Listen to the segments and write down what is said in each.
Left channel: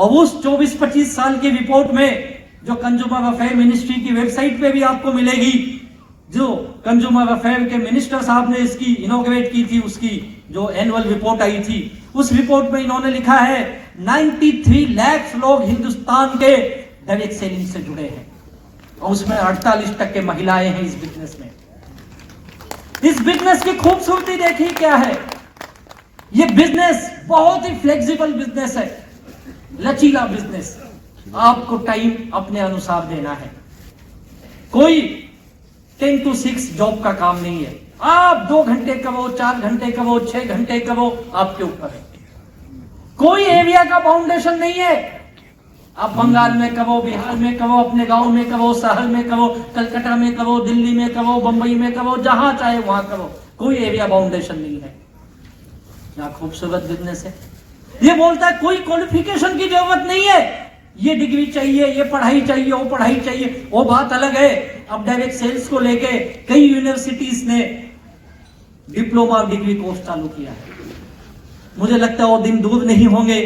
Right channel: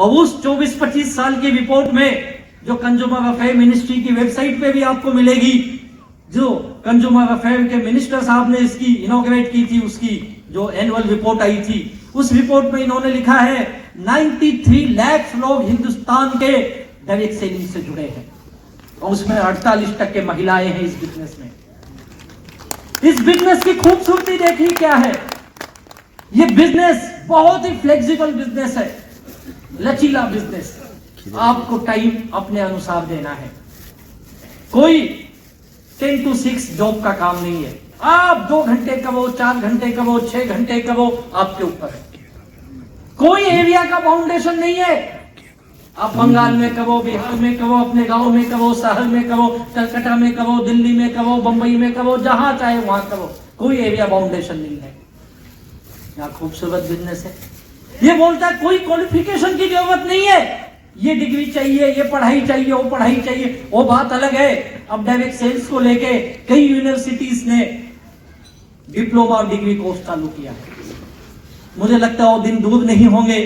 और उस 24-25 साल की रिपोर्ट में जो कंज्यूमर अफेयर मिनिस्ट्री की वेबसाइट पे भी आपको मिलेगी, जो कंज्यूमर अफेयर के मिनिस्टर साहब ने इसकी इनोग्रेट की थी, उसकी जो एनुअल रिपोर्ट आई थी, उस रिपोर्ट में इन्होंने लिखा है 93 लाख लोग हिंदुस्तान के डायरेक्ट सेलिंग से जुड़े हैं और उसमें 48% महिलाएं हैं इस बिजनेस में। इस बिजनेस की खूबसूरती देखिए क्या है। ये बिजनेस बहुत ही फ्लेक्सिबल बिजनेस है, लचीला बिजनेस। आपको टाइम अपने अनुसार देना है। कोई 10 to 6 जॉब का काम नहीं है। आप 2 घंटे करो, 4 घंटे करो, 6 घंटे करो, आपके ऊपर है। कोई एरिया का बाउंडेशन नहीं है। आप बंगाल में करो, बिहार में करो, अपने गांव में करो, शहर में करो, कलकत्ता में करो, दिल्ली में करो, बंबई में करो, जहां चाहे वहां करो, कोई एरिया बाउंडेशन नहीं है। यहाँ खूबसूरत बिजनेस है। ये बोलता है कोई क्वालिफिकेशन की जरूरत नहीं है, ये डिग्री चाहिए, ये पढ़ाई चाहिए, वो पढ़ाई चाहिए, वो बात अलग है। अब डायरेक्ट सेल्स को लेके कई यूनिवर्सिटीज ने डिप्लोमा डिग्री कोर्स चालू किया है। मुझे लगता है वो दिन दूर नहीं होंगे,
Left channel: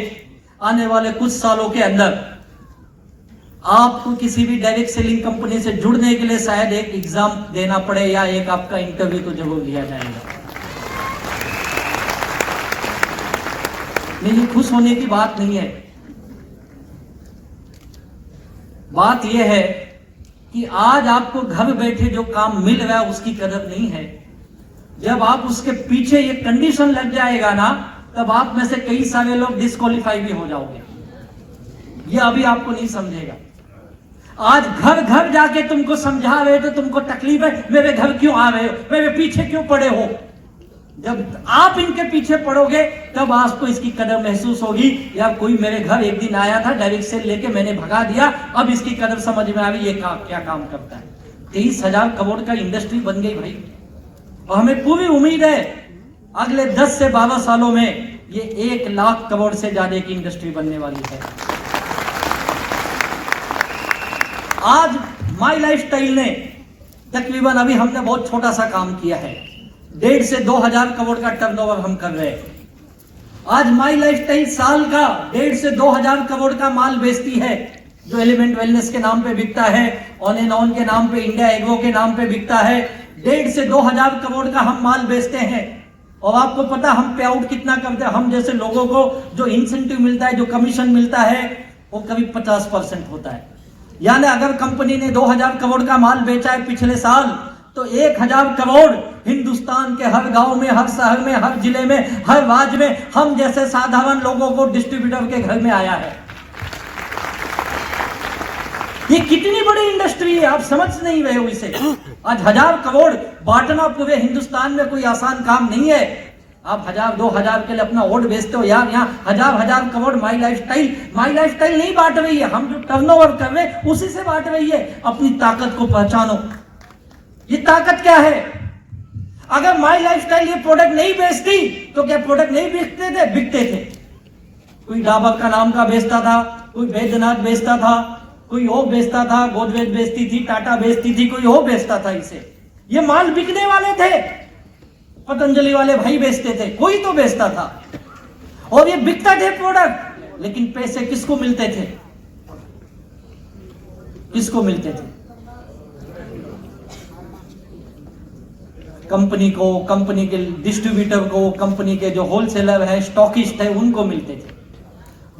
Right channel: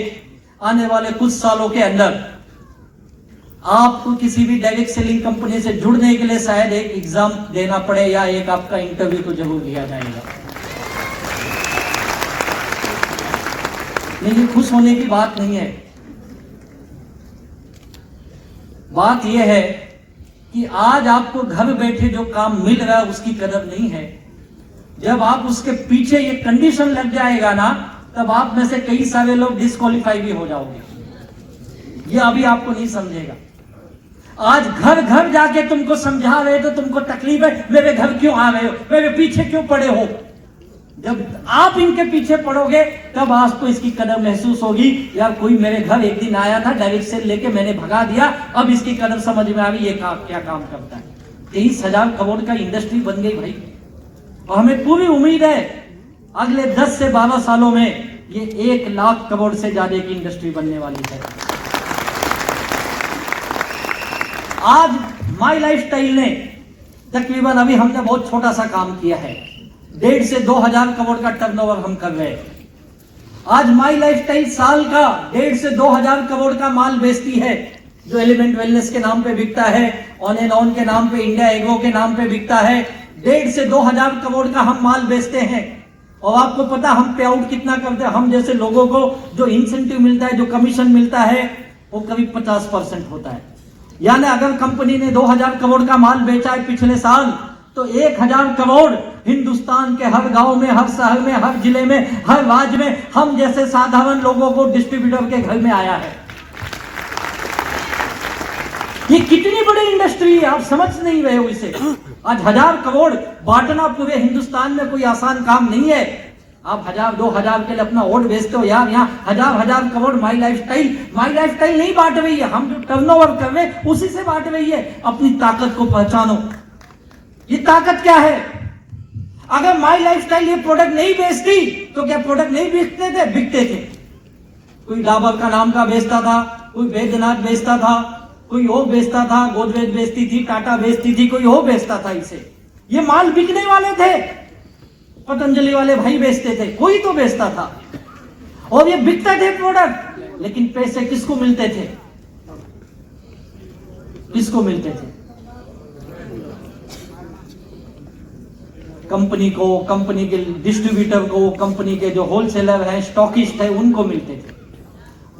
आने वाले कुछ सालों के अंदर आपको किसी भी डायरेक्ट सेलिंग कंपनी से जुड़ने के लिए शायद एक एग्जाम देना पड़े या एक आपका इंटरव्यू तो जरूर लिया जाएगा। लेकिन खुश होने की बात नहीं है। बात यह है कि आज आपको घर बैठे जो काम मिल रहा है उसकी कदर नहीं है। जब आप उसके पीछे ये कंडीशन लग जाएगा ना, तब आप में से कई सारे लोग डिस्क्वालीफाई भी हो जाओगे। ये अभी आपको नहीं समझेगा। आज घर घर जाके तुमको समझा रहे तो तुमको तकलीफ है, मेरे घर क्यों आ रहे हो, मेरे पीछे क्यों पड़े हो। जब आप इनके पीछे पड़ोगे तब आपको इसकी कदर महसूस होगी। यार कोई मेरे घर एक दिन आया था, डायरेक्ट सेल लेके मैंने भगा दिया, अब इसकी कदर समझ में आ गई, ये क्या काम करता है। 23,000 करोड़ का इंडस्ट्री बन गई भाई, और हमें पूरी उम्मीद है अगले 10 से 12 सालों में ये 1 लाख करोड़ से ज्यादा की इंडस्ट्री बनने वाली है। आज माई लाइफस्टाइल ने तकरीबन, अभी हमने बहुत छोटा सा काम किया है, 1.5 से 2,000 करोड़ का टर्नओवर हम कर रहे हैं। आज माई लाइफस्टाइल साल का 1.5 से 2,000 करोड़ का माल बेचती है, जो एलिमेंट वेलनेस के नाम पे बिकता है, ऑन एंड ऑन के नाम पे, इंडिया एग्रो के नाम पे बिकता है। 1.5 से 2,000 करोड़ का हम माल बेचते हैं। और आपको पता हम पे आउट कितना करते हैं। हम जैसे लोगों को जो इंसेंटिव मिलता है, जो कमीशन मिलता है, वो करीब 50% होता है। यानी अगर कंपनी ने 2,000 करोड़ का माल बेचा है पिछले साल, तो 1,000 करोड़ हिंदुस्तान के हर गांव में, हर शहर में, हर जिले में, हर राज्य में हम जैसे साधारण लोगों को डिस्ट्रीब्यूटर के घर में आया है। ये कितनी बड़ी इंडस्ट्री है, आप समझ नहीं रहे हो इसे। आज 1,000 करोड़ बांटना पूरे हिंदुस्तान में कोई आसान काम नहीं है। आप 1,000-2,000 के लिए अपना वोट बेचते हो यार। यहाँ 1,000 करोड़ माई लाइफस्टाइल नहीं बांट रही है, हम जो टर्नओवर कर रहे हैं उसी से बांट रही है। अपनी ताकत को पहचानो। ये ताकत क्या है? अगर माई लाइफस्टाइल ये प्रोडक्ट नहीं बेचती तो क्या प्रोडक्ट नहीं बेचते थे? बिकते थे। कोई डाबर का नाम का बेचता था, कोई बैद्यनाथ बेचता था, कोई वो बेचता था, गोदरेज बेचती थी, टाटा बेचती थी, कोई वो बेचता था। इसे ये माल बिकने वाले थे, पतंजलि वाले भाई बेचते थे, कोई तो बेचता था और ये बिकता थे प्रोडक्ट। लेकिन पैसे किसको मिलते थे? किसको मिलते थे? कंपनी को, कंपनी के डिस्ट्रीब्यूटर को, कंपनी के जो होलसेलर है, स्टॉकिस्ट है, उनको मिलते थे।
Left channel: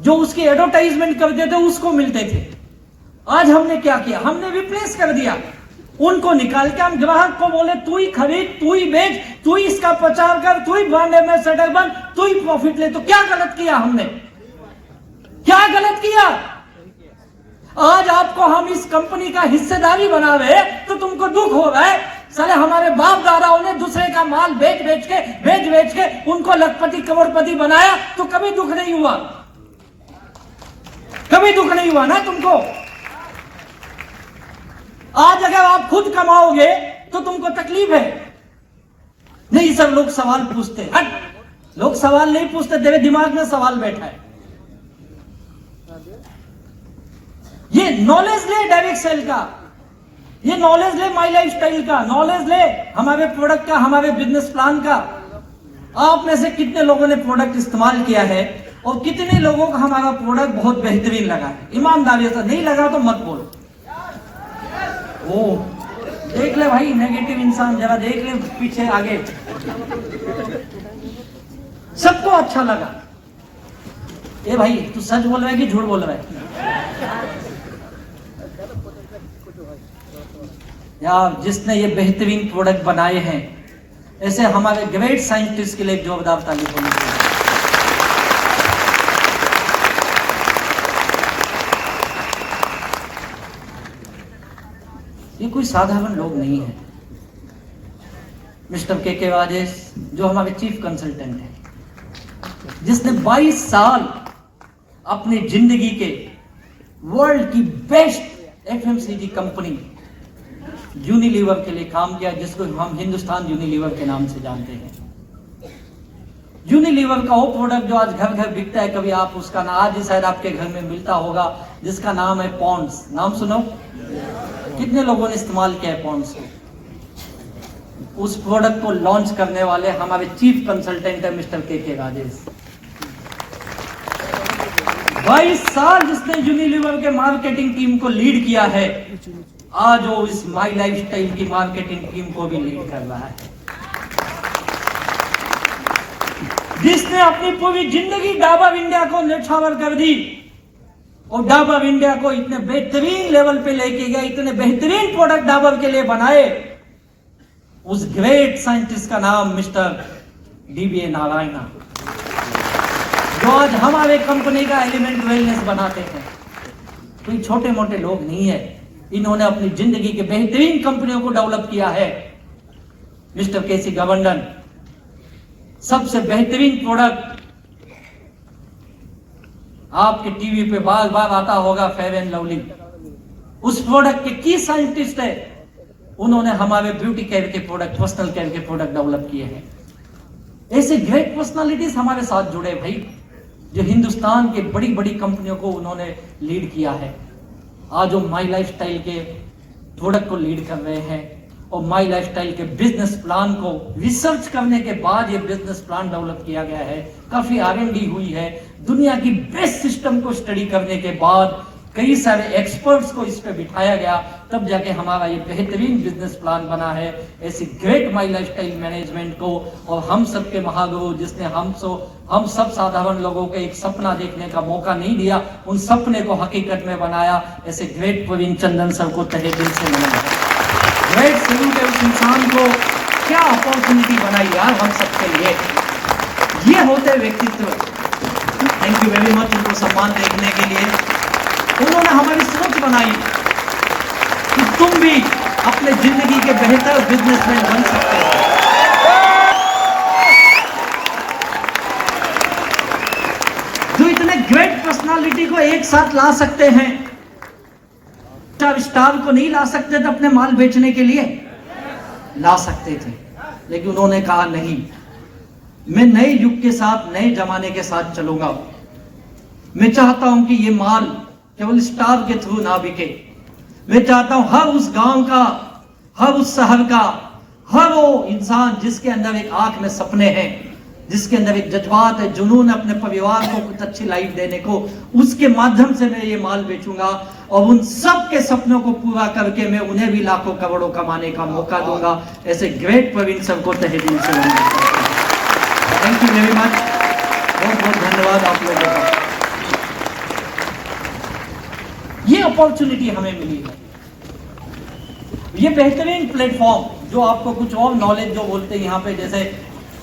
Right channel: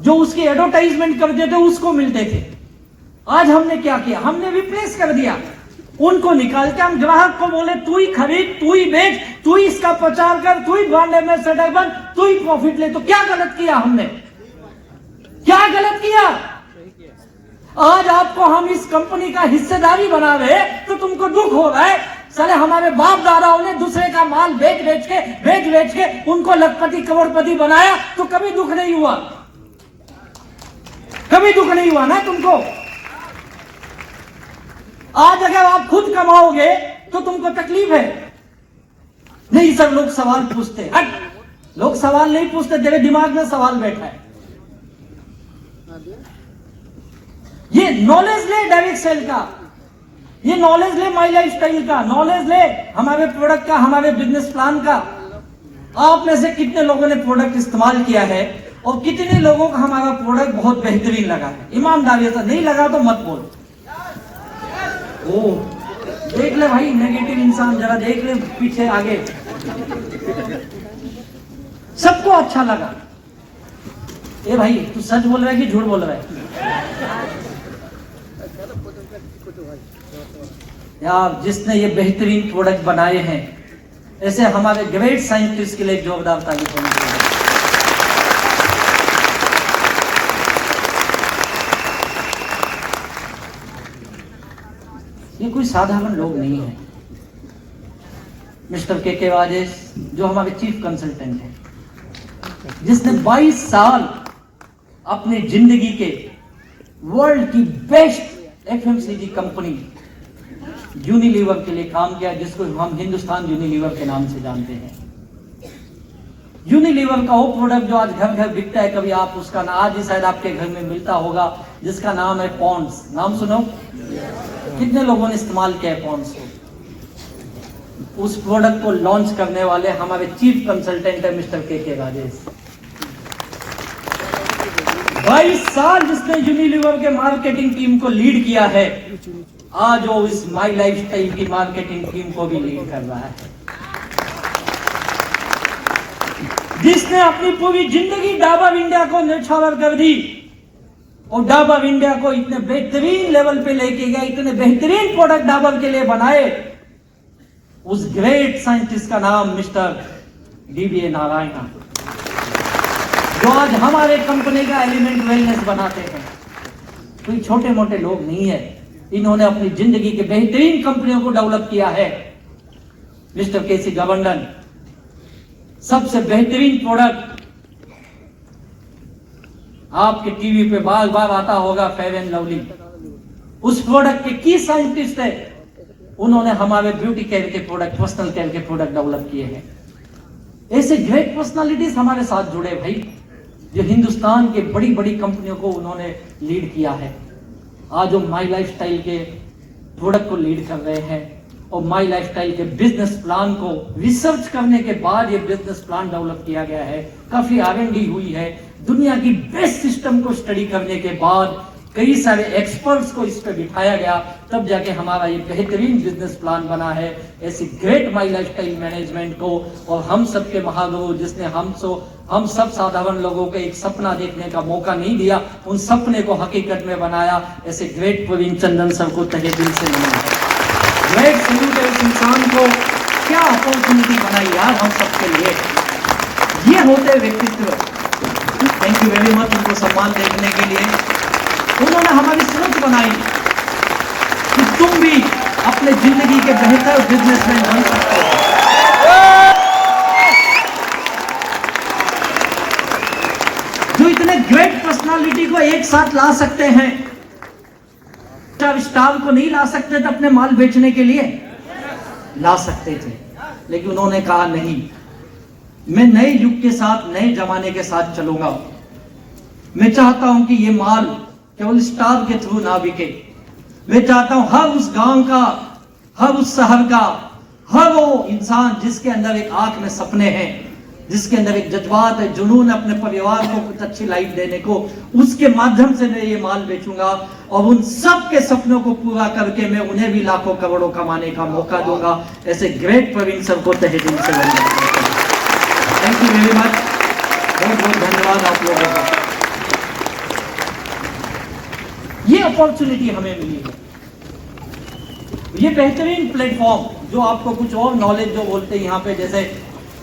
जो उसकी एडवर्टाइजमेंट करते थे उसको मिलते थे। आज हमने क्या किया? हमने रिप्लेस कर दिया। उनको निकाल के हम ग्राहक को बोले तू ही खरीद, तू ही बेच, तू ही इसका प्रचार कर, तू ही ब्रांड एम्बेसडर बन, तू ही प्रॉफिट ले। तो क्या गलत किया हमने? क्या गलत किया? आज आपको हम इस कंपनी का हिस्सेदारी बना रहे तो तुमको दुख हो रहा है। साले हमारे बाप दादाओं ने दूसरे का माल बेच बेच के उनको लखपति करोड़पति बनाया, तो कभी दुख नहीं हुआ? कभी दुख नहीं हुआ ना तुमको? आज अगर आप खुद कमाओगे तो तुमको तकलीफ है। नहीं, सब लोग सवाल पूछते। लोग सवाल नहीं पूछते, तेरे दिमाग में सवाल बैठा है। ये नॉलेज ले डायरेक्ट सेल का, ये नॉलेज ले माई लाइफस्टाइल का, नॉलेज ले हमारे प्रोडक्ट का, हमारे बिजनेस प्लान का। आप में से कितने लोगों ने प्रोडक्ट इस्तेमाल किया है और कितने लोगों को हमारा प्रोडक्ट बहुत बेहतरीन लगा, ईमानदारी से नहीं लगा तो मत बोल। ओ देख ले भाई, नेगेटिव इंसान जरा देख ले पीछे आगे, सबको अच्छा लगा। ए भाई तू सच बोल रहा है कि झूठ बोल रहा है? यार जिसने ये बेहतरीन प्रोडक्ट बनाए हैं, ऐसे हमारे ग्रेट साइंटिस्ट के लिए जोरदार ताली होनी चाहिए। ये कोई साधारण लोग नहीं है। मिस्टर के राजेश जो हमारे चीफ कंसल्टेंट हैं, जिसने 22 साल अपनी जिंदगी के वर्ल्ड की बेस्ट एफएमसीजी कंपनी यूनिलीवर के लिए काम किया, जिसको हम हिंदुस्तान यूनिलीवर के नाम से जानते हैं। यूनिलीवर का वो प्रोडक्ट जो आज घर घर बिकता है, कभी आप उसका आज ही शायद आपके घर में मिलता होगा, जिसका नाम है पॉन्ड्स। नाम सुनो, कितने लोगों ने इस्तेमाल किया है पॉन्ड्स को? उस प्रोडक्ट को लॉन्च करने वाले हमारे चीफ कंसल्टेंट है मिस्टर के राजेश। 22 साल जिसने यूनिलीवर के मार्केटिंग टीम को लीड किया है, आज वो इस माई लाइफस्टाइल की मार्केटिंग टीम को भी लीड कर रहा है। जिसने अपनी पूरी जिंदगी डाबर इंडिया को नेछावर कर दी और डाबर इंडिया को इतने बेहतरीन लेवल पे लेके गया, इतने बेहतरीन प्रोडक्ट डाबर के लिए बनाए, उस ग्रेट साइंटिस्ट का नाम मिस्टर डीबीए नारायण, जो आज हमारे कंपनी का एलिमेंट वेलनेस बनाते हैं। कोई छोटे मोटे लोग नहीं है, इन्होंने अपनी जिंदगी के बेहतरीन कंपनियों को डेवलप किया है। मिस्टर केसी गवर्नर, सबसे बेहतरीन प्रोडक्ट आपके टीवी पे बार बार आता होगा, फेयर एंड लवली। उस प्रोडक्ट के की साइंटिस्ट है, उन्होंने हमारे ब्यूटी केयर के प्रोडक्ट, पर्सनल केयर के प्रोडक्ट डेवलप किए हैं। ऐसे ग्रेट पर्सनालिटीज हमारे साथ जुड़े भाई, जो हिंदुस्तान के बड़ी बड़ी कंपनियों को उन्होंने लीड किया है। आज वो माई लाइफस्टाइल के प्रोडक्ट को लीड कर रहे हैं और माई लाइफस्टाइल के बिजनेस प्लान को रिसर्च करने के बाद ये बिजनेस प्लान डेवलप किया गया है। काफी R&D हुई है, दुनिया की बेस्ट सिस्टम को स्टडी करने के बाद कई सारे एक्सपर्ट्स को इस पे बिठाया गया, तब जाके हमारा ये बेहतरीन बिजनेस प्लान बना है। ऐसी ग्रेट माई लाइफस्टाइल मैनेजमेंट को और हम सब के महागुरु, जिसने हम सब साधारण लोगों को एक सपना देखने का मौका नहीं दिया, उन सपने को हकीकत में बनाया, ऐसे ग्रेट प्रवीण चंदन सर को तहे दिल से मनाया। ग्रेट सिविल इंसान को क्या अपॉर्चुनिटी बनाई यार हम सबके लिए। ये होते व्यक्तित्व। थैंक यू वेरी मच उनको सम्मान देखने के लिए। उन्होंने हमारी सोच बनाई कि तुम भी अपने जिंदगी के बेहतर बिजनेसमैन बन सकते हो। जो इतने ग्रेट पर्सनालिटी को एक साथ ला सकते हैं, स्टार को नहीं ला सकते थे अपने माल बेचने के लिए, ला सकते थे, लेकिन उन्होंने कहा नहीं, मैं नए युग के साथ, नए जमाने के साथ चलूंगा। मैं चाहता हूं कि ये माल केवल स्टार के थ्रू ना बिके। मैं चाहता हूं हर उस गांव का, हर उस शहर का, हर वो इंसान जिसके अंदर एक आंख में सपने हैं, जिसके अंदर एक जज्बात है, जुनून अपने परिवार को कुछ अच्छी लाइफ देने को, उसके माध्यम से मैं ये माल बेचूंगा और उन सब के सपनों को पूरा करके मैं उन्हें भी लाखों करोड़ों कमाने का मौका दूंगा। ऐसे ग्रेट प्रवीण सर को तहे दिल से थैंक यू वेरी मच, बहुत बहुत धन्यवाद आप लोगों का। ये अपॉर्चुनिटी हमें मिली है, ये बेहतरीन प्लेटफॉर्म जो आपको कुछ और नॉलेज जो बोलते हैं यहाँ पे, जैसे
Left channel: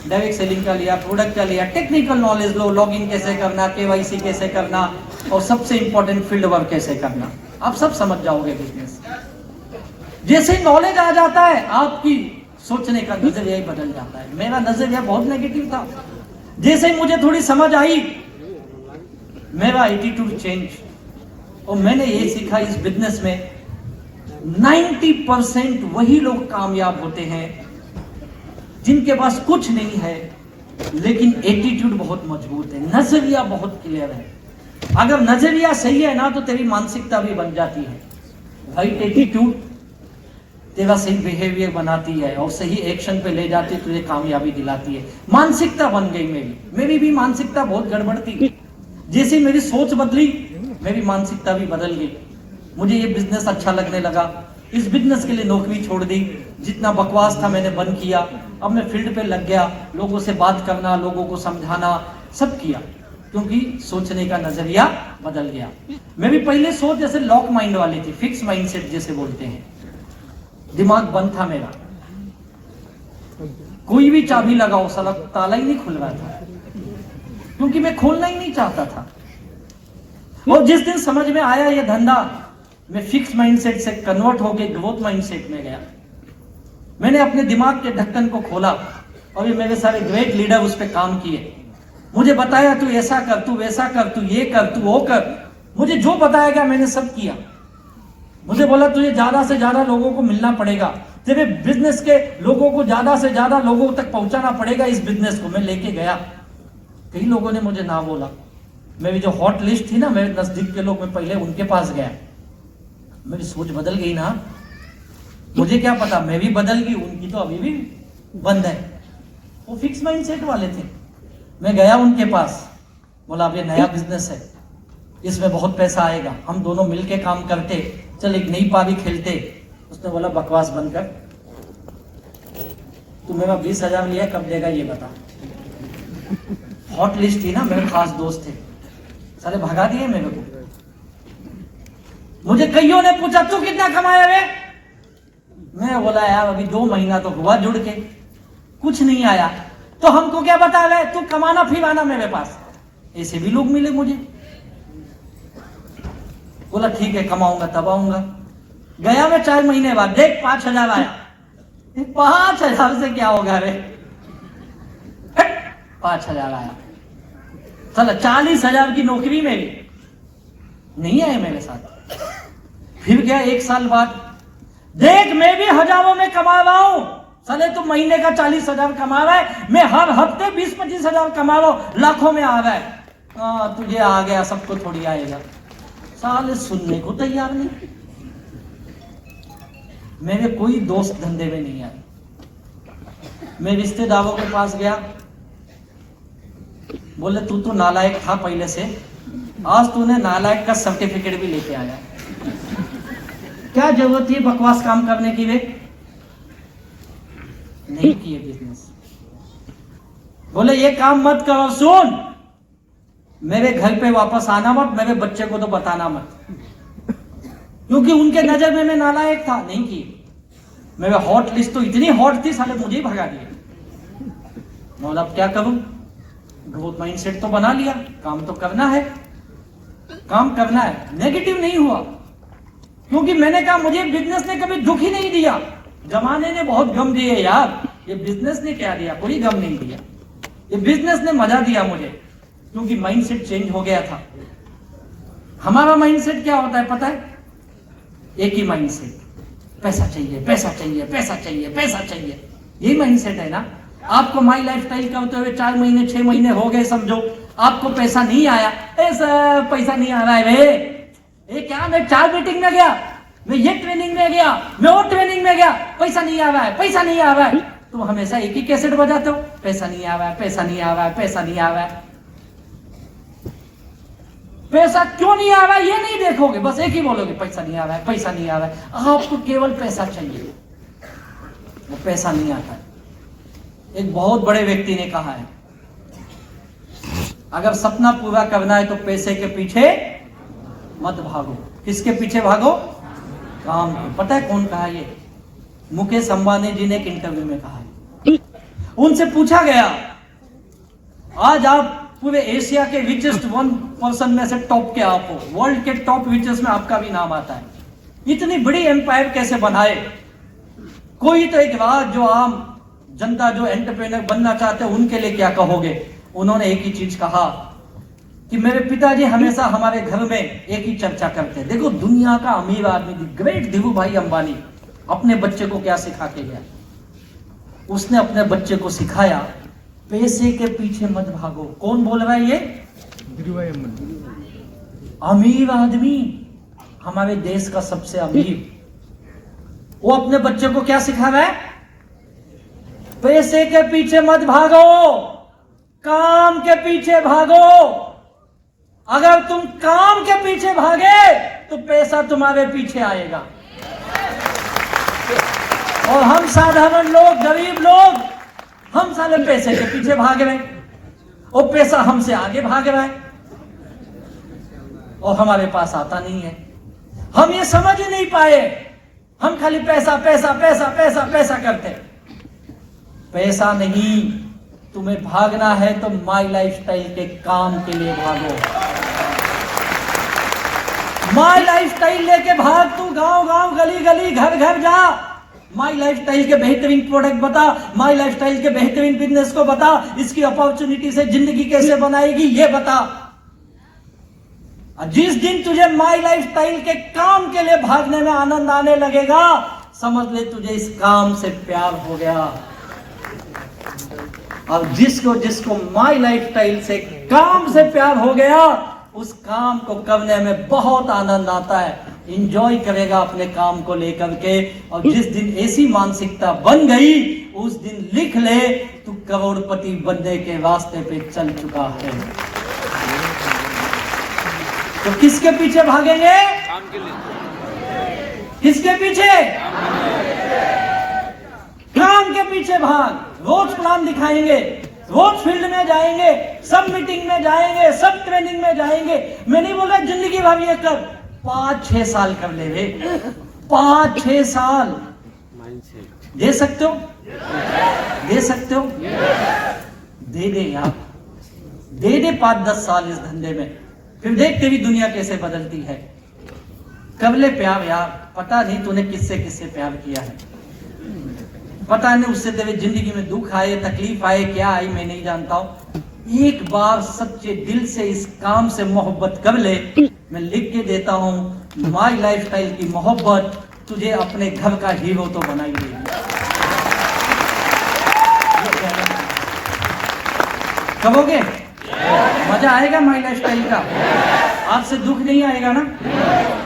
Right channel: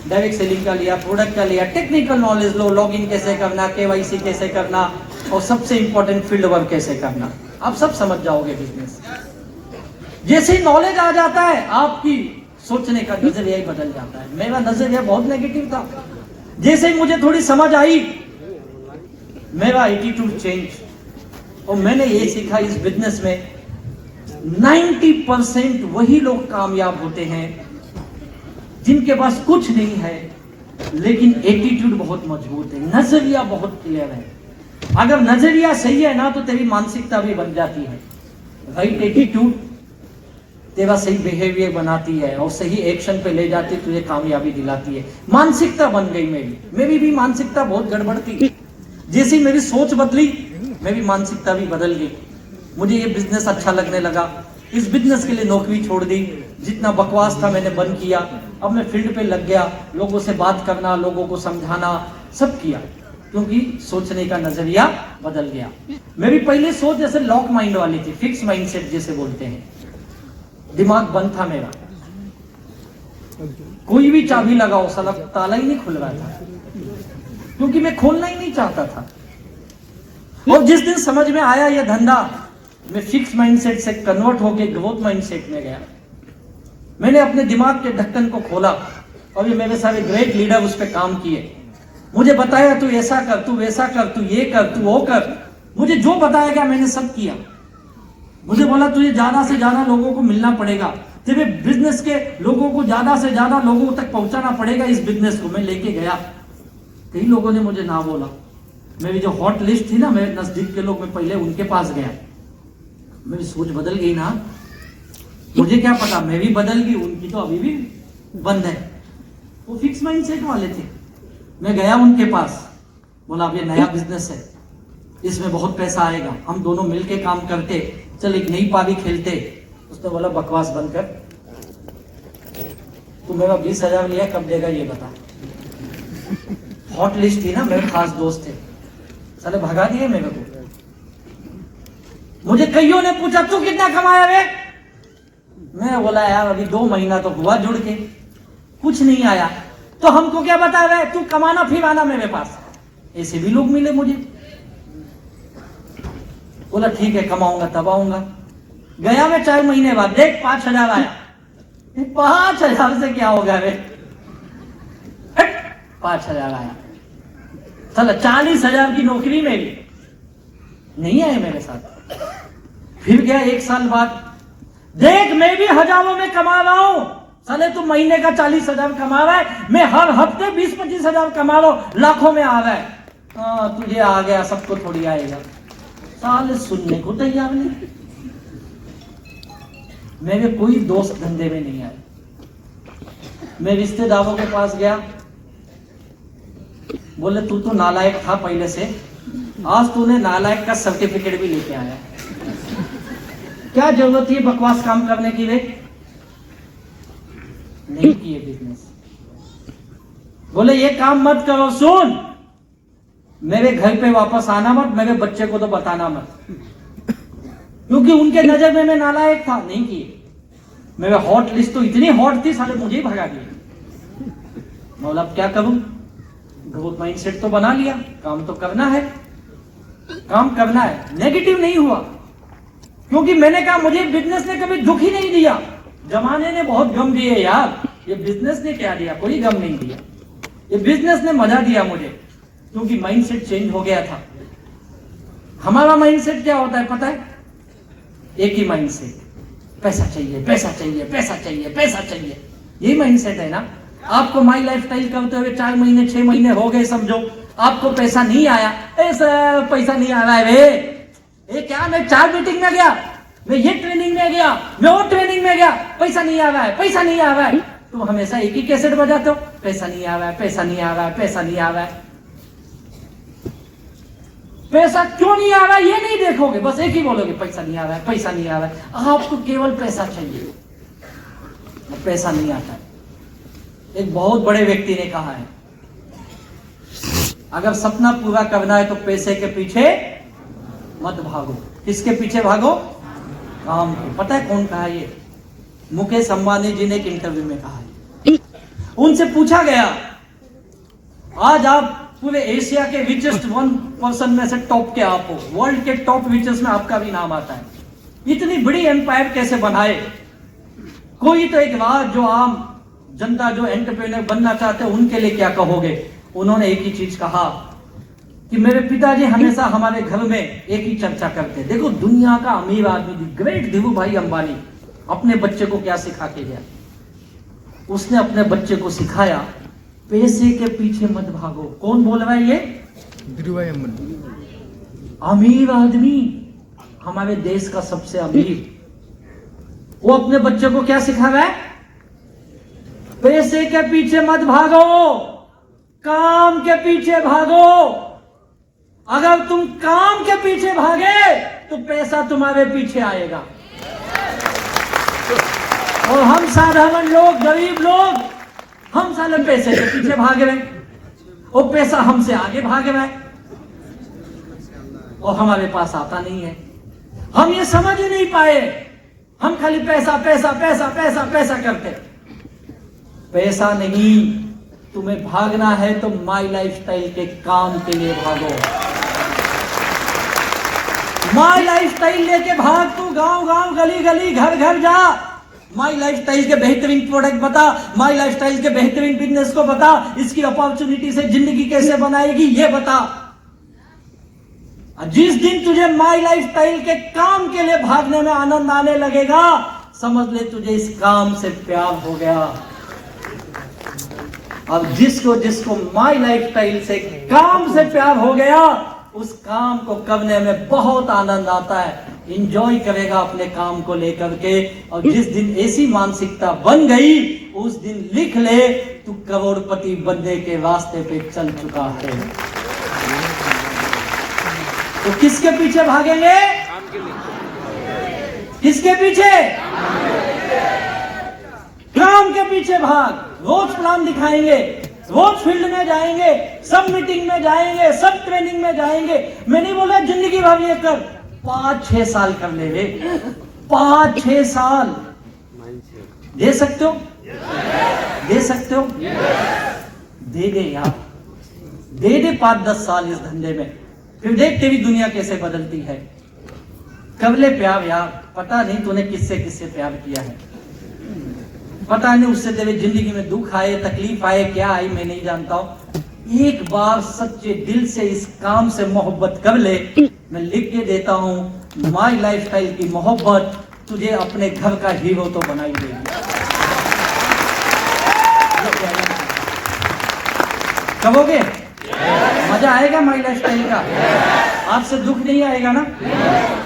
डायरेक्ट सेलिंग का लिया, प्रोडक्ट का लिया, टेक्निकल नॉलेज लो, लॉगिन कैसे करना, KYC कैसे करना और सबसे इंपॉर्टेंट फील्ड वर्क कैसे करना, आप सब समझ जाओगे बिजनेस। जैसे नॉलेज आ जाता है, आपकी सोचने का नजरिया ही बदल जाता है। मेरा नजरिया बहुत नेगेटिव था, जैसे ही मुझे थोड़ी समझ आई, मेरा एटीट्यूड चेंज, और मैंने ये सीखा इस बिजनेस में 90% वही लोग कामयाब होते हैं जिनके पास कुछ नहीं है, लेकिन एटीट्यूड बहुत मजबूत है, नजरिया बहुत क्लियर है। अगर नजरिया सही है ना, तो तेरी मानसिकता भी बन जाती है। राइट एटीट्यूड तेरा सही बिहेवियर बनाती है और सही एक्शन पे ले जाती है, तुझे कामयाबी दिलाती है। मानसिकता बन गई मेरी भी मानसिकता बहुत गड़बड़ थी। जैसे ही मेरी सोच बदली, मेरी मानसिकता भी बदल गई। मुझे ये बिजनेस अच्छा लगने लगा। इस बिजनेस के लिए नौकरी छोड़ दी, जितना बकवास था मैंने बंद किया। अब मैं फील्ड पे लग गया, लोगों से बात करना, लोगों को समझाना, सब किया, क्योंकि सोचने का नजरिया बदल गया। मेरी पहली सोच जैसे लॉक माइंड वाली थी, फिक्स माइंडसेट जैसे बोलते हैं। दिमाग बंद था मेरा, कोई भी चाबी लगाओ साला ताला ही नहीं खुल रहा था, क्योंकि मैं खोलना ही नहीं चाहता था। और जिस दिन समझ में आया ये धंधा, मैं फिक्स माइंडसेट से कन्वर्ट होकर ग्रोथ माइंडसेट में गया। मैंने अपने दिमाग के ढक्कन को खोला और ये मेरे सारे ग्रेट लीडर उस पर काम किए। मुझे बताया तू ऐसा कर, तू वैसा कर, तू ये कर, तू वो कर। मुझे जो बताया गया मैंने सब किया। मुझे बोला तुझे ज्यादा से ज्यादा लोगों को मिलना पड़ेगा, तेरे बिजनेस के लोगों को ज्यादा से ज्यादा लोगों तक पहुंचाना पड़ेगा इस बिजनेस को। मैं लेके गया, कई लोगों ने मुझे ना बोला। मेरी जो हॉट लिस्ट थी ना, मेरे नजदीक के लोग, मैं पहले उनके पास गया। मेरी सोच बदल गई ना, मुझे क्या पता, मैं भी बदल गई, उनकी तो अभी भी बंद है। वो फिक्स माइंडसेट वाले थे। मैं गया उनके पास, बोला अब ये नया बिजनेस है, इसमें बहुत पैसा आएगा, हम दोनों मिलके काम करते, चल एक नई पारी खेलते। उसने बोला बकवास बंद कर, तू मेरा 20,000 लिया, कब देगा ये बता। हॉट लिस्ट थी ना, मेरे खास दोस्त थे, सारे भगा दिए मेरे को। मुझे कईयों ने पूछा तू कितना कमाया रे? मैं बोला यार अभी 2 महीना तो हुआ जुड़ के, कुछ नहीं आया। तो हमको क्या बता रहे, तू कमाना फिर आना मेरे पास। ऐसे भी लोग मिले मुझे। बोला ठीक है, कमाऊंगा तब आऊंगा। गया मैं 4 महीने बाद, देख 5,000 आया। 5,000 से क्या होगा रे? 5,000 आया। चलो 40,000 की नौकरी मेरी नहीं आए मेरे साथ। फिर गया 1 साल बाद, देख मैं भी हजारों में कमा रहा हूं। साले तू महीने का 40,000 कमा रहा है, मैं हर हफ्ते 20-25,000 कमा रहा हूं, लाखों में आ रहा है। हाँ तुझे आ गया, सबको थोड़ी आएगा। साले सुनने को तैयार नहीं। मेरे कोई दोस्त धंधे में नहीं आए। मैं रिश्तेदारों के पास गया, बोले तू तो नालायक था पहले से, आज तूने नालायक का सर्टिफिकेट भी लेके आया। क्या जरूरत थी बकवास काम करने के लिए? नहीं किए बिजनेस। बोले ये काम मत करो, सुन मेरे घर पे वापस आना मत, मेरे बच्चे को तो बताना मत, क्योंकि उनके नजर में मैं नालायक था। नहीं किए। मेरा हॉट लिस्ट तो इतनी हॉट थी, साले मुझे ही भगा दिया। मतलब क्या करूं? ग्रोथ माइंडसेट तो बना लिया, काम तो करना है, काम करना है। नेगेटिव नहीं हुआ, क्योंकि मैंने कहा मुझे बिजनेस ने कभी दुख ही नहीं दिया। जमाने ने बहुत गम दिए यार, ये बिजनेस ने क्या दिया? कोई गम नहीं दिया। ये बिजनेस ने मजा दिया मुझे, क्योंकि माइंडसेट चेंज हो गया था। हमारा माइंडसेट क्या होता है पता है? एक ही माइंडसेट, पैसा चाहिए, पैसा चाहिए, पैसा चाहिए, पैसा चाहिए। यही माइंडसेट है ना। आपको माई लाइफ स्टाइल करते हुए 4 महीने 6 महीने हो गए समझो, आपको पैसा नहीं आया। सर पैसा नहीं आ रहा है रे। ये क्या, मैं 4 मीटिंग में गया, मैं ये ट्रेनिंग में गया, मैं वो ट्रेनिंग में गया, पैसा नहीं आ रहा है, पैसा नहीं आ रहा है। तो हमेशा एक ही कैसेट बजाते हो, पैसा नहीं आ रहा है, पैसा नहीं आ रहा है, पैसा नहीं आ रहा है। पैसा क्यों नहीं आ रहा है ये नहीं देखोगे, बस एक ही बोलोगे पैसा नहीं आ रहा है, पैसा नहीं आ रहा है। आपको केवल पैसा चाहिए, तो पैसा नहीं आता। एक बहुत बड़े व्यक्ति ने कहा है, अगर सपना पूरा करना है तो पैसे के पीछे मत भागो। किसके पीछे भागो? काम के। पता है कौन कहा ये? मुकेश अंबानी जी ने एक इंटरव्यू में कहा है। उनसे पूछा गया, आज आप पूरे एशिया के रिचेस्ट 1% में से टॉप के आप हो, वर्ल्ड के टॉप रिचेस्ट में आपका भी नाम आता है, इतनी बड़ी एम्पायर कैसे बनाए? कोई तो एक बात, जो आम जनता जो एंटरप्रेन्योर बनना चाहते हैं उनके लिए क्या कहोगे? उन्होंने एक ही चीज कहा कि मेरे पिताजी हमेशा हमारे घर में एक ही चर्चा करते हैं। देखो दुनिया का अमीर आदमी, ग्रेट धीरू भाई अंबानी, अपने बच्चे को क्या सिखा के गया? उसने अपने बच्चे को सिखाया पैसे के पीछे मत भागो। कौन बोल रहा है ये? अमीर आदमी, हमारे देश का सबसे अमीर, वो अपने बच्चे को क्या सिखा रहा है? पैसे के पीछे मत भागो, काम के पीछे भागो। अगर तुम काम के पीछे भागे तो पैसा तुम्हारे पीछे आएगा। और हम साधारण लोग, गरीब लोग, हम सारे पैसे के पीछे भाग रहे, वो पैसा हमसे आगे भाग रहा है और हमारे पास आता नहीं है। हम ये समझ ही नहीं पाए, हम खाली पैसा पैसा पैसा पैसा पैसा करते। पैसा नहीं, तुम्हें भागना है तो माई लाइफस्टाइल के काम के लिए भागो। माई लाइफस्टाइल लेके भाग, तू गांव गांव गली गली घर घर जा, माई लाइफस्टाइल के बेहतरीन प्रोडक्ट बता, माई लाइफस्टाइल के बेहतरीन बिजनेस को बता, इसकी अपॉर्चुनिटी से जिंदगी कैसे बनाएगी ये बता। जिस दिन तुझे माई लाइफस्टाइल के काम के लिए भागने में आनंद आने लगेगा, समझ ले तुझे इस काम से प्यार हो गया। और जिसको जिसको माई लाइफस्टाइल से काम से प्यार हो गया, उस काम को करने में बहुत आनंद आता है, एंजॉय करेगा अपने काम को लेकर के। और जिस दिन ऐसी मानसिकता बन गई, उस दिन लिख ले तू करोड़पति बनने के रास्ते पे चल चुका है। तो किसके पीछे भागेंगे? किसके पीछे? काम के पीछे भाग। रोज प्लान दिखाएंगे, रोज फील्ड में जाएंगे, सब मीटिंग में जाएंगे, सब ट्रेनिंग में जाएंगे। मैं नहीं बोला जिंदगी भर ये कर, 5-6 साल कर ले रे, 5-6 साल दे सकते हो? दे सकते हो? दे दे यार, दे दे 5-10 साल इस धंधे में, फिर देख तेरी दुनिया कैसे बदलती है। कबले प्यार यार, पता नहीं तूने किससे किससे प्यार किया है, पता नहीं उससे तेरी जिंदगी में दुख आए, तकलीफ आए, क्या आई मैं नहीं जानता हूं। एक बार सच्चे दिल से इस काम से मोहब्बत कर ले, मैं लिख के देता हूं, माई लाइफस्टाइल की मोहब्बत तुझे अपने घर का हीरो तो बनाई देगी। कहोगे मजा आएगा माई लाइफस्टाइल का? आपसे दुख नहीं आएगा ना?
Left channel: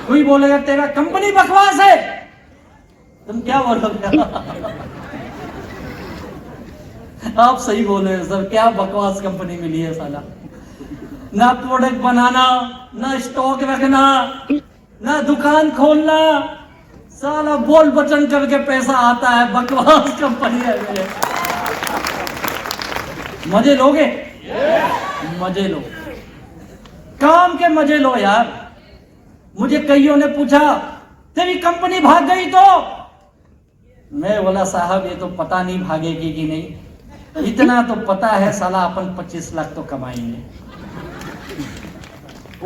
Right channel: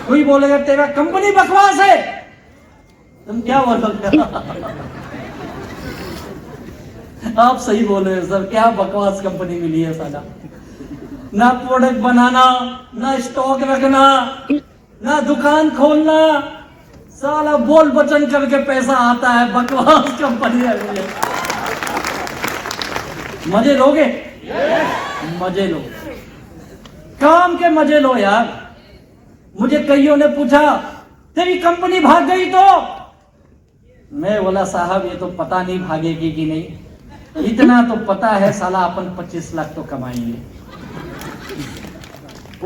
कोई बोलेगा तेरा कंपनी बकवास है, तुम क्या बोलोगे? आप सही बोल रहे हो सर, क्या बकवास कंपनी मिली है साला। ना प्रोडक्ट बनाना, ना स्टॉक रखना, ना दुकान खोलना, साला बोल बचन करके पैसा आता है, बकवास कंपनी है। मजे लोगे? मजे लो, काम के मजे लो यार। मुझे कईयों ने पूछा तेरी कंपनी भाग गई तो? मैं बोला साहब ये तो पता नहीं भागेगी कि नहीं, इतना तो पता है साला अपन 25 लाख तो कमाएंगे,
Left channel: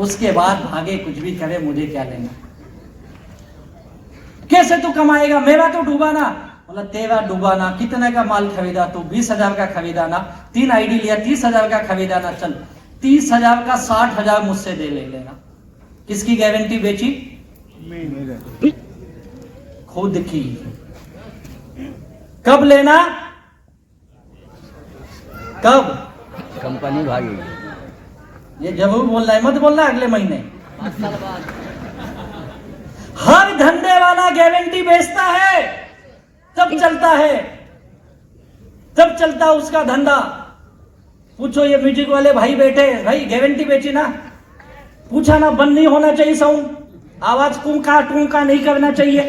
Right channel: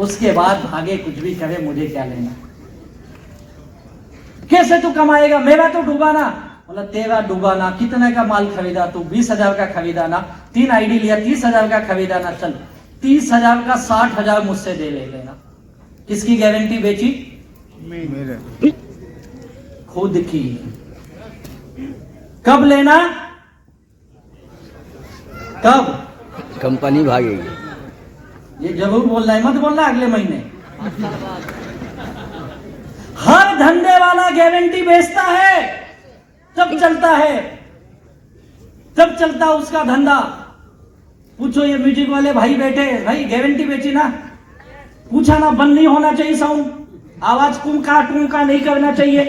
उसके बाद भागे कुछ भी करे मुझे क्या लेना। कैसे तू कमाएगा? मेरा तो डूबा ना। बोला तेरा डूबा ना, कितने का माल खरीदा तू? 20,000 का खरीदा ना, 3 आईडी लिया, 30,000 का खरीदा ना, चल 30,000 का 60,000 मुझसे दे ले लेना। किसकी गारंटी बेची? खुद की। कब लेना? कब? कंपनी भागेगी। ये जरूर बोल रहा है, मत बोल रहा अगले महीने। हर धंधे वाला गारंटी बेचता है तब चलता है, तब चलता है उसका धंधा। पूछो ये म्यूजिक वाले भाई बैठे, भाई गारंटी बेची ना? पूछा ना? बंद नहीं होना चाहिए साउंड, आवाज टूंका टूंका नहीं करना चाहिए,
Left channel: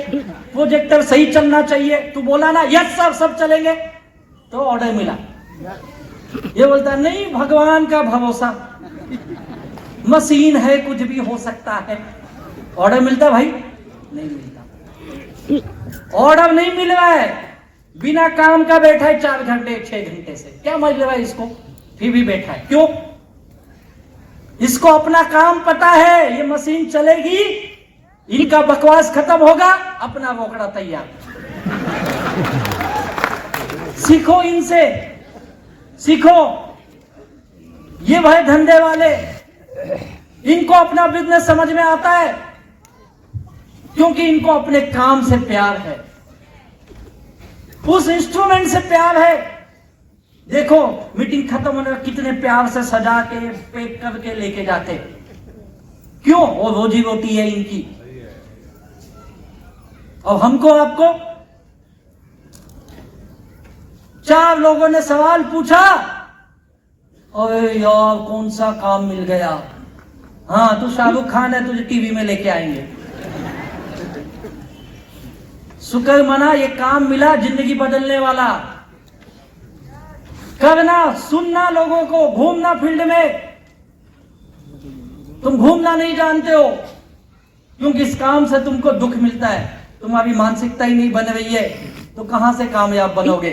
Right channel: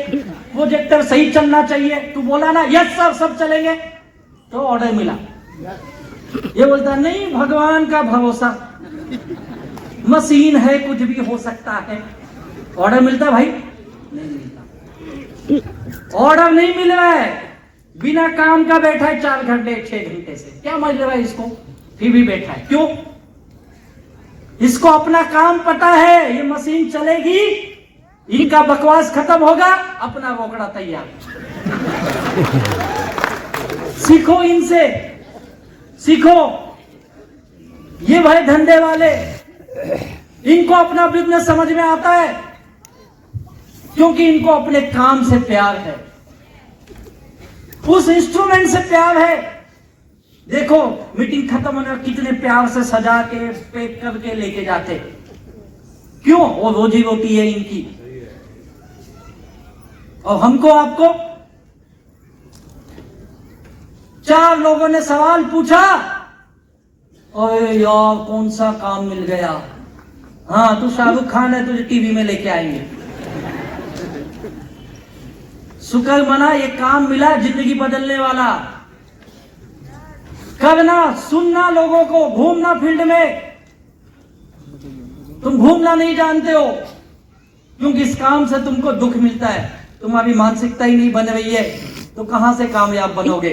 प्रोजेक्टर सही चलना चाहिए। तू बोला ना यस सर सब चलेंगे, तो ऑर्डर मिला। ये बोलता नहीं भगवान का भरोसा, मशीन है कुछ भी हो सकता है। ऑर्डर मिलता भाई? नहीं मिलता। ऑर्डर नहीं मिल रहा है, बिना काम का बैठा है 4 घंटे 6 घंटे से, क्या मतलब है इसको? फिर भी बैठा है, क्यों? इसको अपना काम पता है, ये मशीन चलेगी, इनका बकवास खत्म होगा, अपना रोकड़ा तैयार। सीखो इनसे, सीखो। ये भाई धंधे वाले, इनको अपना बिजनेस समझ में आता है क्योंकि इनको अपने काम से प्यार है, उस इंस्ट्रूमेंट से प्यार है। देखो मीटिंग खत्म होने कितने प्यार से सजा के पैक करके लेके जाते, क्यों? वो रोजी रोटी है इनकी। और हमको आपको 4 लोगों ने सवाल पूछा, अरे यार कौन सा काम मिल गया, हाँ तू शाहरुख खान है, तुझे टीवी में लेके आएंगे। शुक्र मना, ये काम मिला जिंदगी बदलने वाला। करना, सुनना लोगों को, घूमना फील्ड में। तुम घूमना नहीं जानते हो क्योंकि इस काम से तुमको दुख मिलता है, तुम्हारी मानसिकता ही नहीं बन रही है, तो कहां से कामयाब बनोगे।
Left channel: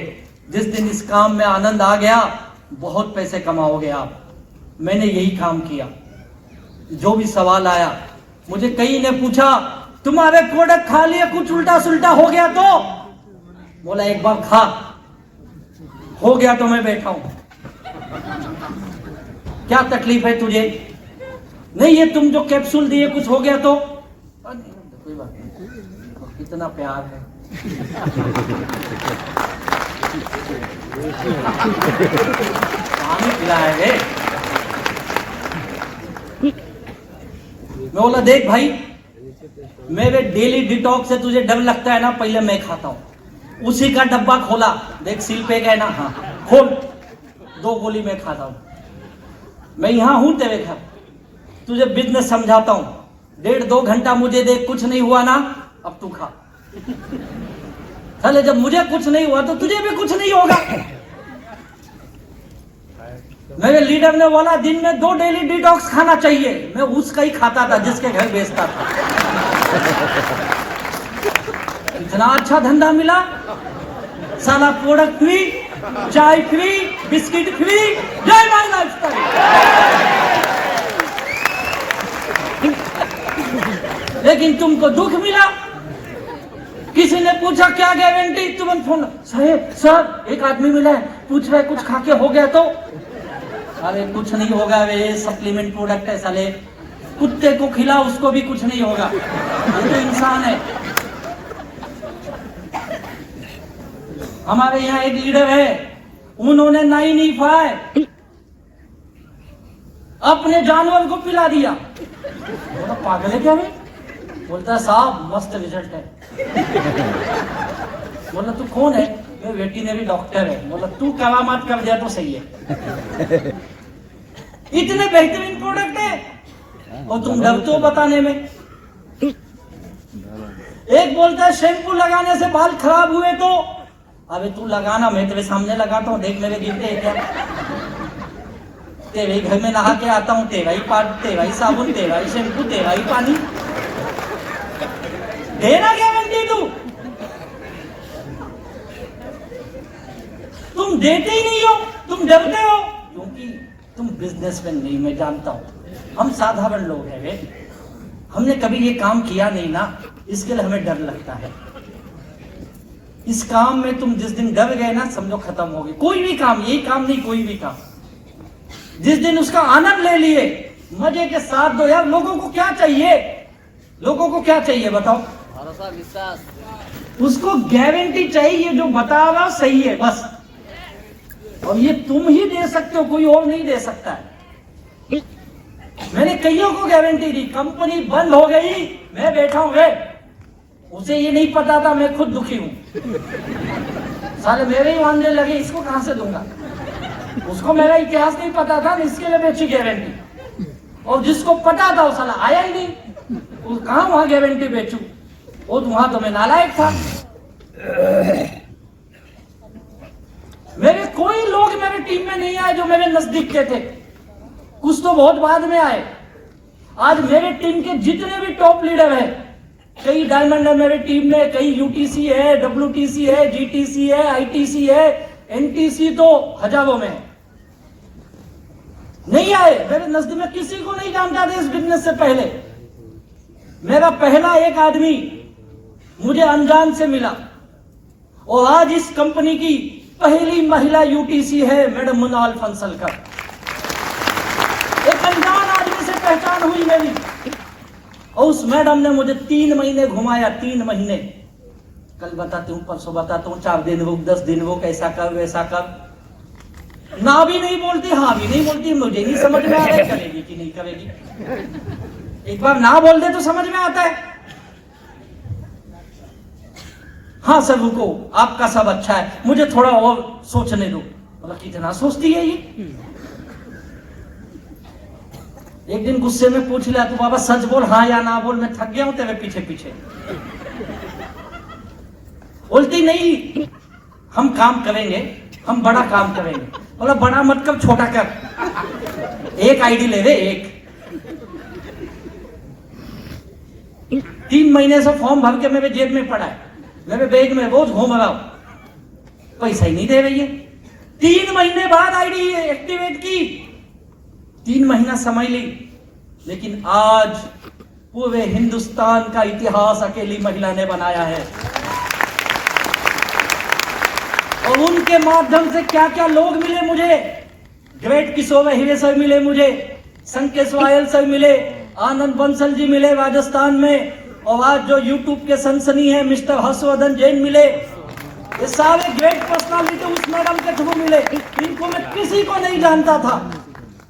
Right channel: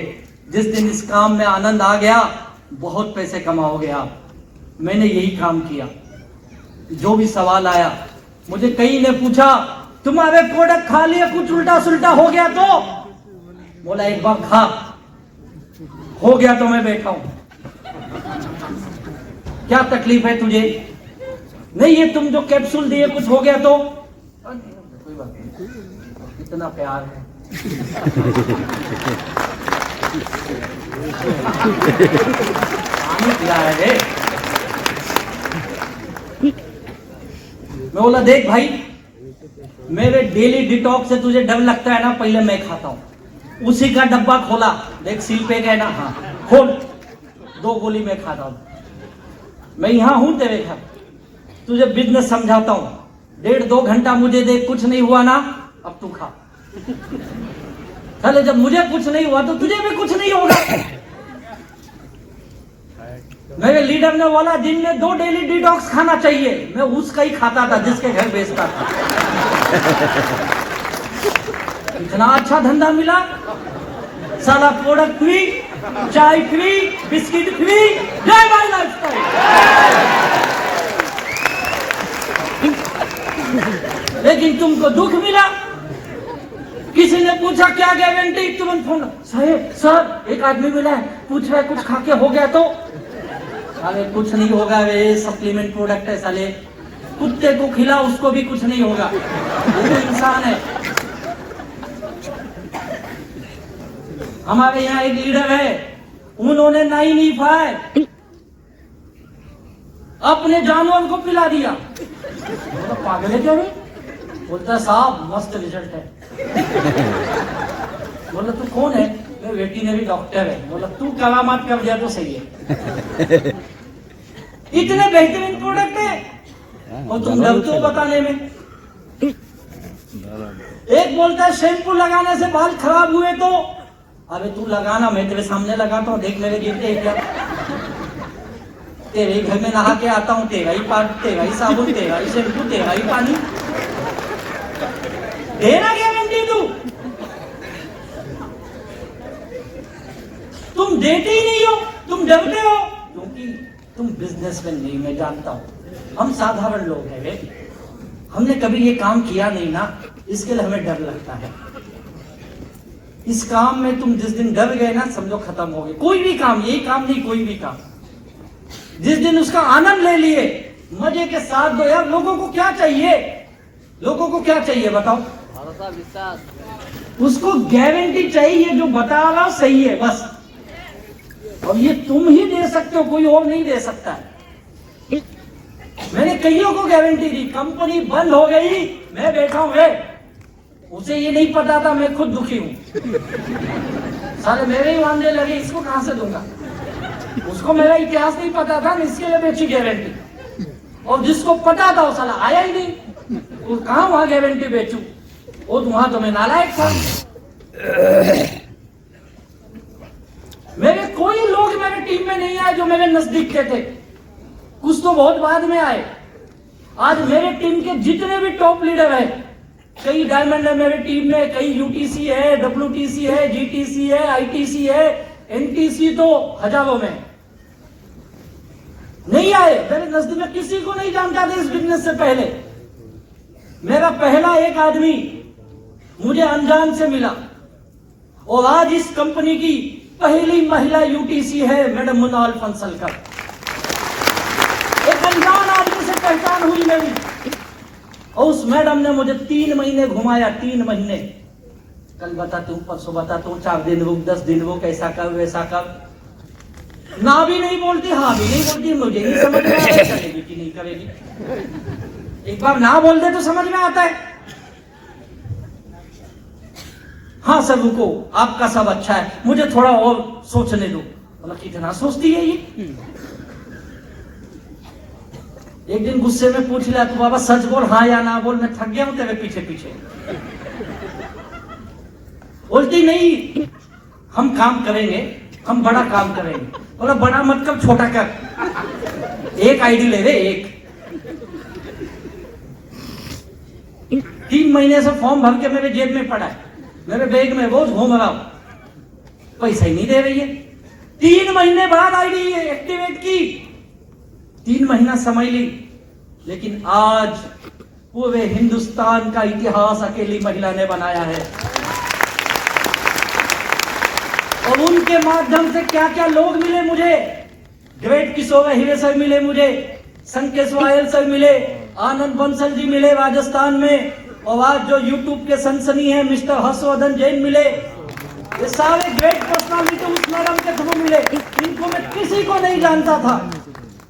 जिस दिन इस काम में आनंद आ गया, बहुत पैसे कमाओगे आप। मैंने यही काम किया। जो भी सवाल आया, मुझे कई ने पूछा तुम्हारे प्रोडक्ट खा लिए कुछ उल्टा सुल्टा हो गया तो? बोला एक बार खा, हो गया तो मैं बैठा हूं। क्या तकलीफ है तुझे? नहीं ये तुम जो कैप्सूल दिए कुछ हो गया तो? कोई बात नहीं, इतना प्यार है। है मैं बोला देख भाई, मेरे डेली डिटॉक्स से तुझे डर लगता है ना, पहले मैं खाता हूं। उसी का डब्बा खोला, देख सील पे गए ना, हाँ खोल, 2 गोली मैं खाता हूं। मैं यहां हूं तेरे घर, तुझे बिजनेस समझाता हूं। 1.5-2 घंटा मुझे दे, कुछ नहीं हुआ ना, अब तू खा। चले जब मुझे कुछ नहीं हुआ तो तुझे भी कुछ नहीं होगा। मेरे लीडर ने बोला दिन में 2 डेली डिटॉक्स खाना चाहिए। मैं उसका ही खाता था जिसके घर बेचता था। इतना अच्छा धंधा मिला, सारा प्रोडक्ट फ्री, चाय फ्री, बिस्किट फ्री। जय मां लेकिन तुमको दुख मिला। किसी ने पूछा क्या गारंटी, तुरंत फोन, साहेब सर एक आदमी मिला है, पूछ रहा है कुछ खा के हो गया तो? अरे कुछ नहीं होगा, वे सप्लीमेंट प्रोडक्ट है साले, कुत्ते को खिला उसको भी कुछ नहीं होगा, वो तो इंसान है। हमारे यहाँ एक लीडर है, उन्होंने 9E5 अपने जानवर को पिला दिया। पागल है क्या है? बोलता साहब मस्त रिजल्ट है। बोला तू कौन है? मेरे बेटी ने भी डॉक्टर है। बोला तू करामात कर दिया तो सही है। इतने बेहतरीन प्रोडक्ट है और तुम डरते हो बताने में। एक बोलता है शैम्पू लगाने से बाल खराब हुए तो? अरे तू लगाना, मैं तेरे सामने लगाता हूँ, देख मेरे गिरते क्या। तेरे घर में नहा के आता हूँ, तेरा ही पानी, तेरा ही साबुन, तेरा ही शैम्पू, तेरा ही पानी। देना गारंटी तू? तुम देते ही नहीं हो, तुम डरते हो क्योंकि तुम बिजनेसमैन नहीं, मैं जानता हूं। हम साधारण लोग हैं, हमने कभी ये काम किया नहीं ना, इसके लिए हमें डर लगता है। इस काम में तुम जिस दिन डर गए ना, समझो खत्म हो गए। कोई भी काम, यही काम नहीं, कोई भी काम, जिस दिन उसका आनंद ले लिए, मजे के साथ दो। यार लोगों को क्या चाहिए? लोगों को क्या चाहिए बताओ? उसको गारंटी चाहिए, जो बता रहा सही है बस। और ये तुम ही दे सकते हो, कोई और नहीं दे सकता। मैंने कईयों को गारंटी दी, कंपनी बंद हो गई, मैं बैठा हूं वे, उसे ये नहीं पता था मैं खुद दुखी हूं। सारे मेरे ही मानने लगे, इसको कहां से दूंगा? उसको मेरा इतिहास नहीं पता था, इसके लिए बेची गारंटी। और जिसको पता था वो साला आया ही नहीं, वो कहां वहां गारंटी बेचू? वो वहां तो मैं नालायक था। मेरे कोई लोग मेरे टीम में नहीं आए जो मेरे नजदीक के थे, कुछ तो बहुत बाद में आए। आज मेरे टीम के जितने भी टॉप लीडर हैं, कई डायमंड है मेरे टीम में, कई यूटीसी है, डब्ल्यूटीसी है, जीटीसी है, आईटीसी है, एनटीसी तो हजारों में नहीं आए। मेरे नजदीक में किसी को नहीं जानता था इस बिजनेस से पहले। मेरा पहला एक आदमी मुझे अनजान से मिला और आज इस कंपनी की पहली महिला यूटीसी है मैडम मुनाल फंसलकर। एक अनजान आदमी से पहचान हुई मेरी, और उस मैडम ने मुझे 3 महीने घुमाया, 3 महीने। कल बताती हूँ, परसों बताता हूँ, 4 दिन रुक, 10 दिन रुक, ऐसा कर वैसा कर। ना भी नहीं बोलती, हाँ भी नहीं बोलती, मुझे नहीं समझ में आता करेगी कि नहीं करेगी। एक बार ना बोल दे तो समझ में आता है। हाँ सर रुको, आपका सब अच्छा है, मुझे थोड़ा और सोचने दो। मतलब कितना सोचती है ये। एक दिन गुस्से में पूछ लिया, तो बाबा सच बोल, हाँ या ना बोल, मैं थक गया हूं तेरे पीछे पीछे। बोलती नहीं, हम काम करेंगे, हम बड़ा काम करेंगे। बोला बड़ा मत कर, छोटा कर, एक आईडी ले दे, एक। 3 महीने से फॉर्म भर के मेरे जेब में पड़ा है, मेरे बैग में रोज घूम रहा हूं, पैसा ही नहीं दे रही है। 3 महीने बाद आईडी एक्टिवेट की, 3 महीना समय ली, लेकिन आज पूरे हिंदुस्तान का इतिहास अकेली महिला ने बनाया है। और उनके माध्यम से क्या क्या लोग मिले मुझे, ग्रेट किशोर हीरे सर मिले मुझे, संकेश वायल सर मिले, आनंद बंसल जी मिले राजस्थान में, और आज जो यूट्यूब के सनसनी है मिस्टर हर्षवर्धन जैन मिले। ये सारे ग्रेट पर्सनालिटी उस मैडम के थ्रू मिले। इनको मैं किसी को नहीं जानता था,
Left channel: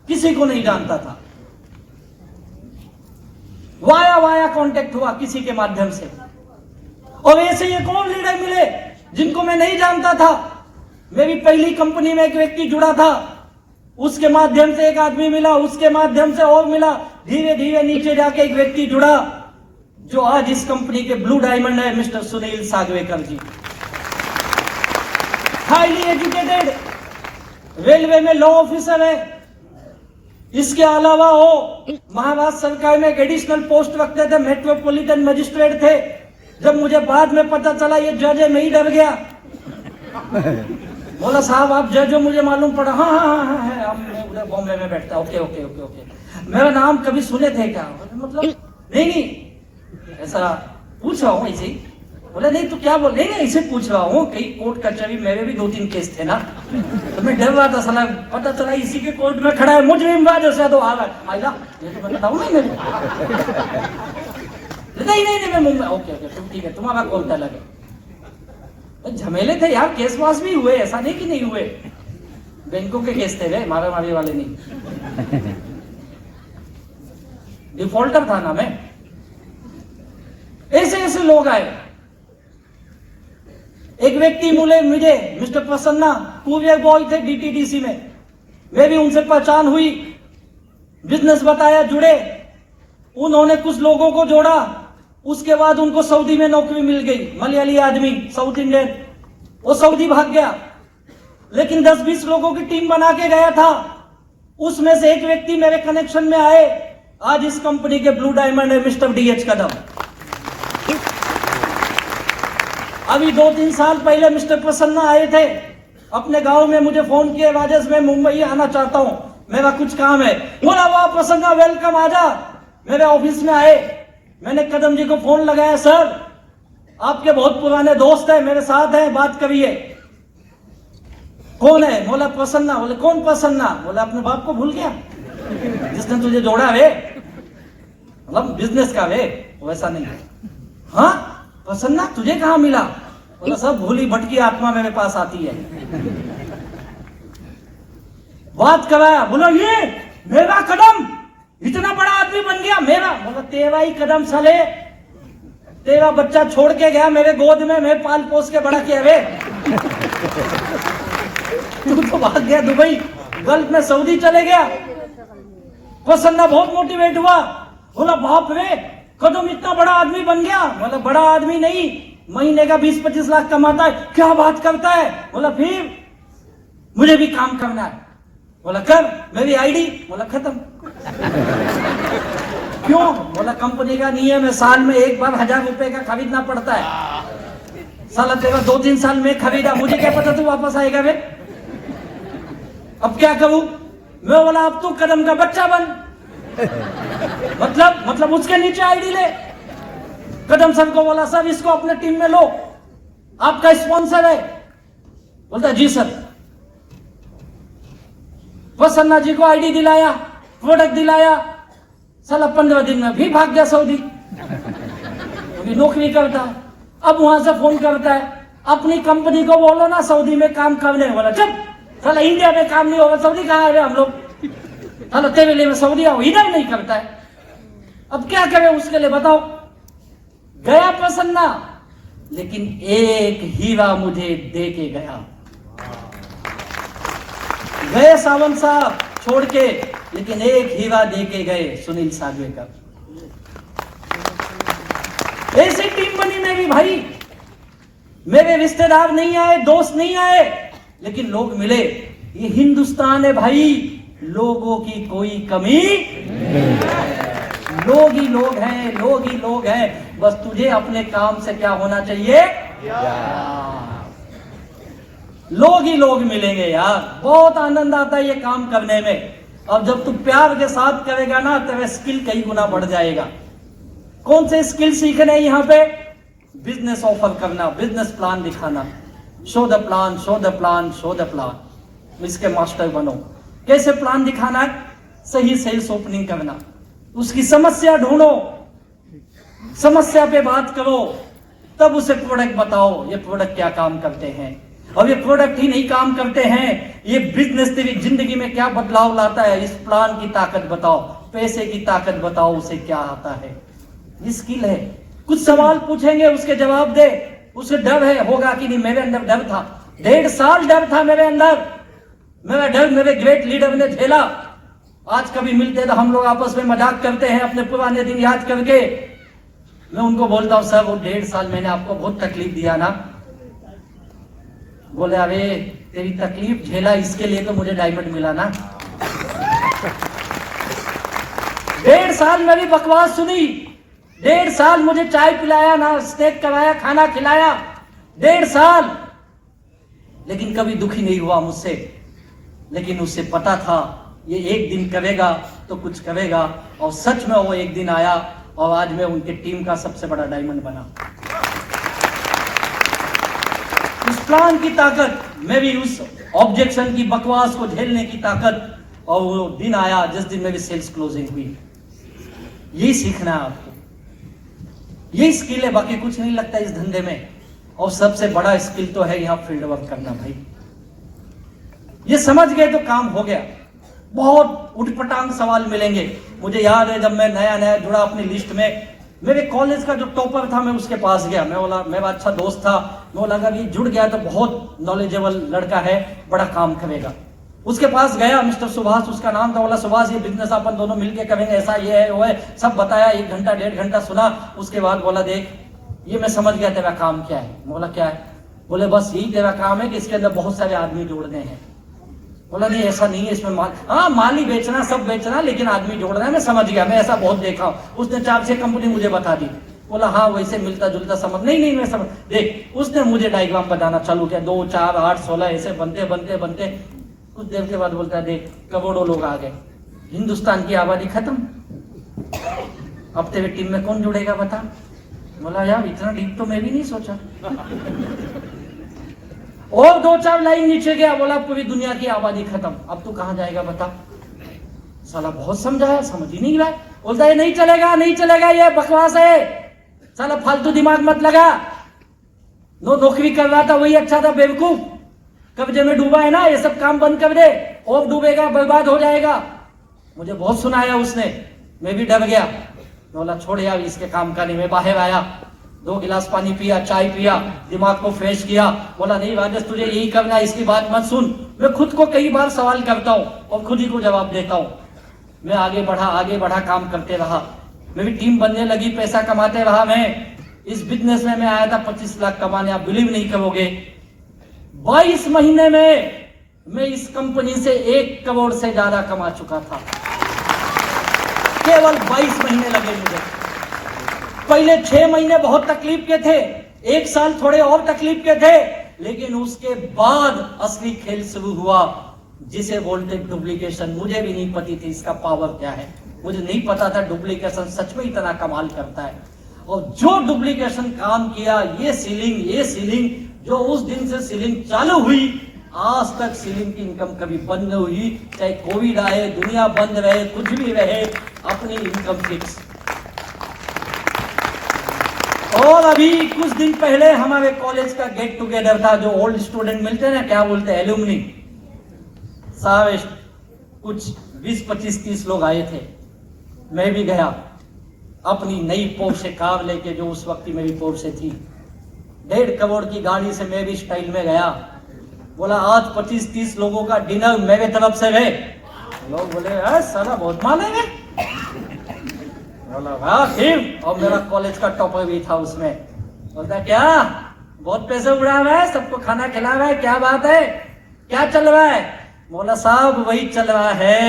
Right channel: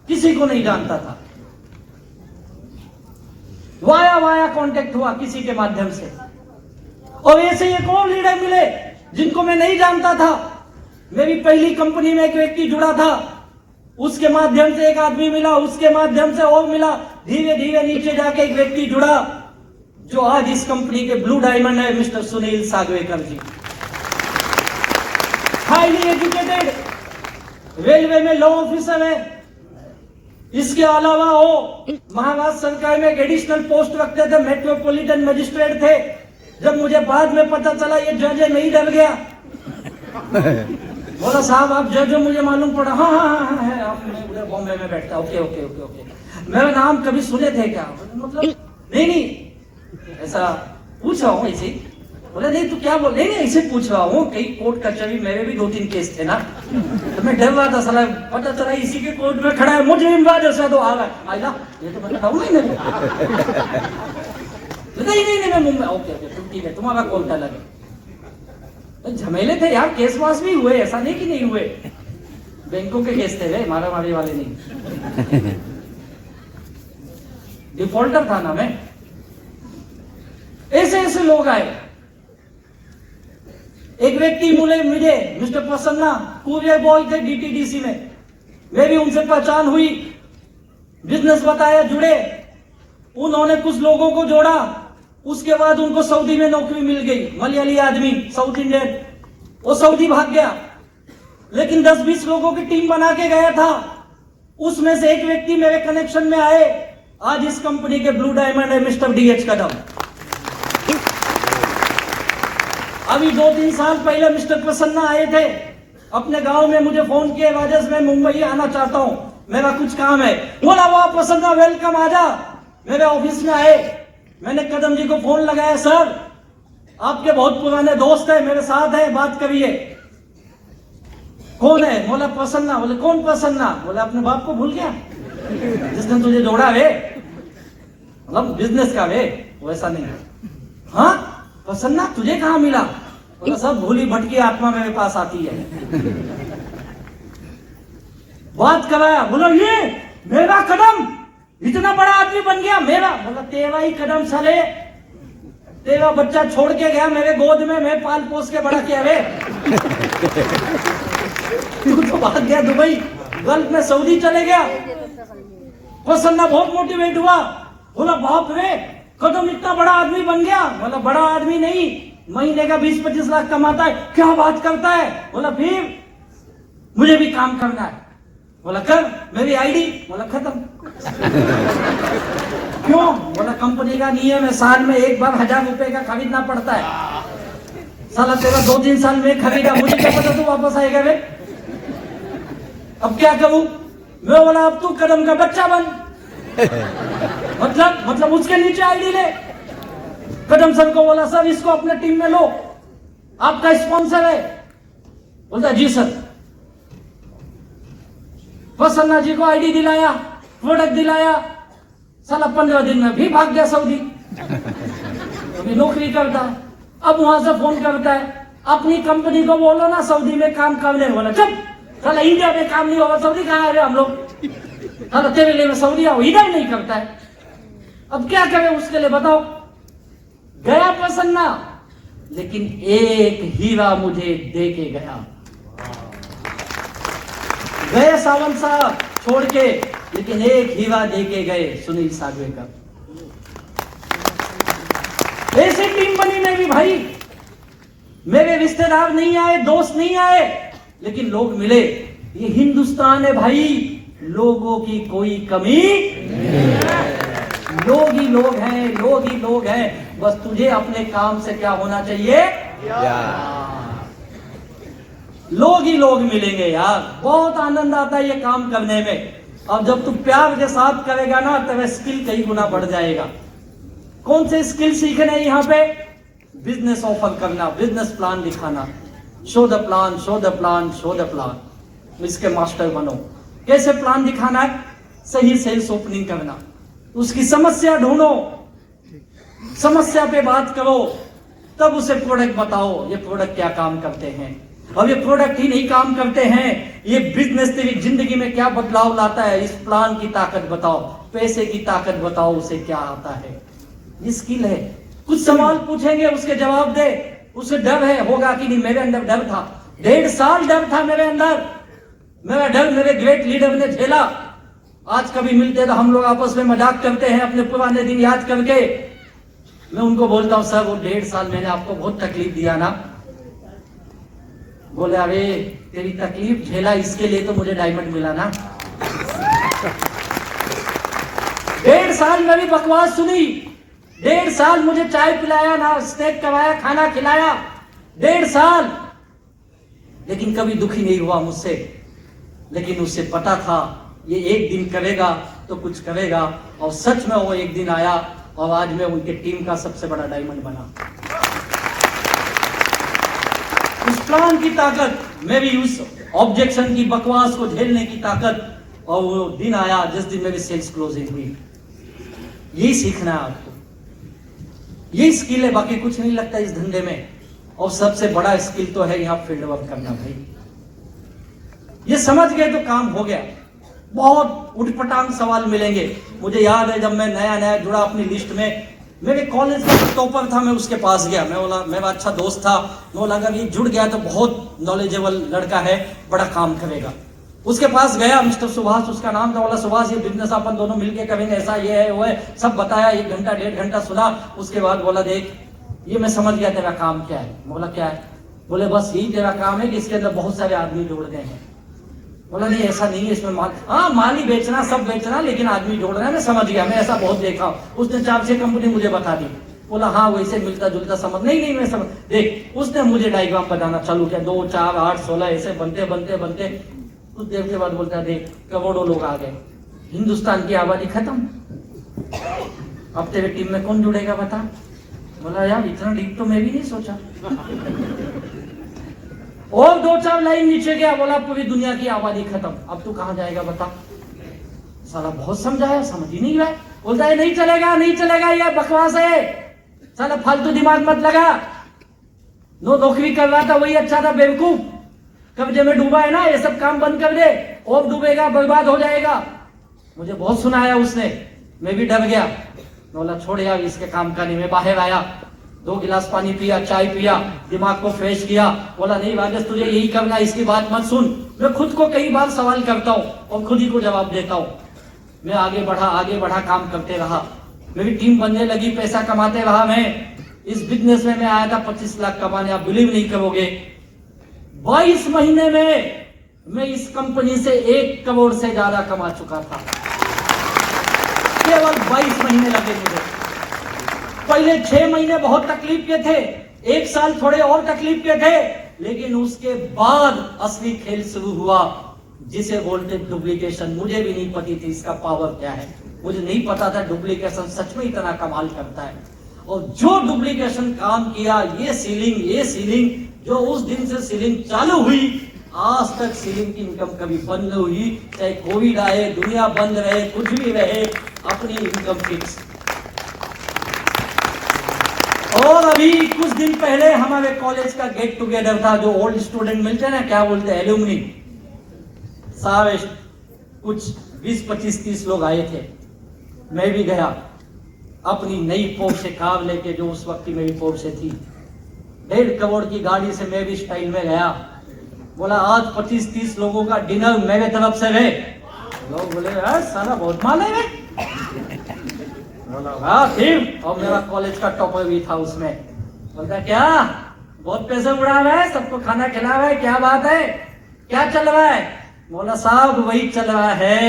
किसी को नहीं जानता था। वाया वाया कांटेक्ट हुआ किसी के माध्यम से। और ऐसे एक और लीडर मिले जिनको मैं नहीं जानता था। मेरी पहली कंपनी में एक व्यक्ति जुड़ा था, उसके माध्यम से एक आदमी मिला, उसके माध्यम से और मिला, धीरे धीरे नीचे जाके एक व्यक्ति जुड़ा जो आज इस कंपनी के ब्लू डायमंड है, मिस्टर सुनील सागवेकर जी। हाईली एजुकेटेड, रेलवे में लॉ ऑफिसर है। इसके अलावा वो महाराष्ट्र सरकार में एक एडिशनल पोस्ट रखते थे, मेट्रोपॉलिटन मजिस्ट्रेट थे। जब मुझे बाद में पता चला ये जज है, नहीं डर गया। बोला साहब आप जज हो, मुझे मालूम पड़ा। हाँ हाँ हाँ है, आप बॉम्बे में बैठता। ओके ओके ओके ओके, मेरा नाम कभी सुने थे क्या? मतलब नहीं ऐसा पूछ रहा हूँ ऐसे। बोले नहीं, तू क्या बोल? नहीं ऐसे पूछ रहा हूँ, कई कोर्ट कचहरी मेरे भी 2-3 केस थे ना, तो मैं डर रहा था। साला पता चला इसी के कोर्ट में खड़ा है, मुझे इमराज ऐसा तो आ गया आएगा, ये तो बताऊँ नहीं मेरे। नहीं मैं मुंबई। ओके ओके ठीक है, तुम्हारा कोर्ट अलग है। झमेले थे यार, केस वास भी हुए, ऐसा नहीं कि नहीं हुए। बैंकों के केस थे वे, मारा मारी वाले नहीं। डिफॉल्टर था ना मैं। ऐसे ऐसे लोग आए। एक व्यक्ति मुझे मिस्टर प्रसन्ना, कुरियर बॉय थे डीटीडीसी में, मेरी उनसे पहचान हुई, बिजनेस बताया, जुड़े। उन्होंने कुछ लोगों को जोड़ा, उसके बाद उनको सऊदी में नौकरी मिल गई। मलयाली आदमी, साउथ इंडियन, वो सऊदी भाग गया, लेकिन 10-20 लोगों की टीम बना के गया था। उसमें से एक व्यक्ति मेरे कनेक्शन में आए, आज इस कंपनी के ब्लू डायमंड है, मिस्टर डीएच कदम। अभी 2-3 साल पहले मिस्टर प्रसन्ना आए थे अपने गांव में, मुझे फोन किए, राजेश मैं मुंबई आना चाहता हूं, मेरा कुछ काम है। बोला वाह प्रसन्ना वेलकम, आजा। मेरे ऑफिस में आए, मैंने कदम जी को फोन लगाया, सर आपके बहुत पुराने दोस्त हैं, मेरे साथ हैं, बात करिए। कौन है? बोला प्रसन्ना। बोले कौन प्रसन्ना? बोला अपने बाप को भूल गया जिसने तुझे जोड़ा वे, मतलब बिजनेस का वे, वैसा नहीं। हाँ प्रसन्ना तुझे कहां मिला? बोला सब भूली भटकी आत्मा मेरे पास आती है। बात कराया, बोला ये मेरा कदम इतना बड़ा आदमी बन गया मेरा। बोला तेरा ही कदम साले, तेरा बच्चा छोड़ के गया मेरे गोद में, मैं पाल पोस के बड़ा किया रे। तू तो भाग गया दुबई, गल्फ में, सऊदी चले गया। प्रसन्ना बहुत मोटिवेट हुआ, बोला बाप रे कदम इतना बड़ा आदमी बन गया। बोला बड़ा आदमी नहीं, महीने का 20-25 लाख कमाता है। क्या बात करता है? बोला फिर मुझे भी काम करना है। बोला कर, मेरी आईडी। बोला खत्म। क्यों? बोला कंपनी का नियम है, साल में एक बार 1000 रुपए का खरीदना पड़ता है। साला तेरा 2-3 साल में खरीदा, मुझे क्या पता तू वापस आएगा वे। अब क्या करूं मैं? बोला अब तू कदम का बच्चा बन। मतलब उसके नीचे आईडी ले। कदम सर को बोला सर इसको अपने टीम में लो, आपका स्पॉन्सर है। बोलता जी सर। प्रसन्ना जी को आईडी दिलाया, प्रोडक्ट दिलाया, साला 15 दिन में भी भाग गया सऊदी। अभी नौकरी करता, अब वहां से फोन करता है अपनी कंपनी को, बोला ना सऊदी में काम करने वाला। चुप साला, इंडिया में काम नहीं होगा, सऊदी कहाँ आ गए हम लोग? साला तेरे लिए सऊदी आओ, इधर नहीं करता है। अब क्या करें उसके लिए बताओ? गया प्रसन्ना, लेकिन एक हीरा मुझे दे के गया। गए सावंत साहब छोड़ के, लेकिन एक हीरा दे के गए सुनील सागवेकर। ऐसी टीम बनी मेरी भाई, मेरे रिश्तेदार नहीं आए, दोस्त नहीं आए, लेकिन लोग मिले। ये हिंदुस्तान है भाई, लोगों की कोई कमी नहीं है। लोग ही लोग हैं, लोग ही लोग हैं। बस तुझे अपने काम से क्या होना चाहिए? लोग ही लोग मिलेंगे यार, बहुत आनंद आता है ये काम करने में। और जब तू प्यार के साथ करेगा ना, तेरा स्किल कई गुना बढ़ जाएगा। कौन से स्किल सीखने हैं यहाँ पे? बिजनेस ऑफर करना, बिजनेस प्लान दिखाना, show the plan, show the plan, show the plan. इसके मास्टर बनो। कैसे प्लान दिखाना है? सही सेल्स ओपनिंग करना, उसकी समस्या ढूंढो, समस्या पे बात करो, तब उसे प्रोडक्ट बताओ, ये प्रोडक्ट क्या काम करते हैं। और ये प्रोडक्ट ही नहीं काम करते हैं, ये बिजनेस तेरी जिंदगी में क्या बदलाव लाता है, इस प्लान की ताकत बताओ, पैसे की ताकत बताओ, उसे क्या आता है। ये स्किल है। कुछ सवाल पूछेंगे, उसके जवाब दे। उसे डर है, होगा कि नहीं? मेरे अंदर डर था, 1.5 साल डर था मेरे अंदर। मेरा डर मेरे ग्रेट लीडर ने झेला। आज कभी मिलते तो हम लोग आपस में मजाक करते हैं अपने पुराने दिन याद करके। मैं उनको बोलता हूं, सर वो 1.5 साल मैंने आपको बहुत तकलीफ दिया ना। बोले, अरे तेरी तकलीफ झेला इसके लिए तो मुझे डायमंड मिला ना। 1.5 साल मेरी बकवास सुनी, 1.5 साल मुझे चाय पिलाया ना, स्नैक कराया, खाना खिलाया, 1.5 साल। लेकिन कभी दुखी नहीं हुआ मुझसे। लेकिन उससे पता था ये एक दिन करेगा तो कुछ करेगा। और सच में वो एक दिन आया और आज मैं उनके टीम का सबसे बड़ा डायमंड बना। उस प्लान की ताकत, मेरी उस ऑब्जेक्शन की बकवास को झेलने की ताकत, और वो दिन आया जिस दिन मेरी सेल्स क्लोजिंग हुई। यही सीखना है आपको, यही स्किल है, बाकी कुछ नहीं लगता इस धंधे में। और सबसे बड़ा स्किल तो है यहाँ फील्ड वर्क करना भाई। ये समझ गए तो काम हो गया। बहुत उठपटांग सवाल मिलेंगे। मुझे याद है जब मैं नया नया जुड़ा अपनी लिस्ट में, मेरे कॉलेज का टॉपर था, मैं उसके पास गया। मैं बोला, मेरा अच्छा दोस्त था, मैं लगा कि जुड़ गया तो बहुत नॉलेजेबल लड़का है, बड़ा काम करेगा। उसके पास गया, मिस्टर सुभाष उसका नाम था। बोला, सुभाष ये बिजनेस अपन दोनों मिलके करेंगे, ऐसा ये है वो है, सब बताया। 1 घंटा 1.5 घंटा सुना। उसके बाद बोला, देख ये मैं समझ गया तेरा काम क्या है। बोला, क्या है? बोले, बस यही तेरा काम है कि इसके अंदर बहुत सारे आदमी जोड़ते हैं। बोला, नहीं ऐसा नहीं है, इसमें माल, हाँ माल ही बेचना, सब बेचना, लेकिन आदमी जोड़ रहा है। मैं समझ गया, मैं ऐसा बहुत देखा। उसने 4-6 कंपनी मुझे बता दी। बोला, हाँ वैसे मिलता जुलता समझ। नहीं मैं समझ। देख उसने मुझे डायग्राम बताना चालू किया, 2, 4, 8, 16 ऐसे बनते बनते बनते कुछ देर के बाद बोलता है, देख करोड़ों लोग आ गए, हिंदुस्तान की आबादी खत्म, अब तेरे टीम में कौन जुड़ेगा बता। बोला, यार इतना डीप तो मैं भी नहीं सोचा। और 2-4 लाइन नीचे गया, बोला, पूरी दुनिया की आबादी खत्म, अब तू कहां जाएगा बता। साला बहुत समझाया, समझ ही नहीं रहा। बोलता है, नहीं चलेगा नहीं चलेगा, ये बकवास है, साला फालतू दिमाग मत लगा। नौकरी कर रहा था वही अच्छा था, बेवकूफ। कब्जे में डूबा है ना, ये सब काम बंद कर दे, और डूबेगा बर्बाद हो जाएगा। मुझे बहुत सुनाया उसने, मैं भी डर गया। बोला, छोड़ यार इसके काम का नहीं। मैं बाहर आया, 2 गिलास पानी पिया, चाय पिया, दिमाग को फ्रेश किया। बोला, नहीं राजेश तुझे यही करना है, इसकी बात मत सुन। मैं खुद को कई बार सवाल करता हूँ और खुद ही को जवाब देता हूँ। मैं आगे बढ़ा, काम करते रहा, मेरी टीम बनने लगी, पैसा कमाते रहा। मैं इस बिजनेस में मैं आया था 25 लाख कमाने। आप बिलीव नहीं करोगे, 22 महीने में मैं इस कंपनी से 1 करोड़ से ज्यादा कमा चुका था। केवल 22 महीने लगे मुझे। पहले 6 महीने बहुत तकलीफ के थे, 1 साल थोड़े और तकलीफ के थे, लेकिन उसके बाद असली खेल शुरू हुआ, जिसे बोलते डुप्लीकेशन। मुझे भी नहीं पती थी इसका पावर क्या है, मुझे नहीं पता था डुप्लीकेशन सच में इतना कमाल करता है। और जो डुप्लीकेशन काम किया, ये सीलिंग जो उस दिन से सीलिंग चालू हुई, आज तक सीलिंग की इनकम कभी बंद नहीं हुई। चाहे कोविड आए, दुनिया बंद रहे, कुछ भी रहे, अपनी इनकम फिक्स। और अभी कुछ दिन पहले हमारे कॉलेज का गेट टुगेदर था, जो ओल्ड स्टूडेंट मिलते हैं ना, क्या बोलते हैं, एलुमनी साहब, कुछ 20, 25, 30 लोग आए थे। मैं भी गया अपनी नई पोर्शे कार लेके, जो उस वक्त की मेरी पोर्शे थी। 1.5 करोड़ की गाड़ी से मैं भी स्टाइल में गया। बोला, आज 25-30 लोगों का डिनर मेरे तरफ से है, लोग बोले साला बहुत माल है। बोला हाँ ठीक। और मेरा कॉलेज का टॉपर भी था उसमें। बोलता क्या बहुत पैसे उड़ा रहा है, सबको खाना खिला रहा है, क्या बात है, क्या चल रहा है? बोला साहब वही चल रहा है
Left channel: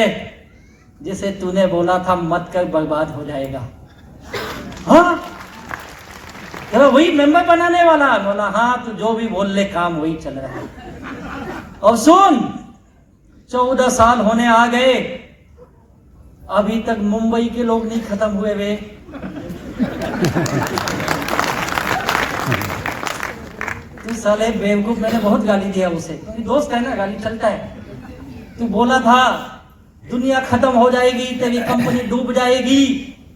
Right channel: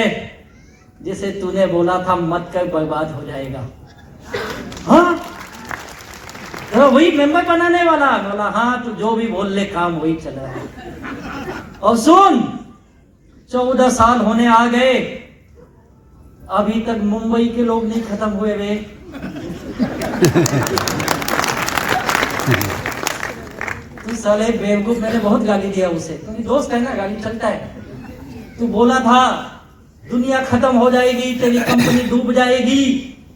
जिसे तूने बोला था मत कर, बर्बाद हो जाएगा। हाँ तो वही मेंबर बनाने वाला। बोला हाँ तू जो भी बोल ले, काम वही चल रहा है। और सुन 14 साल होने आ गए, अभी तक मुंबई के लोग नहीं खत्म हुए वे। तू साले बेवकूफ, मैंने बहुत गाली दिया उसे, क्योंकि दोस्त है ना, गाली चलता है। तू बोला था दुनिया खत्म हो जाएगी, तेरी कंपनी डूब जाएगी।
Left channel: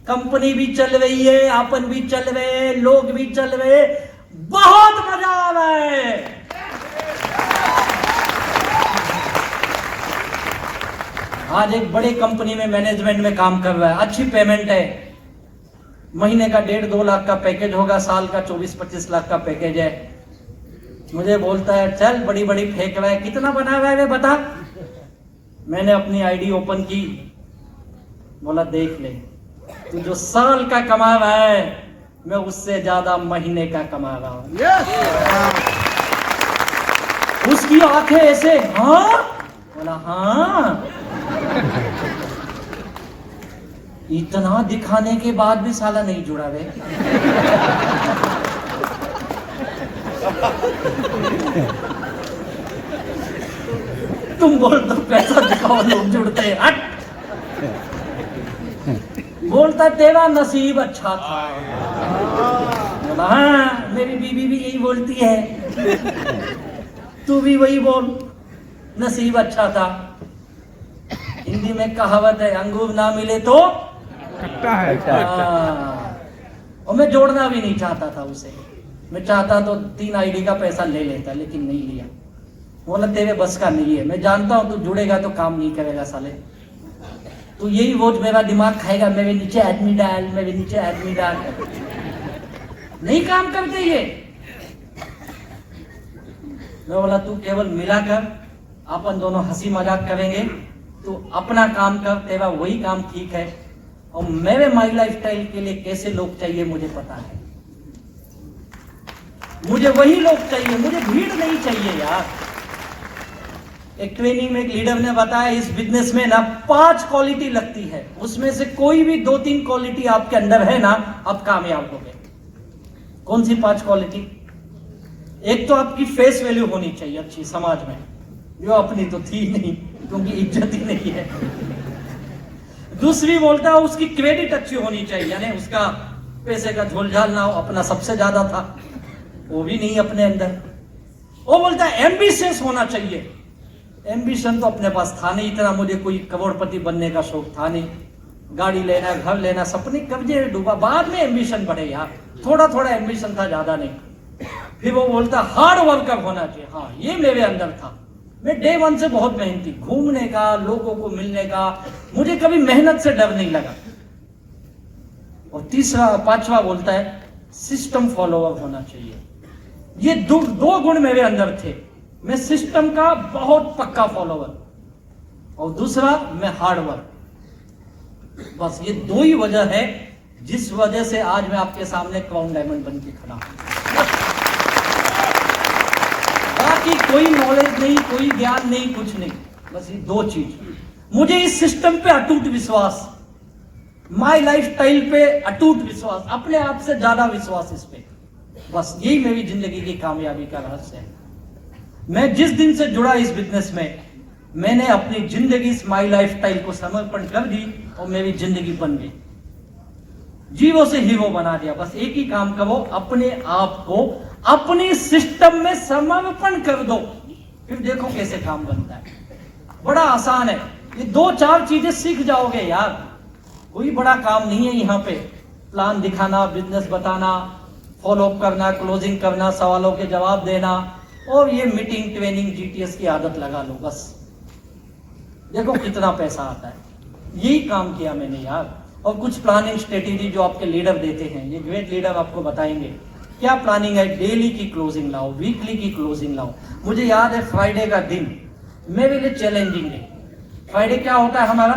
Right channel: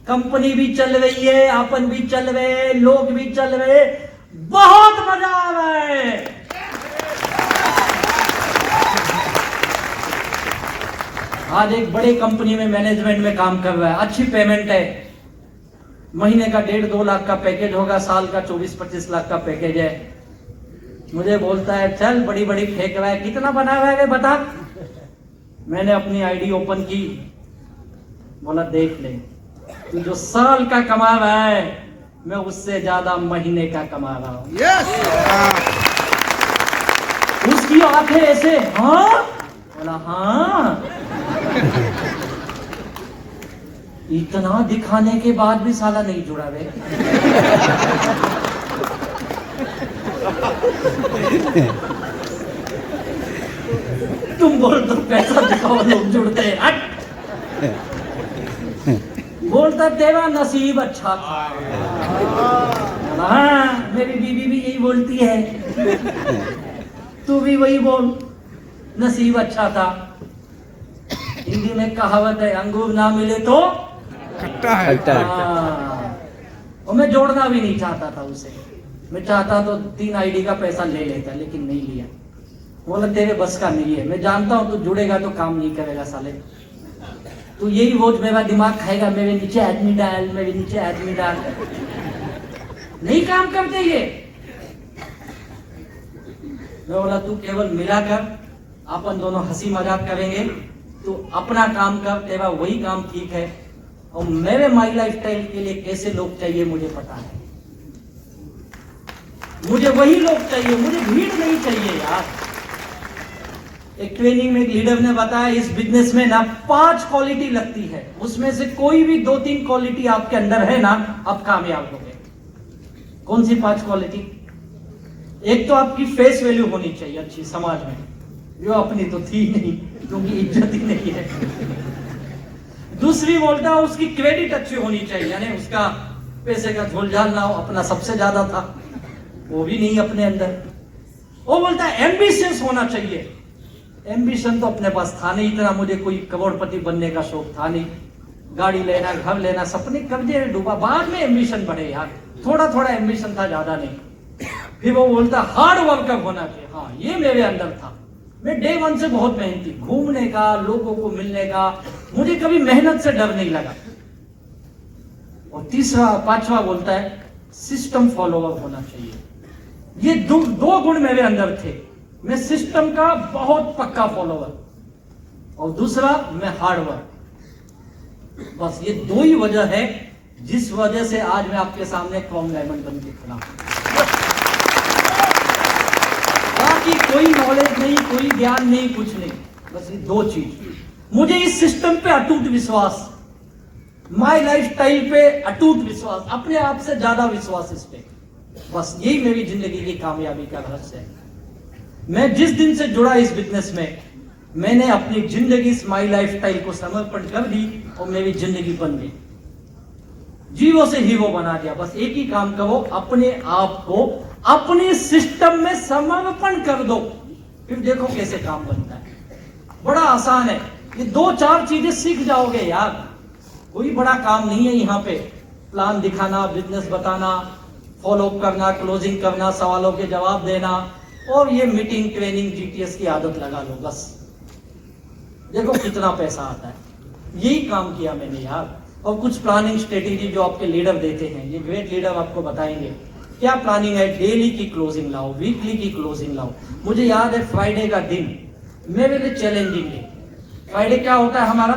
कंपनी भी चल रही है, अपन भी चल रहे हैं, लोग भी चल रहे, बहुत मजा आ रहा है। आज एक बड़ी कंपनी में मैनेजमेंट में काम कर रहा है, अच्छी पेमेंट है, महीने का 1.5-2 लाख का पैकेज होगा, साल का 24-25 लाख का पैकेज है। मुझे बोलता है चल बड़ी बड़ी फेंक रहा है, कितना बना हुआ है बता। मैंने अपनी आईडी ओपन की, बोला देख ले तू जो साल का कमा रहा है मैं उससे ज्यादा महीने का कमा रहा हूं। उसकी आंखें ऐसे हाँ, बोला हाँ। इतना दिखाने के बाद भी साला नहीं जुड़ा रे। तुम बोल तो पैसा दिखाओ लोग जुड़ते हैं, हट। बोलता तेरा नसीब अच्छा था। हाँ मेरी बीवी भी यही बोलती है, तू भी वही बोल, नसीब अच्छा था। हिंदी में कहावत है अंगूर ना मिले तो खट्टा है। और मैं जोड़ना भी नहीं चाहता था उसे, मैं चाहता तो 3 आईडी का पैसा ले लेता, लेकिन नहीं लिया। बोला तेरे बस का नहीं है, मैं जानता हूं तू जुड़ेगा तो काम नहीं करेगा साले, तू यही रोज मेरा दिमाग खाएगा, मेरे नीचे आदमी डाल, मेरे नीचे आदमी डाल। नहीं काम करते ये। बोला तू केवल मिला कर, अपन दोनों हंसी मजाक करेंगे, तू अपना काम कर, तेरा वही काम ठीक है। और मेरे माई लाइफस्टाइल के लिए कैसे लोग चाहिए मुझे पता है, मुझे वही लोग चाहिए, मुझे भीड़ नहीं चाहिए यार। एक ट्रेनिंग में एक लीडर ने बताया इस बिजनेस में ना 5 क्वालिटी लगती है, उसमें से कोई भी 2-3 क्वालिटी आपके अंदर है ना, आप कामयाब हो गए। कौन सी 5 क्वालिटी? एक तो आपकी फेस वैल्यू होनी चाहिए अच्छी समाज में, जो अपनी तो थी नहीं क्योंकि इज्जत ही नहीं है। दूसरी बोलता है उसकी क्रेडिट अच्छी होनी चाहिए, यानी उसका पैसे का झोलझाल ना हो, अपना सबसे ज्यादा था वो भी नहीं अपने अंदर। वो बोलता है एम्बिशियस होना चाहिए। एम्बिशन तो अपने पास था नहीं इतना, मुझे कोई करोड़पति बनने का शौक था नहीं, गाड़ी लेना, घर लेना, सपने कर्जे में डूबा, बाद में एम्बिशन बढ़े यार, थोड़ा थोड़ा एम्बिशन था, ज्यादा नहीं। फिर वो बोलता हार्ड वर्कर होना चाहिए। हाँ ये मेरे अंदर था, मैं डे 1 से बहुत मेहनती, घूमने का, लोगों को मिलने का, मुझे कभी मेहनत से डर नहीं लगा। और तीसरा 5वां बोलता है सिस्टम फॉलोअर होना चाहिए। ये दो गुण मेरे अंदर थे, मैं सिस्टम का बहुत पक्का फॉलोअर, और दूसरा मैं हार्ड वर्क। बस ये 2 ही वजह है जिस वजह से आज मैं आपके सामने कॉम डायमंड बन के खड़ा हूं। बाकी कोई नॉलेज नहीं, कोई ज्ञान नहीं, कुछ नहीं, बस ये 2 चीज। मुझे इस सिस्टम पे अटूट विश्वास, माई लाइफ स्टाइल पे अटूट विश्वास, अपने आप से ज्यादा विश्वास इस पे, बस यही मेरी जिंदगी की कामयाबी का रहस्य है। मैं जिस दिन से जुड़ा इस बिजनेस में, मैंने अपनी जिंदगी माई लाइफ स्टाइल को समर्पण कर दी और मेरी जिंदगी बन गई, जीवो से हीरो बना दिया। बस एक ही काम करो, अपने आप को अपने सिस्टम में समर्पण कर दो, फिर देखो कैसे काम बनता है। बड़ा आसान है, ये 2-4 चीजें सीख जाओगे यार, कोई बड़ा काम नहीं है यहाँ पे। प्लान दिखाना, बिजनेस बताना, फॉलो अप करना, क्लोजिंग करना, सवालों के जवाब देना, और ये मीटिंग, ट्रेनिंग, जीटीएस की आदत लगा लो, बस देखो कितना पैसा आता है। यही काम किया मैंने यार। और कुछ प्लानिंग स्ट्रेटेजी जो आपके लीडर देते हैं, ये ग्रेट लीडर आपको बताएंगे क्या प्लानिंग है। डेली की क्लोजिंग लाओ, वीकली की क्लोजिंग लाओ। मुझे याद है फ्राइडे का दिन मेरे लिए चैलेंजिंग डे, फ्राइडे क्या होता है हमारा?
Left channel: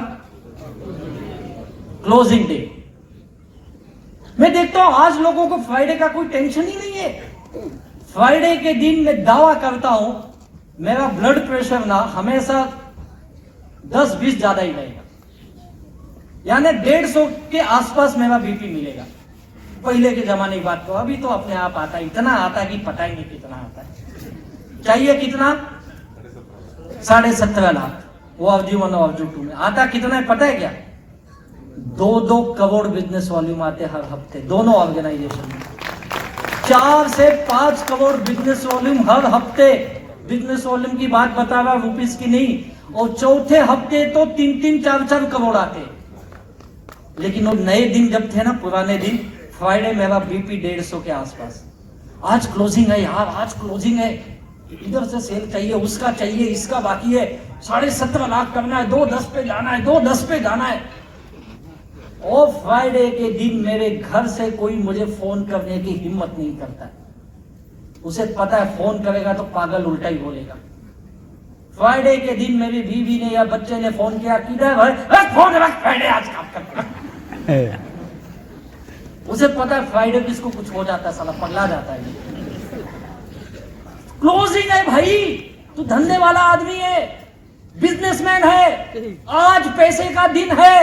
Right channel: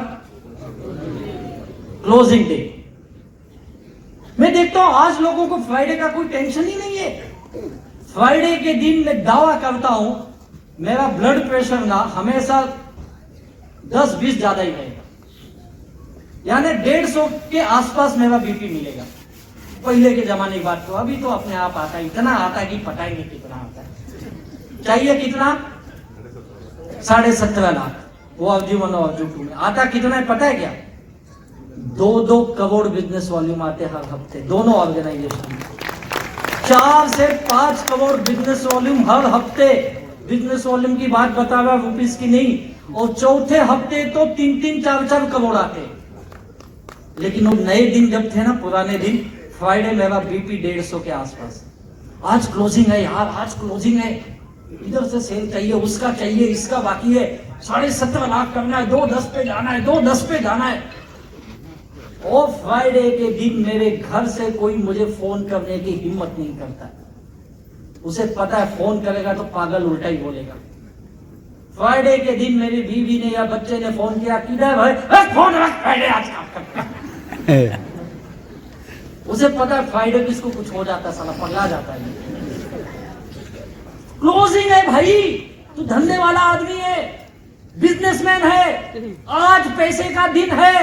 Closing day. मैं देखता हूं आज लोगों को फ्राइडे का कोई टेंशन ही नहीं है। फ्राइडे के दिन मैं दावा करता हूं मेरा ब्लड प्रेशर ना हमेशा 10-20 ज्यादा ही रहेगा, यानी 150 के आसपास मेरा बीपी मिलेगा। पहले के जमाने की बात को, अभी तो अपने आप आता है, इतना आता है कि पता ही नहीं कितना आता है। चाहिए कितना? 17.5 लाख। वो अवजीवन और अवजू में आता कितना है पता है क्या? 2-2 करोड़ बिजनेस वॉल्यूम आते हर हफ्ते दोनों ऑर्गेनाइजेशन में। 4 से 5 करोड़ बिजनेस वॉल्यूम हर हफ्ते। बिजनेस वॉल्यूम की बात बता रहा, रुपीस की नहीं। और चौथे हफ्ते तो 3-3, 4-4 करोड़ आते। लेकिन वो नए दिन जब थे ना, पुराने दिन, फ्राइडे मेरा बीपी 150 के आसपास। आज क्लोजिंग है यार, आज क्लोजिंग है, इधर से सेल चाहिए, उसका चाहिए, इसका बाकी है, 17.5 लाख करना है, 2-10 पे जाना है, 2-10 पे जाना है। और फ्राइडे के दिन मेरे घर से कोई मुझे फोन करने की हिम्मत नहीं करता। उसे पता है फोन करेगा तो पागल उल्टा ही बोलेगा। फ्राइडे के दिन मेरी बीवी ने या बच्चे ने फोन किया, किधर भाई फोन रख, फ्राइडे आज काम करता। उसे पता है फ्राइडे किसको कुछ हो जाता है, साला पगला जाता है। क्लोजिंग है भाई, तू धंधे वाला आदमी है, बिजनेसमैन है, आज पैसे का दिन है,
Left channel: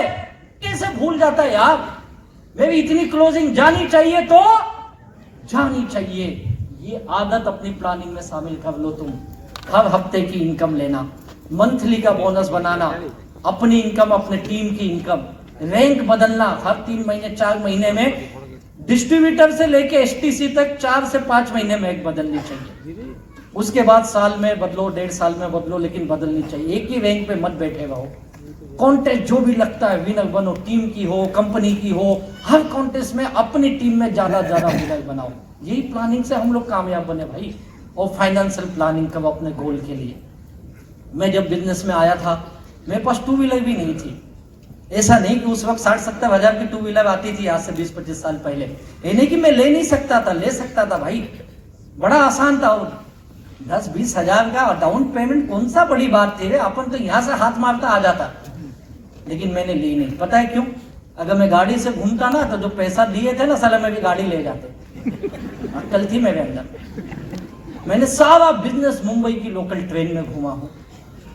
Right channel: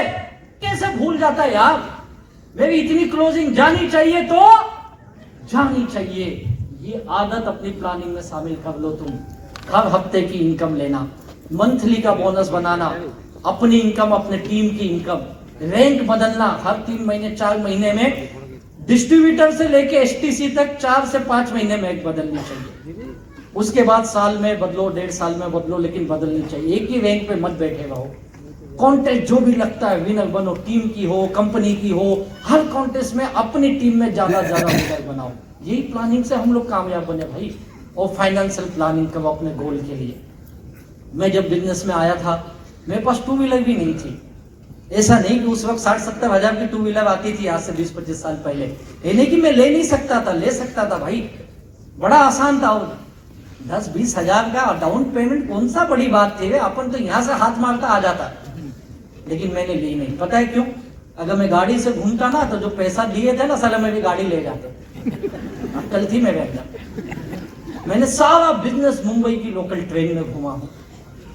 कैसे भूल जाता है यार? मेरी इतनी क्लोजिंग जानी चाहिए तो जानी चाहिए। ये आदत अपनी प्लानिंग में शामिल कर लो तुम। हर हफ्ते की इनकम लेना, मंथली का बोनस बनाना, अपनी इनकम, अपने टीम की इनकम, रैंक बदलना हर 3 महीने 4 महीने में। डिस्ट्रीब्यूटर से लेके एसटीसी तक 4 से 5 महीने में एक बदलनी चाहिए। उसके बाद साल में बदलो, 1.5 साल में बदलो, लेकिन बदलनी चाहिए। एक ही रैंक पे मत बैठे रहो। कॉन्टेस्ट जो भी लगता है विनर बनो, टीम की हो, कंपनी की हो, हर कॉन्टेस्ट में अपनी टीम में ज्यादा विनर बनाओ। यही प्लानिंग से हम लोग कामयाब बने भाई। और फाइनेंशियल प्लानिंग करो अपने गोल के लिए। मैं जब बिजनेस में आया था, मेरे पास 2 व्हीलर भी नहीं थी। ऐसा नहीं कि उस वक्त 60-70 हजार की 2 व्हीलर आती थी, आज से 20-25 साल पहले। ये नहीं कि मैं ले नहीं सकता था, ले सकता था भाई, बड़ा आसान था। 10-20 हजार का डाउन पेमेंट कौन सा बड़ी बात थी? अपन तो यहां से हाथ मारता आ जाता। लेकिन मैंने ली नहीं। पता है क्यों? अगर मैं गाड़ी से घूमता ना, तो जो पैसा दिए थे ना साला, मैं भी गाड़ी ले जाते। अक्ल थी मेरे अंदर। मैंने सारा बिजनेस मुंबई की लोकल ट्रेन में घूमा हूँ,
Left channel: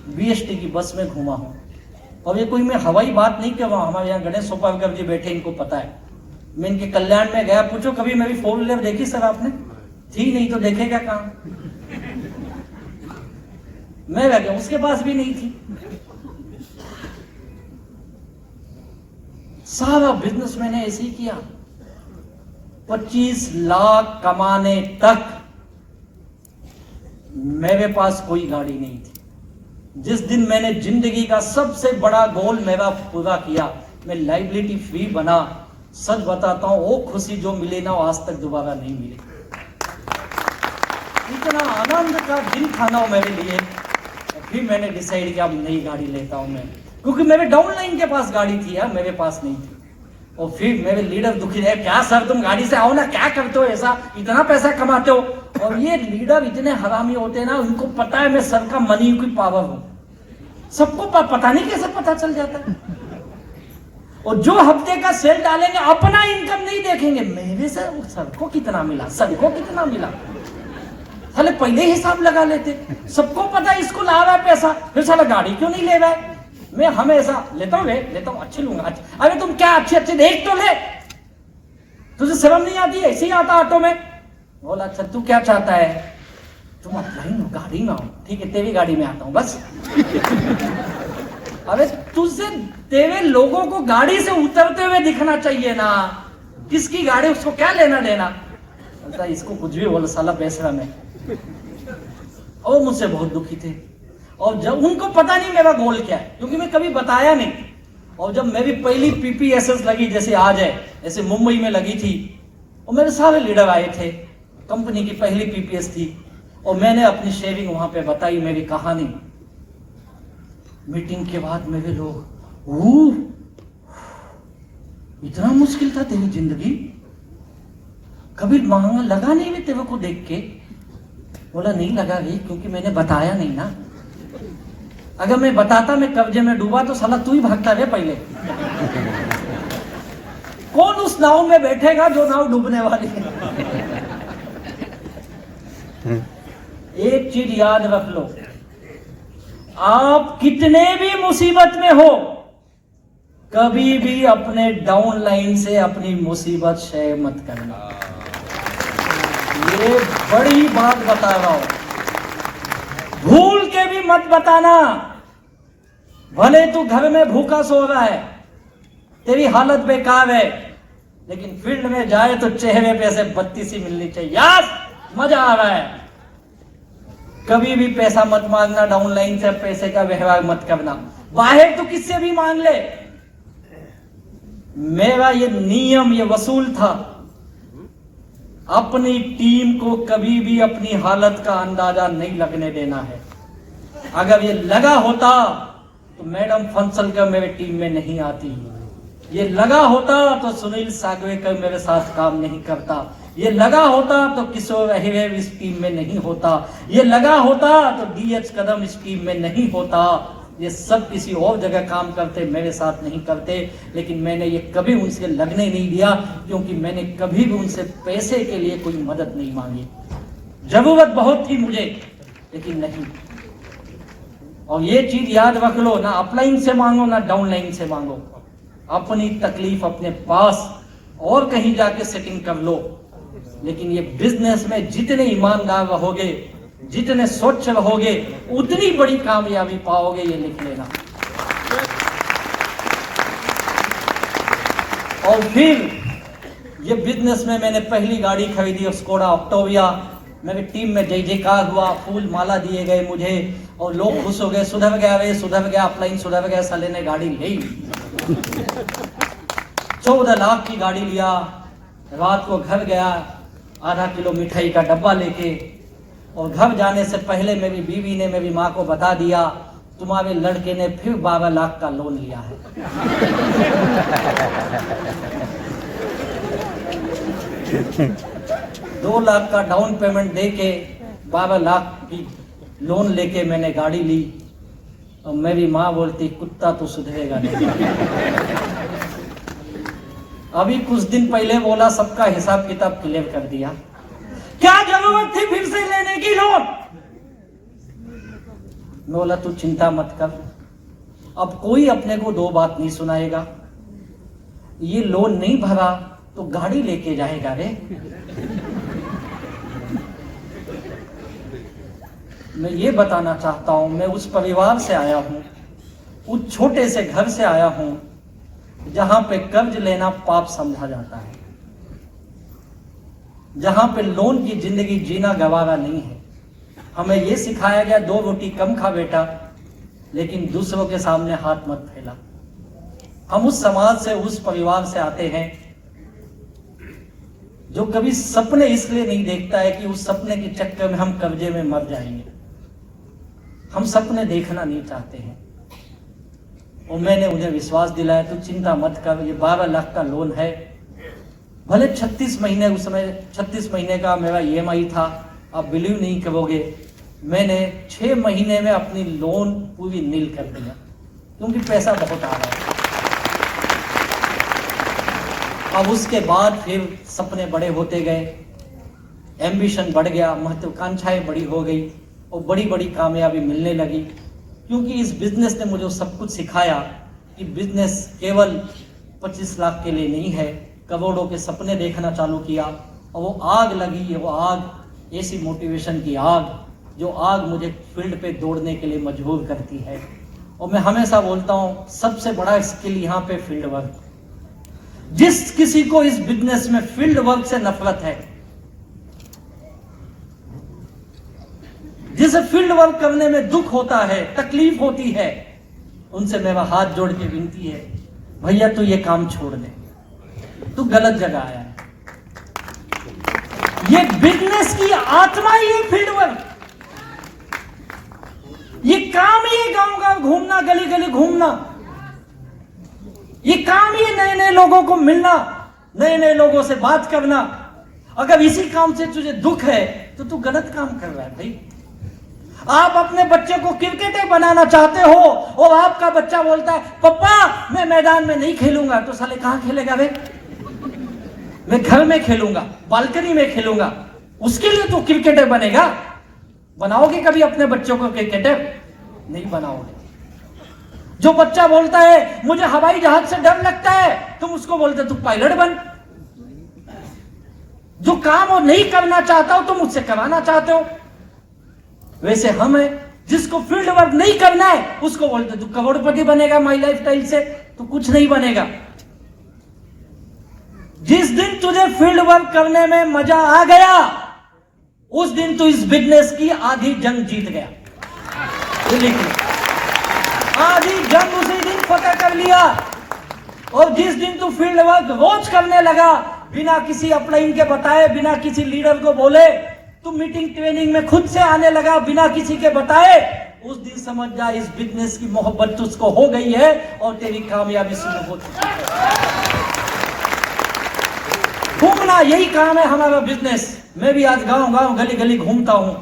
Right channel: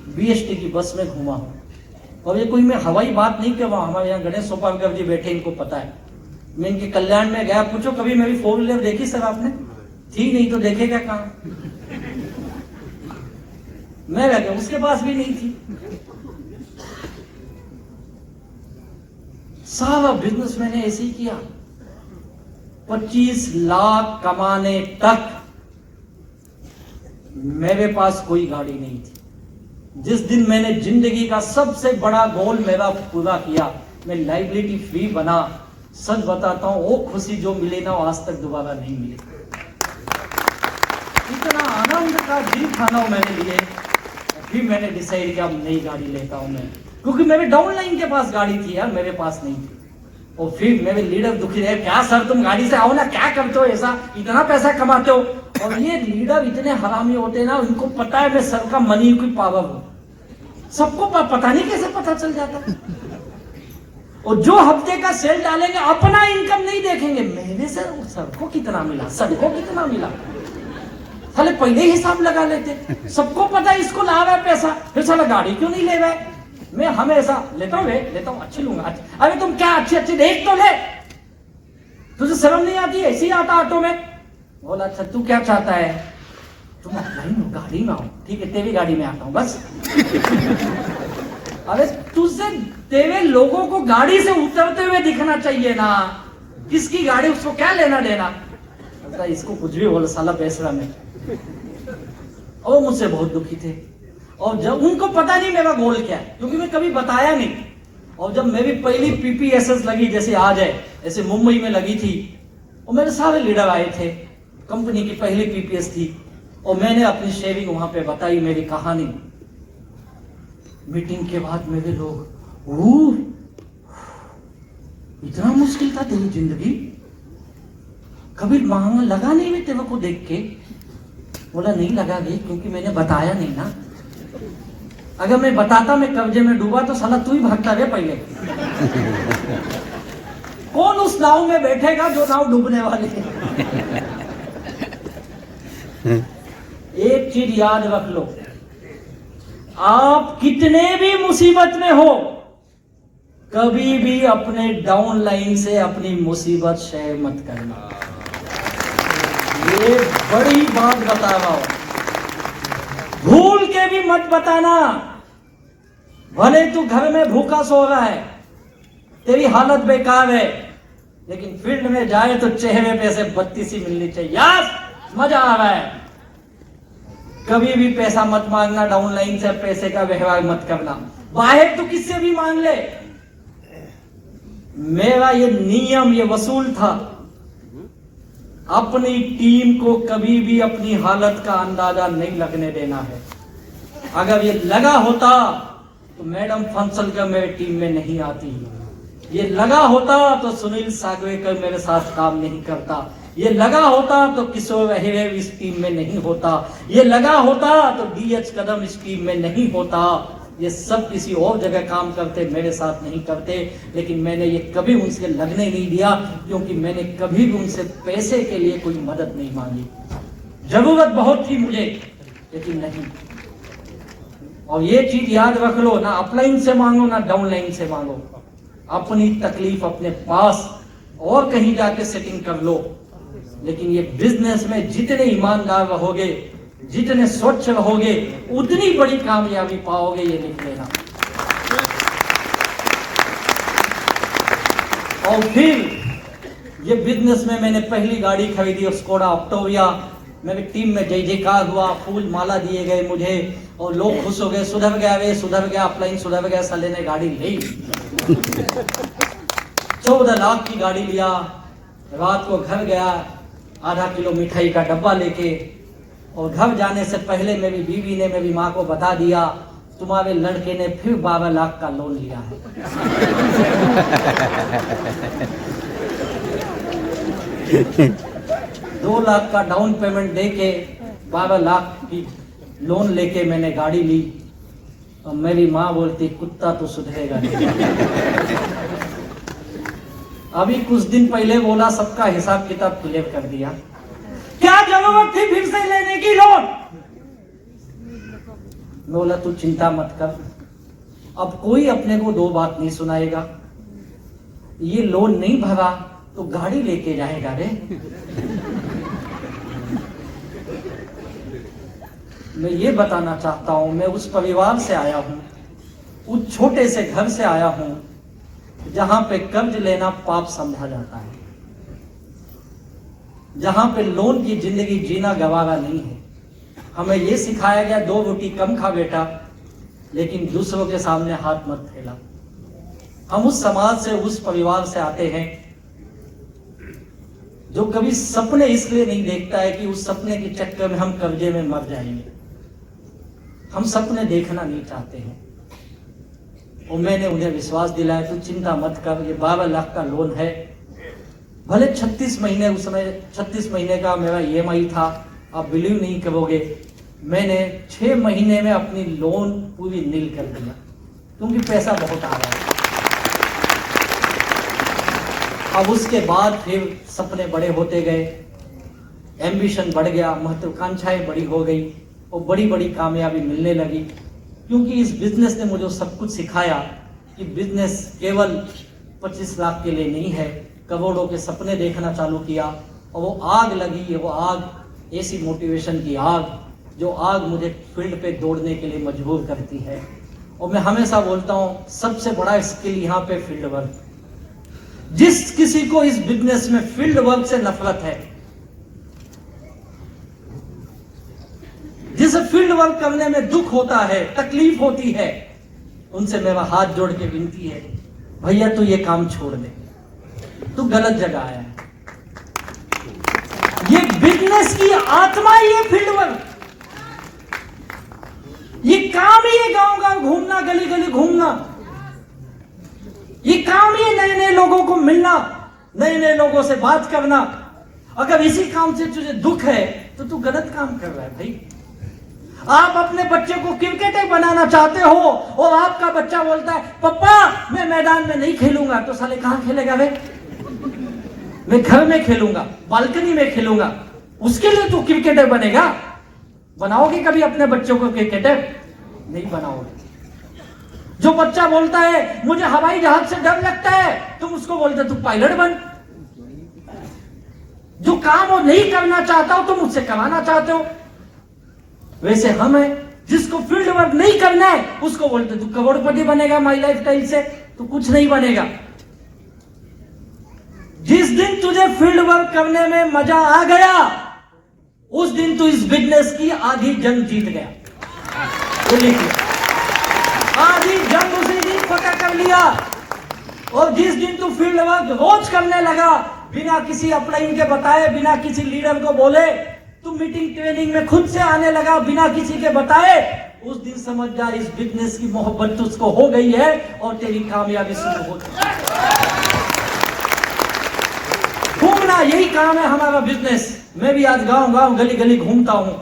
बीएसटी की बस में घूमा हूँ। और ये कोई मैं हवाई बात नहीं कर रहा हूँ। हमारे यहाँ गणेश सोपालकर जी बैठे, इनको पता है। मैं इनके कल्याण में गया, पूछो कभी मेरी 4 व्हीलर देखी सर आपने? थी नहीं तो देखेगा कहां? मैं रह गया, उसके पास भी नहीं थी। सारा बिजनेस मैंने ऐसे ही किया। 25 लाख कमाने तक मेरे पास कोई गाड़ी नहीं थी। जिस दिन मैंने जिंदगी का सबसे बड़ा गोल मेरा पूरा किया, मैं लाइबिलिटी फ्री बना, सच बताता हूं वो खुशी जो मिली ना, आज तक दोबारा नहीं मिली। इतना आनंद का दिन खाना मैंने लिए। फिर मैंने डिसाइड किया अब नई गाड़ी लेता हूं मैं, क्योंकि मेरे डाउनलाइन के पास गाड़ी थी यार, मेरे पास नहीं थी। और फिर मेरे लीडर दुखी है, क्या सर तुम गाड़ी से आओ ना, क्या करते हो ऐसा, इतना पैसा कमाते हो? और ये लीडर इतने हरामी होते हैं ना, उनको पता है मैं सर का मनी की पावर हूं। सबको पता नहीं कैसे पता चल जाता है। और जो हफ्ते का सेल डालेंगे अपना इनकम नहीं देखेंगे, मेरे से सर को कितना मिला, सर को कितना मिला, साले पहले ही हिसाब लगा लेते। सबको पता है इसको ला रहा है पैसा, फिर साला गाड़ी क्यों नहीं ले रहा है? मैं हमेशा लेता हूँ, लेता हूँ, अच्छी लूंगा। अरे तुम क्या अच्छे देख तो ले, तुझे शर्म नहीं आती? ऐसे ही आता ऑटो में। बोला अच्छा तू क्या चाहता है? तुम गाड़ी में आओ, ठीक है तेरी गाड़ी में आता हूं बस। अरे तुझसे तेरे लोगों को गाड़ी से उतरते हुए दिखना चाहिए ना, किसकी गाड़ी उसको क्या लेना देना? इसको कुछ भी बोलो साला बेसरा में। और मुझसे बहुत दुखी थे। और जब उनको पता नहीं मेरा गोल क्या है, क्योंकि मैं कभी बताया नहीं। और जब मेरी पहली पीपीएसएस लगी, जैसे आज है, जैसे मुंबई में लगी थी, और मेरे सारे लीडर आए थे, कंपनी की पहली पीपीएस थी, और मैंने अपनी शेयरिंग वहां पे बताई, मेरी कहानी। मीटिंग के बाद मेरे लोग, इतना मुश्किल था तेरी जिंदगी, कभी वहां लगा नहीं मैं तेरे को देख के? बोला नहीं लगा गई, क्योंकि मैंने बताया नहीं ना। अगर मैं बताता मैं कब्जे में डूबा तो साला तू ही भागता रे पहले। कौन उस नाव में बैठेगा जो नाव डूबने वाली है? एक चीज याद रख लो, आप कितने भी मुसीबत में हो, कभी भी अपने डाउन लाइन से अपनी मुसीबत शेयर मत करना। ये बड़ी बात बता रहा हूं, भूल के भी मत बताना। भले तू घर में भूखा सो रहा है, तेरी हालत बेकार है, लेकिन फील्ड में जाए तो चेहरे पे से बत्ती सी मिलनी चाहिए, यार मजा आ रहा है। कभी भी पैसा मत मांगना, डाउन लाइन से पैसे का व्यवहार मत करना। बाहर तो किससे भी मांग ले। मेरा ये नियम, ये वसूल था, अपनी टीम को कभी भी अपनी हालत का अंदाजा नहीं लगने देना है। अगर ये लगा होता तो मैडम फंसलकर मेरे टीम में नहीं आती, ये लगा होता तो सुनील सागवेकर मेरे साथ काम नहीं करता, ये लगा होता तो किशोर अहिर इस टीम में नहीं होता, ये लगा होता तो डीएच कदम इस टीम में नहीं होता। ये सब किसी और जगह काम करते, मेरे साथ नहीं करते। लेकिन मैंने ये कभी उनसे लगने नहीं दिया, क्योंकि मैंने कभी भी उनसे पैसे के लिए कोई मदद नहीं मांगी। जरूरत बहुत थी मुझे, लेकिन नहीं। और ये चीज याद रख लो, ना अपलाइन से मांगो ना डाउन लाइन से मांगो। अपनी तकलीफ अपने पास और कहीं जाके सेटिंग कर लो। लेकिन ये बिजनेस में जितने ईमानदार रहोगे, जितने स्वच्छ रहोगे, उतनी बड़ी कामयाबी पाओगे, ये लिख लेना। और फिर ये बिजनेस में मैंने पहली गाड़ी खरीदी, स्कोडा ऑक्टाविया। मेरी टीम में जय जयकार हुआ, फूल माला दिए गए मुझे, और लोग खुश हो गए, सुधर गया रे, सुधर गया, अपलाइन सुधर गया, साले ने गाड़ी ली। 14 लाख की गाड़ी लिया। रात को घर गया, आधा किलो मिठाई का डब्बा लेके, और घर जाने से पहले मेरी बीवी ने मेरी माँ को बता दिया, तुम्हारे लड़के ने फिर 12 लाख का लोन लिया है। 2 लाख का डाउन पेमेंट देके 12 लाख की लोन लेके मैंने गाड़ी ली। और मेरी माँ बोलती, कुत्ता तो सुधरेगा नहीं। अभी कुछ दिन पहले बोला, सबका हिसाब किताब क्लियर कर दिया। क्या जरूरत थी फिर से लेने की लोन? मैं बोला, तू चिंता मत कर, अब कोई अपने को 2 बात नहीं सुनाएगा। ये लोन नहीं भरा तो गाड़ी लेके जाएगा रे। मैं ये बताना चाहता हूं, मैं उस परिवार से आया हूं, उस छोटे से घर से आया हूं, जहां पे कर्ज लेना पाप समझा जाता है, जहां पे लोन की जिंदगी जीना गवारा नहीं है। हमें यह सिखाया गया, 2 रोटी कम खा बेटा, लेकिन दूसरों के सामने हाथ मत फैला। हम उस समाज से, उस परिवार से आते हैं जो कभी सपने इसलिए नहीं देखता है कि उस सपने के चक्कर में हम कर्जे में मर जाएंगे। हम सपने देखना नहीं चाहते हैं। और मैंने उन्हें विश्वास दिलाया, तो चिंता मत कर, ये 12 लाख का लोन है। भले 36 महीने, उसमें 36 महीने का मेरा EMI था। आप बिलीव नहीं करोगे, मैंने 6 महीने में अपनी लोन पूरी नील कर दिया, क्योंकि पैसा बहुत आ रहा है। अब उसके बाद फिर सपने बड़े होते गए, एम्बिशन बढ़ गया, महत्वाकांक्षाएं बड़ी हो गई, और बड़ी बड़ी कामयाबी मिलने लगी। क्योंकि इस बिजनेस ने मुझे सब कुछ सिखाया कि बिजनेस केवल 25 लाख के लिए नहीं है। करोड़ों के सपने देखना चालू किया, और वो आग लगी, वो आग ऐसी मोटिवेशन की आग, जो आग मुझे फील्ड पे दौड़ने के लिए मजबूर करती है। और मैं हमेशा बोलता हूँ, सबसे बड़ा स्किल यहाँ पे फील्ड वर्क। जिस किसी को इस बिजनेस में फील्ड वर्क से नफरत है, जिसे फील्ड वर्क करने में दुख होता है, तकलीफ होती है, उनसे मेरा हाथ जोड़ के विनती है, भैया तू ये काम छोड़ दे, तू गलत जगह आया है। ये बिजनेस की आत्मा ही है फील्ड वर्क। ये काम ही है गांव गांव घूमना, गली गली घूमना। ये काम ही है नए नए लोगों को मिलना, नए नए लोगों से बात करना। अगर इसी काम से तुझे दुख है तो तू गलत काम कर रहा है भाई। आप अपने बच्चे को क्रिकेटर बनाना चाहते हो और आपका बच्चा बोलता है पापा मैं मैदान में नहीं खेलूंगा, तो साले कहां खेलेगा भाई? मैं घर में खेलूंगा, बालकनी में खेलूंगा। उसके लिए तो क्रिकेटर बनेगा। बनाओगे कभी अपने बच्चों को क्रिकेटर? नहीं बनाओगे। जो बच्चा बोलता है मुझे हवाई जहाज से डर लगता है, तुम उसको बोलते तू पायलट बन। जो काम वो नहीं करना चाहता हो तुम उससे कराना चाहते हो। वैसे हम है जिसको फील्ड वर्क नहीं करना है उसको बोलते तू करोड़पति बनेगा माई लाइफ स्टाइल से, तो कुछ नहीं बनेगा। जिस दिन तुझे फील्ड वर्क करने में मजा आ गया उस दिन तू इस बिजनेस की आधी जंग जीत गया। आधी जंग उसी दिन फतह कर लिया। और जिस दिन तू फील्ड वर्क रोज करने लगा बिना किसी अपलाइन के बताए, बिना किसी लीडर को बोले, तू मीटिंग ट्रेनिंग में खुद से आने लगा बिना किसी के बताए, उस दिन समझ जा इस बिजनेस की मोहब्बत तुझको हो गई है और तेरी कामयाबी शुरू हो गई। घूमना यही काम है हमारा बिजनेस। मैं भी आज गांव गांव गली गली घूमता हूं।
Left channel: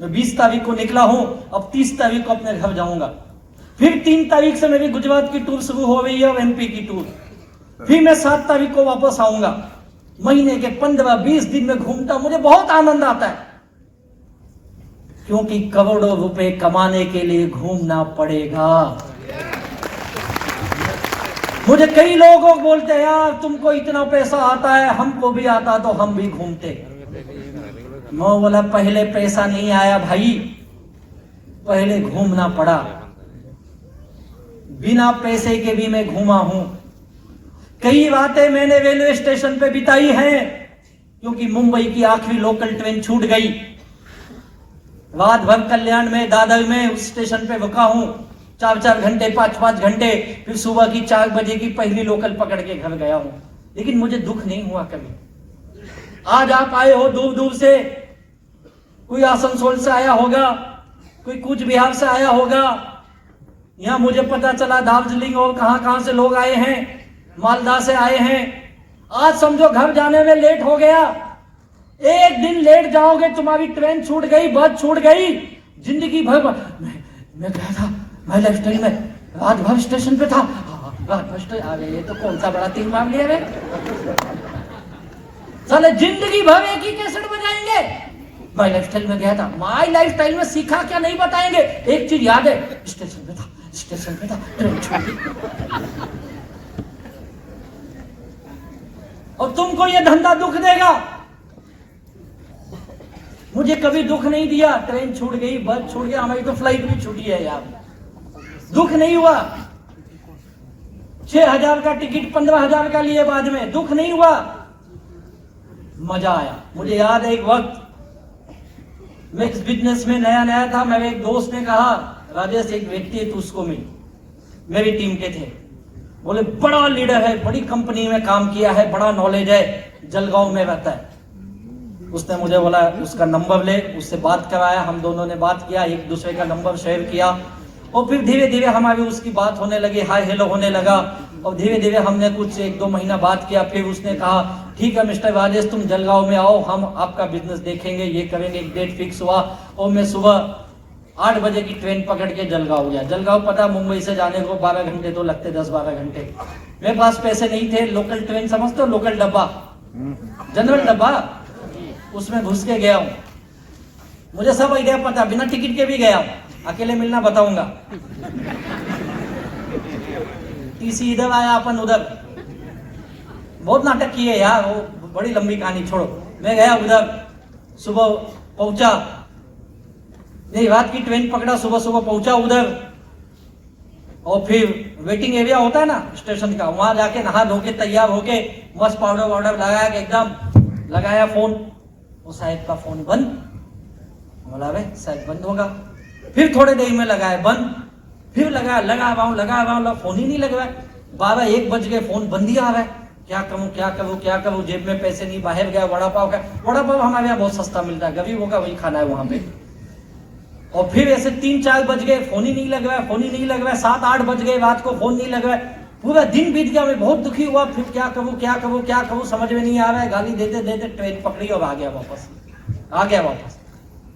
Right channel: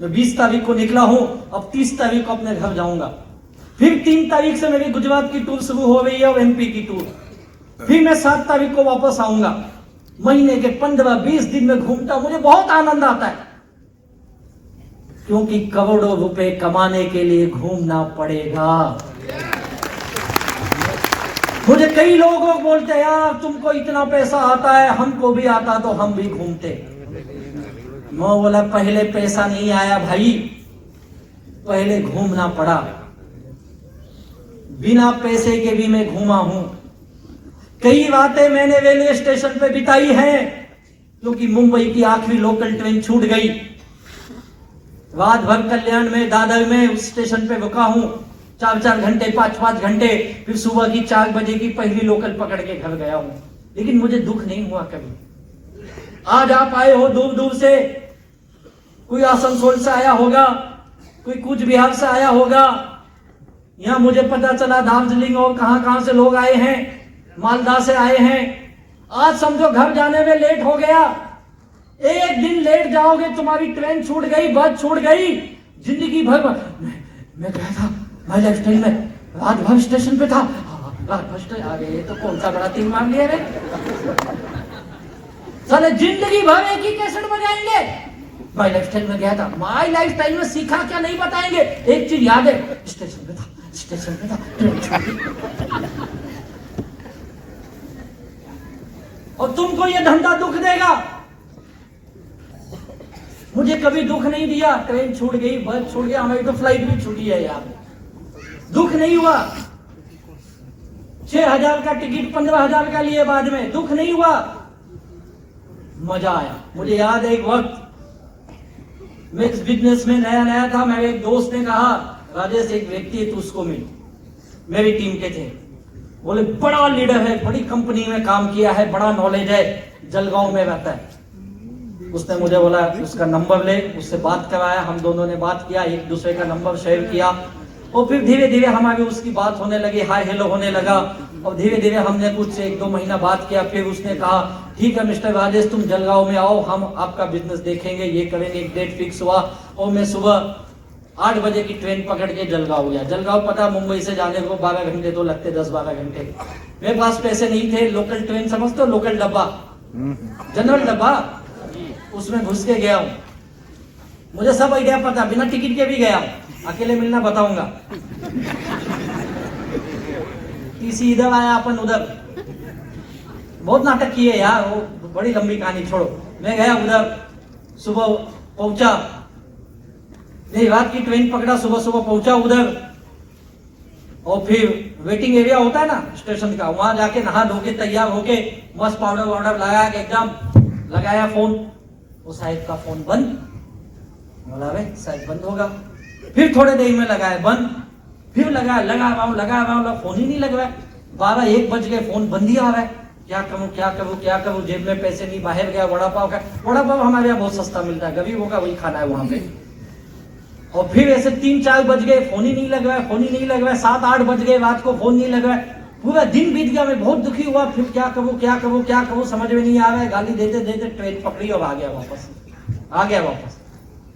मैं 20 तारीख को निकला हूं, अब 30 तारीख को अपने घर जाऊंगा। फिर 3 तारीख से मेरी गुजरात की टूर शुरू हो गई है और एमपी की टूर। फिर मैं 7 तारीख को वापस आऊंगा। महीने के 15-20 दिन में घूमता, मुझे बहुत आनंद आता है, क्योंकि करोड़ों रुपए कमाने के लिए घूमना पड़ेगा। मुझे कई लोग बोलते हैं यार तुमको इतना पैसा आता है, हमको भी आता तो हम भी घूमते। मैं बोला पहले पैसा नहीं आया भाई, पहले घूमना पड़ा। बिना पैसे के भी मैं घूमा हूं। कई बातें मैंने रेलवे स्टेशन पे बिताई हैं, क्योंकि मुंबई की आखिरी लोकल ट्रेन छूट गई। रात भर कल्याण में, दादर में उस स्टेशन पे रुका हूं, 4-4 घंटे, 5-5 घंटे। फिर सुबह की 4 बजे की पहली लोकल पकड़ के घर गया हूं, लेकिन मुझे दुख नहीं हुआ कभी। आज आप आए हो दूर दूर से, कोई आसनसोल से आया होगा, कोई कूच बिहार से आया होगा। यहां मुझे पता चला दार्जिलिंग और कहां से लोग आए हैं, मालदा से आए हैं। आज समझो घर जाने में लेट हो गया। एक दिन लेट जाओगे, तुम्हारी ट्रेन छूट गई, बस छूट गई, जिंदगी भर। मैं गया था माई लाइफ स्टाइल में, रात भर स्टेशन पे था, आ गए। ये तो कौन सा बड़ा 3 मार लिया रे। साले जिंदगी भर एक ही कैसेट बजाएंगे। माई लाइफ स्टाइल में गया था, माई लाइफ स्टाइल में सीखा क्या नहीं बताएंगे। एक चीज याद है, स्टेशन पे था, ट्रेन छूट गई। और तुमको ये धंधा दुख देगा। मुझे कभी दुख नहीं दिया। ट्रेन छूट गई, बस छूट गया, हमारी तो फ्लाइट भी छूटी है यार, दुख नहीं हुआ। 6,000 का टिकट 15,000 का लिए बाद में, दुख नहीं हुआ, मजा आया। मुझे याद है एक वक्त मैं इस बिजनेस में नया था, मेरे एक दोस्त ने कहा राजेश एक व्यक्ति है, तू उसको मिल। मेरी टीम के थे, बोले बड़ा लीडर है, बड़ी कंपनी में काम किया है, बड़ा नॉलेज है, जलगांव में रहता है। उसने मुझे बोला उसका नंबर ले, उससे बात कराया, हम दोनों ने बात किया, एक दूसरे का नंबर शेयर किया, और फिर धीरे धीरे हमारी उसकी बात होने लगी, हाय हेलो होने लगा। और धीरे धीरे हमने कुछ 1-2 महीना बात किया। फिर उसने कहा ठीक है मिस्टर राजेश, तुम जलगांव में आओ, हम आपका बिजनेस देखेंगे, ये करेंगे। एक डेट फिक्स हुआ और मैं सुबह 8 बजे की ट्रेन पकड़ के जलगांव गया। जलगांव पता मुंबई से जाने को 12 घंटे तो लगते, 10-12 घंटे। मेरे पास पैसे नहीं थे, लोकल ट्रेन समझते हो, लोकल डब्बा, जनरल डब्बा, उसमें घुस के गया। मुझे सब आइडिया पता, बिना टिकट के भी गया, अकेले मिलना बताऊंगा। टीसी इधर आया, अपन उधर, बहुत नाटक किए यार, वो बड़ी लंबी कहानी छोड़ो। मैं गया उधर, सुबह पहुंचा, नहीं रात की ट्रेन पकड़ा, सुबह पहुंचा उधर। और फिर वेटिंग एरिया होता है ना स्टेशन का, वहां जाके नहा धो के तैयार होके मस्त पाउडर वाउडर लगाया के एकदम, लगाया फोन, तो साहब का फोन बंद। बोला रे शायद बंद होगा। फिर थोड़े देर में लगाया बंद, फिर लगा रहा हूं, फोन ही नहीं लग रहा है। 12-1 बज गए, फोन बंद ही आ रहा है। क्या करूं, जेब में पैसे नहीं, बाहर गया, वड़ा पाव हमारे यहाँ बहुत सस्ता मिलता है, गरीबों का वही खाना है वहां पे। और फिर ऐसे 3-4 बज गए, फोन ही नहीं लग रहा है, 7-8 बज गए, रात को फोन नहीं लग रहा है। पूरा दिन बीत गया, मैं बहुत दुखी हुआ। फिर क्या करूं समझ में नहीं आ रहा है। गाली देते देते ट्रेन पकड़ी और आ गया वापस।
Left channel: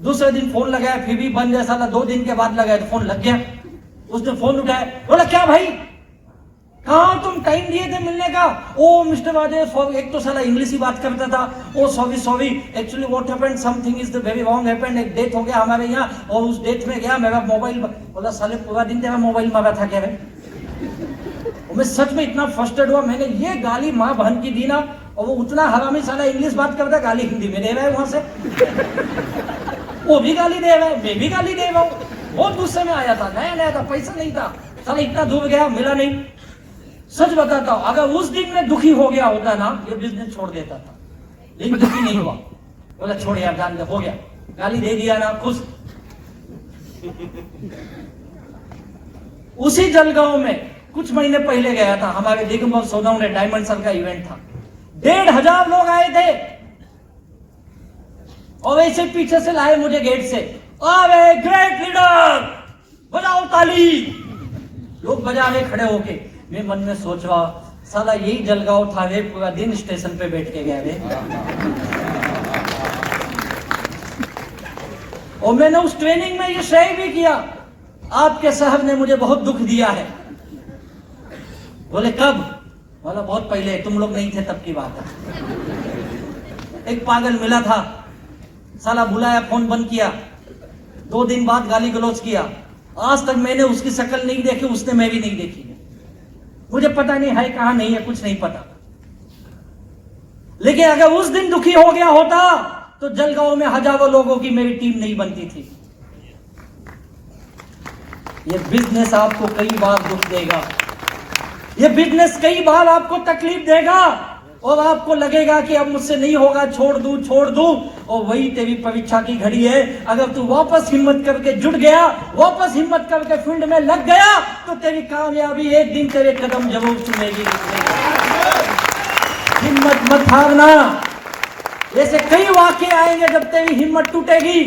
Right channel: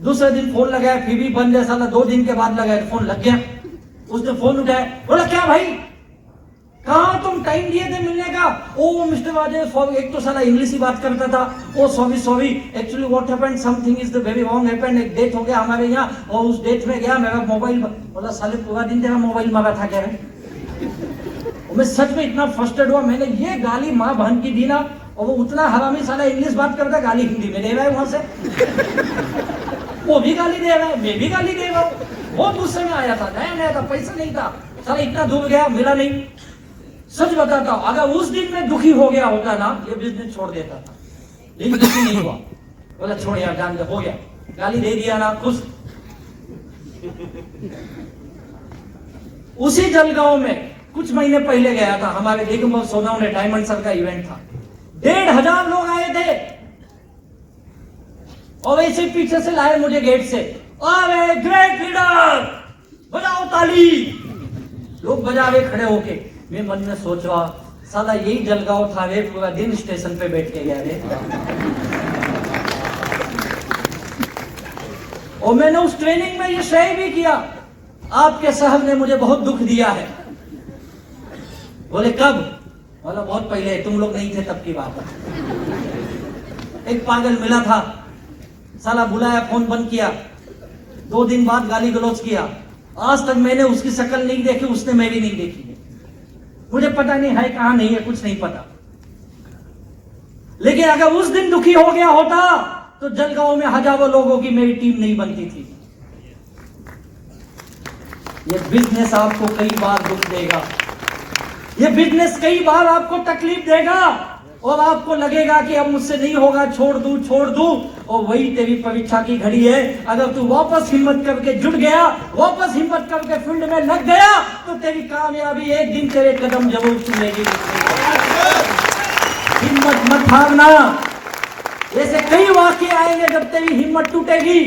दूसरे दिन फोन लगाया फिर भी बंद है साला, 2 दिन के बाद लगाया तो फोन लग गया। उसने फोन उठाया, बोला क्या भाई कहाँ तुम टाइम दिए थे मिलने का? ओ मिस्टर वादे, एक तो साला इंग्लिश ही बात करता था। Oh sorry actually what happened, something is the very wrong happened, एक डेथ हो गया हमारे यहाँ और उस डेथ में गया मेरा मोबाइल। बोला साले पूरा दिन तेरा मोबाइल मांगा था क्या रे? मैं सच में इतना फ्रस्ट्रेट हुआ, मैंने ये गाली माँ बहन की दी ना, और वो उतना हरामी साला इंग्लिश बात करता, गाली हिंदी में दे रहा है वहां से। वो भी गाली दे रहा है, मैं भी गाली दे रहा हूँ। बहुत गुस्से में आया था, नया था, पैसा नहीं था, साला इतना दूर गया मिला नहीं। सच बताता हूं, अगर उस दिन में दुखी हो गया होता ना, ये बिजनेस छोड़ देता, लेकिन दुखी नहीं हुआ। बोला छोड़ यार, जान दे, हो गया, गाली दे दिया ना, खुश। उसी जलगांव में कुछ महीने पहले गया था, हमारे दिग्मोल सोनाम ने डायमंड सर का इवेंट था, 1,500 लोग आए थे और ऐसे पीछे से लाए मुझे गेट से, अरे ग्रेट लीडर, बजाओ ताली। लोग बजा रहे खड़े होके। मैं मन में सोच रहा, साला यही जलगांव था रे, पूरा दिन स्टेशन पे बैठ के गया रे। और मैंने उस ट्रेनिंग में ये शेयर भी किया, आपके साहब ने मुझे बहुत दुख दिया है। बोले कब? बोला बहुत पहले, तुम लोग नहीं थे तब की बात है। एक पागल मिला था, साला बुलाया, फोन बंद किया, 2 दिन बाद गाली गलौज किया। आज तक मैंने उसकी शक्ल नहीं देखी, उसने मैं भी नहीं देखी। मुझे पता नहीं है कहां नहीं है, कुछ नहीं पता। लेकिन अगर उस दिन दुखी हो गया होता तो जलगांव में हजारों लोगों की मेरी टीम नहीं बनती थी। ये बिजनेस आपको कई बार दुख देगा, ये बिजनेस कई बार आपको तकलीफ देगा और आपको लगेगा कि अब मुझसे नहीं होगा, छोड़ दूं। और वही तेरी परीक्षा की घड़ी है। अगर तू वापस हिम्मत करके जुट गया, वापस हिम्मत करके फील्ड में लग गया, तो तेरी कामयाबी एक दिन तेरे कदम जरूर चुनेगी। हिम्मत मत हारना। ऐसे कई वाक्य आएंगे जब तेरी हिम्मत टूटेगी,